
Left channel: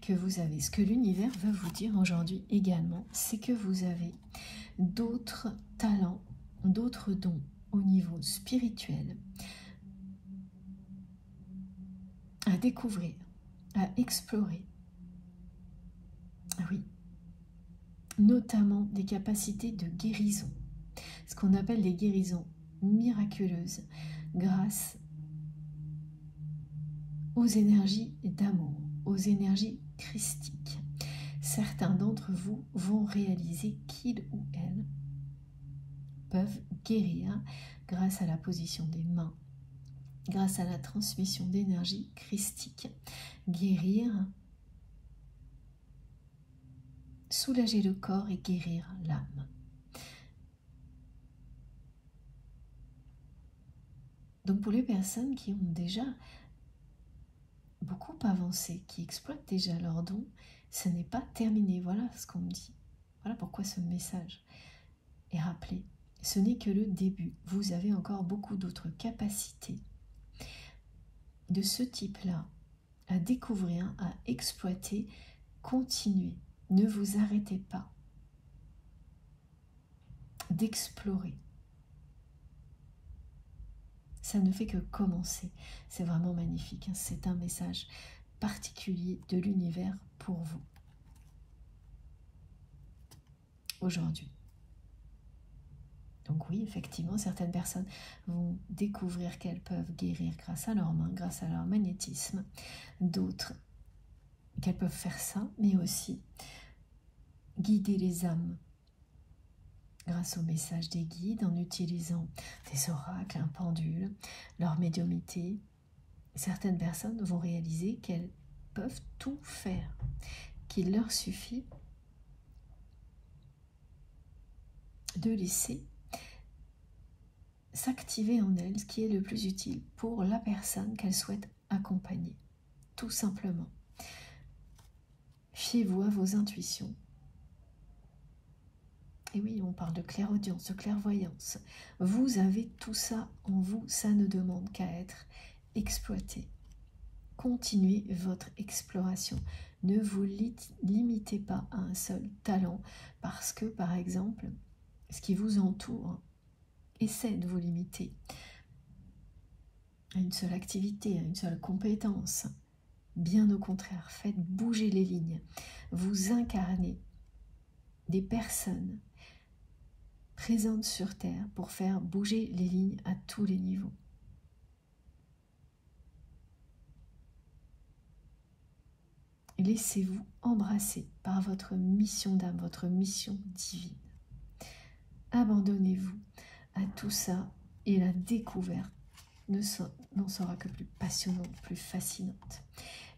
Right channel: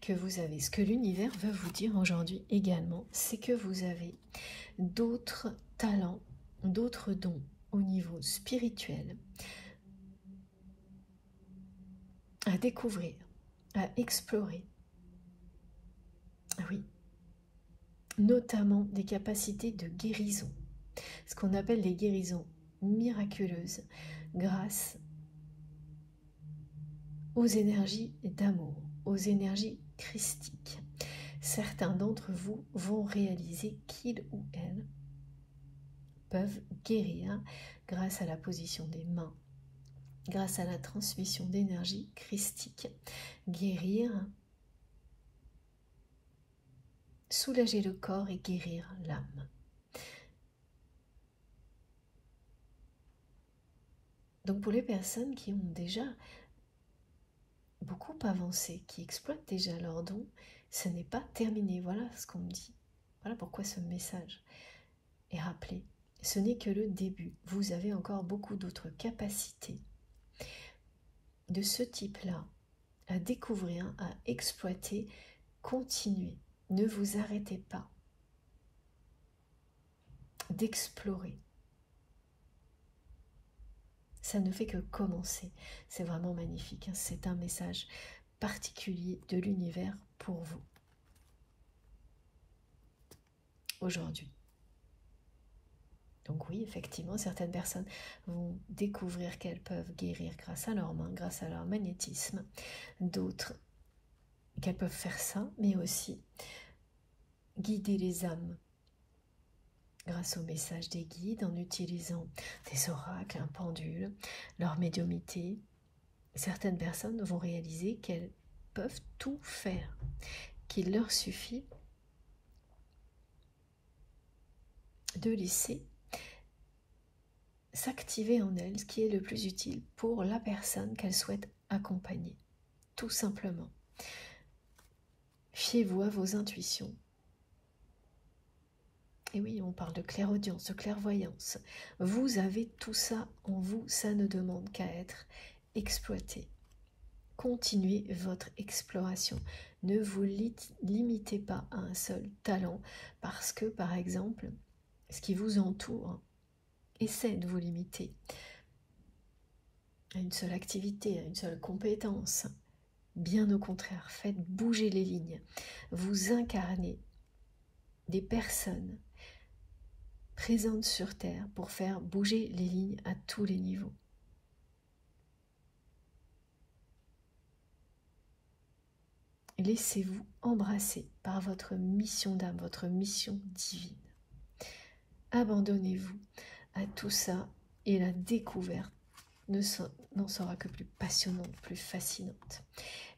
Que vous avez. Ce que l'univers veut vous dire aujourd'hui également, c'est que vous avez d'autres talents, d'autres dons au niveau spirituel à découvrir, à explorer. Ah oui, notamment des capacités de guérison, ce qu'on appelle des guérisons miraculeuses grâce aux énergies d'amour, aux énergies christiques. Certains d'entre vous vont réaliser qu'ils ou elles peuvent guérir grâce à la position des mains, grâce à la transmission d'énergie christique, guérir, soulager le corps et guérir l'âme. Donc pour les personnes qui ont déjà beaucoup avancé, qui exploitent déjà leurs dons, ce n'est pas terminé. Voilà ce qu'on me dit. Voilà pourquoi ce message est rappelé. Ce n'est que le début. Vous avez encore beaucoup d'autres capacités de ce type-là à découvrir, à exploiter. Continuez. Ne vous arrêtez pas d'explorer. Ça ne fait que commencer. C'est vraiment magnifique. C'est un message particulier de l'univers pour vous aujourd'hui. Donc oui, effectivement, certaines personnes vont découvrir qu'elles peuvent guérir grâce à leurs mains, grâce à leur magnétisme. D'autres qu'elles peuvent faire ça, mais aussi guider les âmes grâce au message des guides, en utilisant des oracles, un pendule, leur médiumnité. Certaines personnes vont réaliser qu'elles peuvent tout faire, qu'il leur suffit de laisser s'activer en elles ce qui est le plus utile pour la personne qu'elles souhaitent accompagner, tout simplement. Fiez-vous à vos intuitions. Et oui, on parle de clairaudience, de clairvoyance. Vous avez tout ça en vous, ça ne demande qu'à être exploité. continuez votre exploration. Ne vous limitez pas à un seul talent parce que, par exemple, ce qui vous entoure essaie de vous limiter à une seule activité, à une seule compétence. Bien au contraire, faites bouger les lignes. Vous incarnez des personnes présentes sur Terre pour faire bouger les lignes à tous les niveaux. Laissez-vous embrasser par votre mission d'âme, votre mission divine. Abandonnez-vous à tout ça et la découverte n'en sera que plus passionnante, plus fascinante.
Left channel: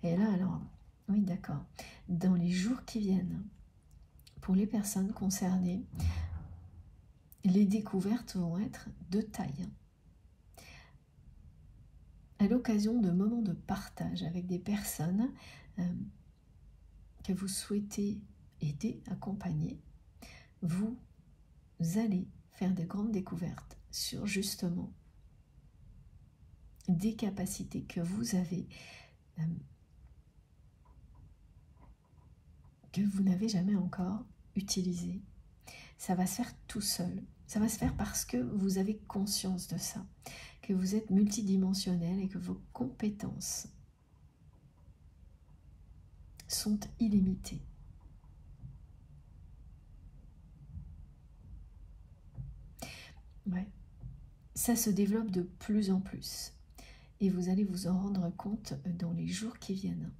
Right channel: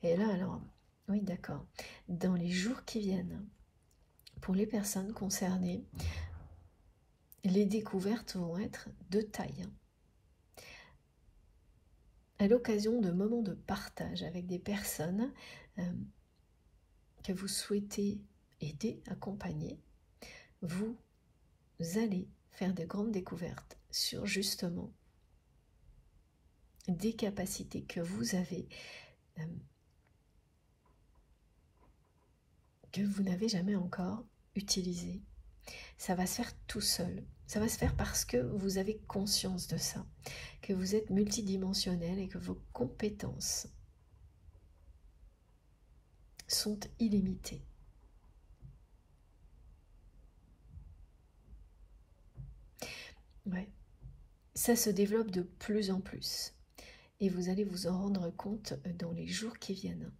Et là, alors, oui, d'accord, dans les jours qui viennent, pour les personnes concernées, les découvertes vont être de taille. À l'occasion de moments de partage avec des personnes que vous souhaitez aider, accompagner, vous allez faire de grandes découvertes sur justement des capacités que vous avez, que vous n'avez jamais encore utilisées. Ça va se faire tout seul. Ça va se faire parce que vous avez conscience de ça, que vous êtes multidimensionnel et que vos compétences sont illimitées. Ouais. Ça se développe de plus en plus. Et vous allez vous en rendre compte dans les jours qui viennent.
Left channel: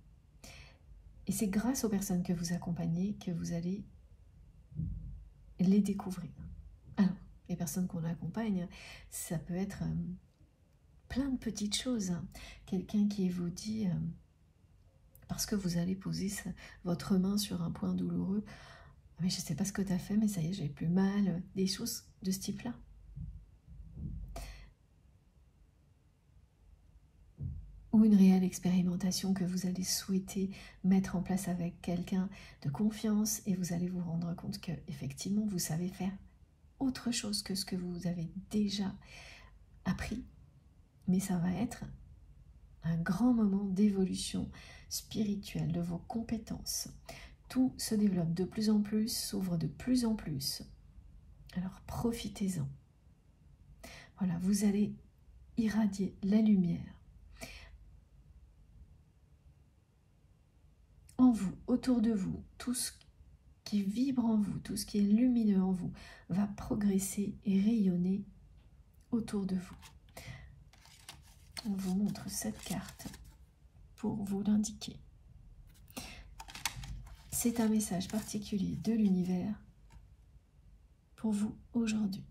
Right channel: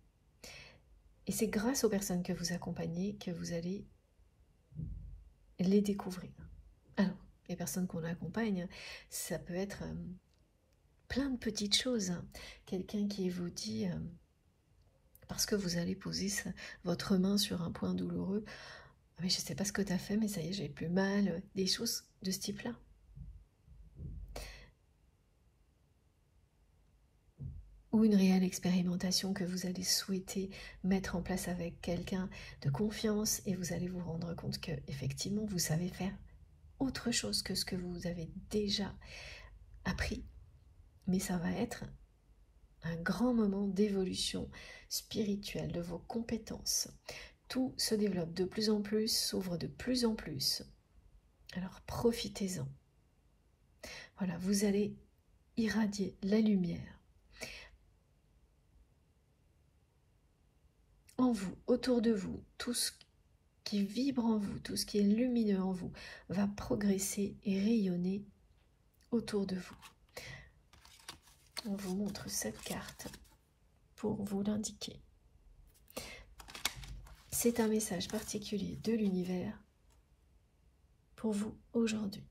Et c'est grâce aux personnes que vous accompagnez que vous allez les découvrir. Alors, les personnes qu'on accompagne, ça peut être plein de petites choses. Quelqu'un qui vous dit, parce que vous allez poser votre main sur un point douloureux, mais je ne sais pas ce que tu as fait, mais ça y est, j'ai plus mal, des choses de ce type-là. Ou une réelle expérimentation que vous allez souhaiter mettre en place avec quelqu'un de confiance et vous allez vous rendre compte que effectivement vous savez faire autre chose que ce que vous avez déjà appris, mais ça va être un grand moment d'évolution spirituelle de vos compétences. Tout se développe de plus en plus, s'ouvre de plus en plus. Alors profitez-en. Voilà, vous allez irradier la lumière en vous, autour de vous. Tout ce qui vibre en vous, tout ce qui est lumineux en vous, va progresser et rayonner autour de vous. On vous montre cette carte pour vous l'indiquer. C'est un message particulier de l'univers pour vous aujourd'hui,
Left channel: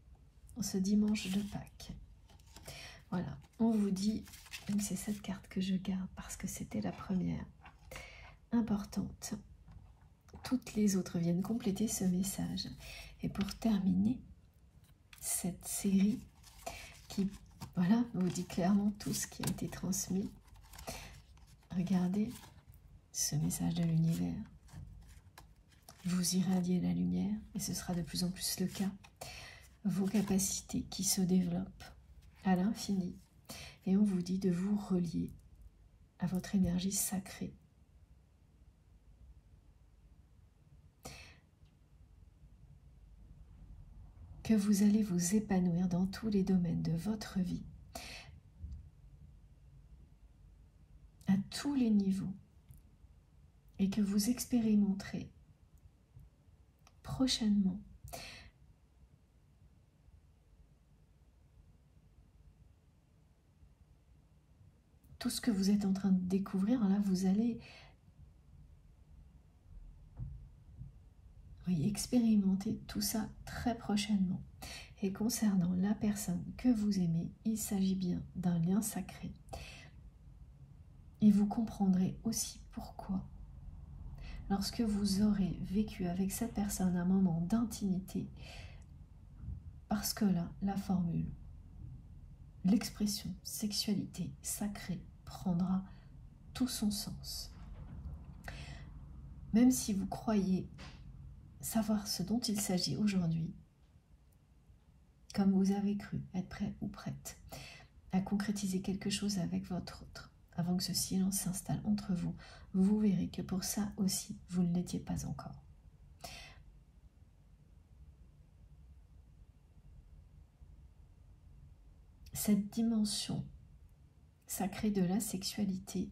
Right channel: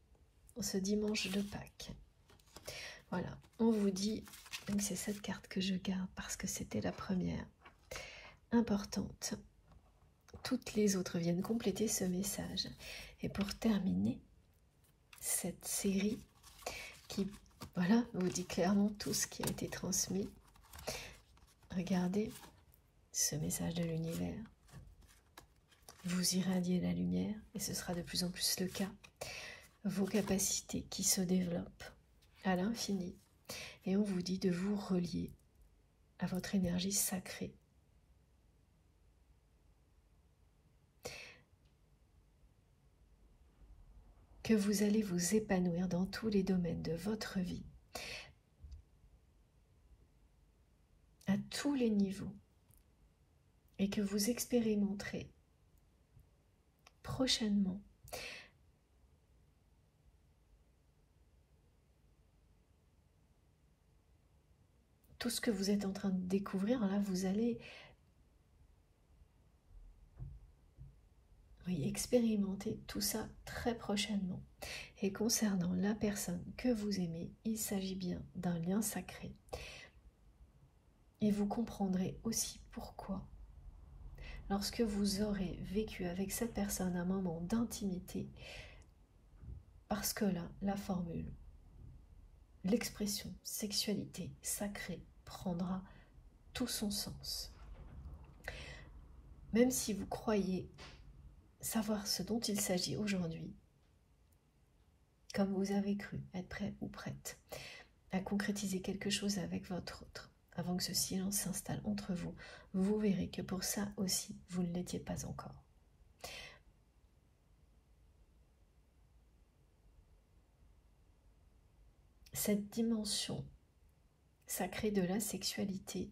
ce dimanche de Pâques. Voilà, on vous dit, c'est cette carte que je garde parce que c'était la première importante. Toutes les autres viennent compléter ce message. Et pour terminer cette série qui, voilà, vous dit clairement tout ce qui a été transmis, regardez ce message de l'univers. Vous irradiez la lumière et ce sera de plus en plus le cas. Vos capacités qui se développent à l'infini. Et on vous dit de vous relier à votre énergie sacrée. Que vous allez vous épanouir dans tous les domaines de votre vie, à tous les niveaux, et que vous expérimenterez prochainement tout ce que vous êtes en train de découvrir. Là, vous allez expérimenter tout ça très prochainement. Et concernant la personne que vous aimez, il s'agit bien d'un lien sacré. Et vous comprendrez aussi pourquoi, lorsque vous aurez vécu avec cette personne un moment d'intimité, parce que là, la formule, l'expression sexualité sacrée prendra tout son sens. Même si vous croyez savoir ce dont il s'agit aujourd'hui, comme vous avez cru être prêt ou prête à concrétiser quelque chose avec votre avant que ce silence s'installe entre vous, vous verrez que pour ça aussi, vous ne l'étiez pas encore. Cette dimension sacrée de la sexualité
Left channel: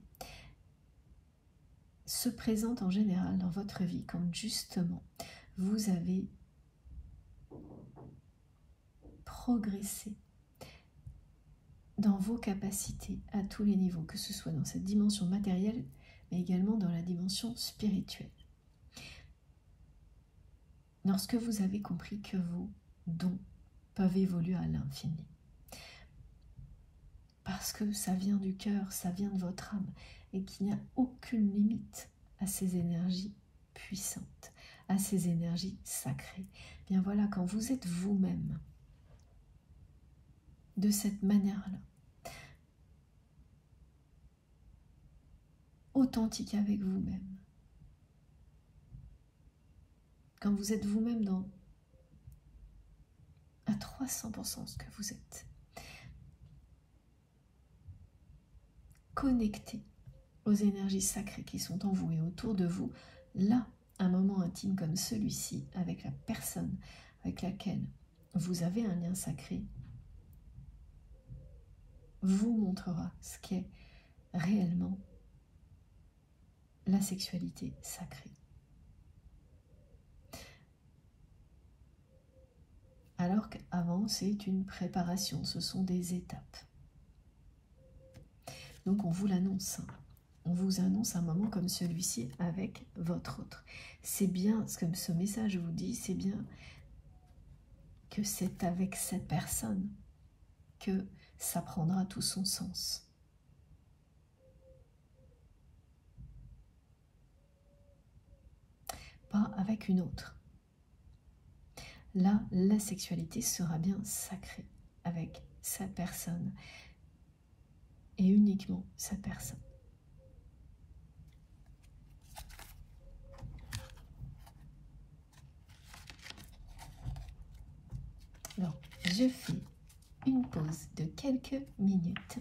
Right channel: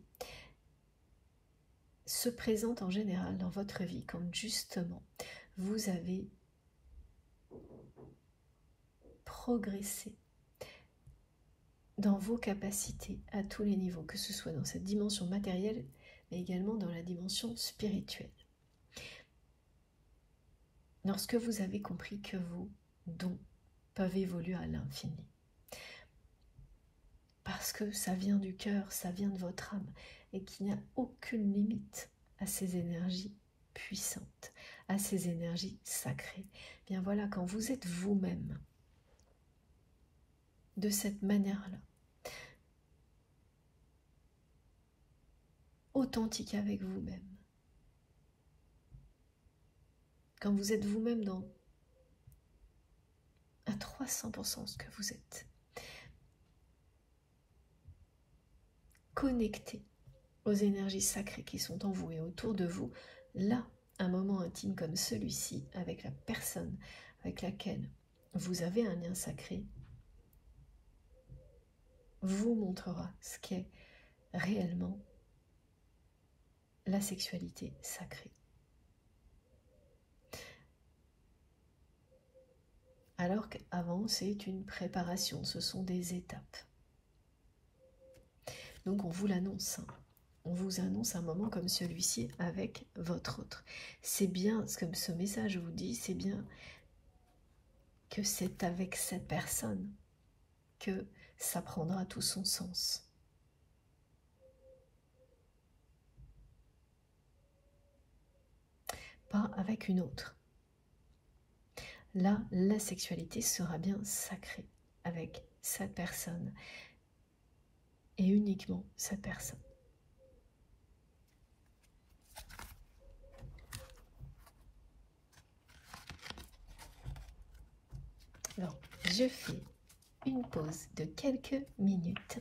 se présente en général dans votre vie quand justement vous avez progressé dans vos capacités à tous les niveaux, que ce soit dans cette dimension matérielle, mais également dans la dimension spirituelle. Lorsque vous avez compris que vos dons peuvent évoluer à l'infini, parce que ça vient du cœur, ça vient de votre âme, et qu'il n'y a aucune limite à ces énergies puissantes, à ces énergies sacrées. Bien voilà, quand vous êtes vous-même de cette manière-là, authentique avec vous-même, quand vous êtes vous-même à 300% ce que vous êtes, connecté aux énergies sacrées qui sont en vous et autour de vous, là, un moment intime comme celui-ci, avec la personne avec laquelle vous avez un lien sacré, vous montrera ce qu'est réellement la sexualité sacrée. Alors qu'avant, c'est une préparation, ce sont des étapes. Donc on vous l'annonce, on vous annonce un moment comme celui-ci avec votre autre. C'est bien ce que ce message vous dit, c'est bien que c'est avec cette personne que ça prendra tout son sens. Pas avec une autre. Là, la sexualité sera bien sacrée avec cette personne et uniquement cette personne. Bon, je fais une pause de quelques minutes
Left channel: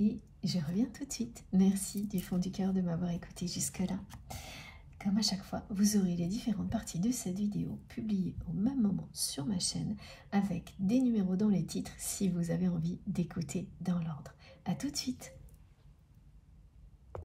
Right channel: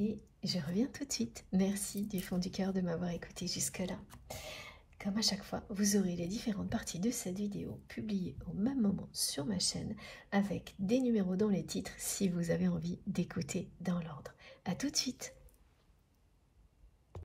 et je reviens tout de suite. Merci du fond du cœur de m'avoir écouté jusque-là. Comme à chaque fois, vous aurez les différentes parties de cette vidéo publiées au même moment sur ma chaîne avec des numéros dans les titres si vous avez envie d'écouter dans l'ordre. A tout de suite!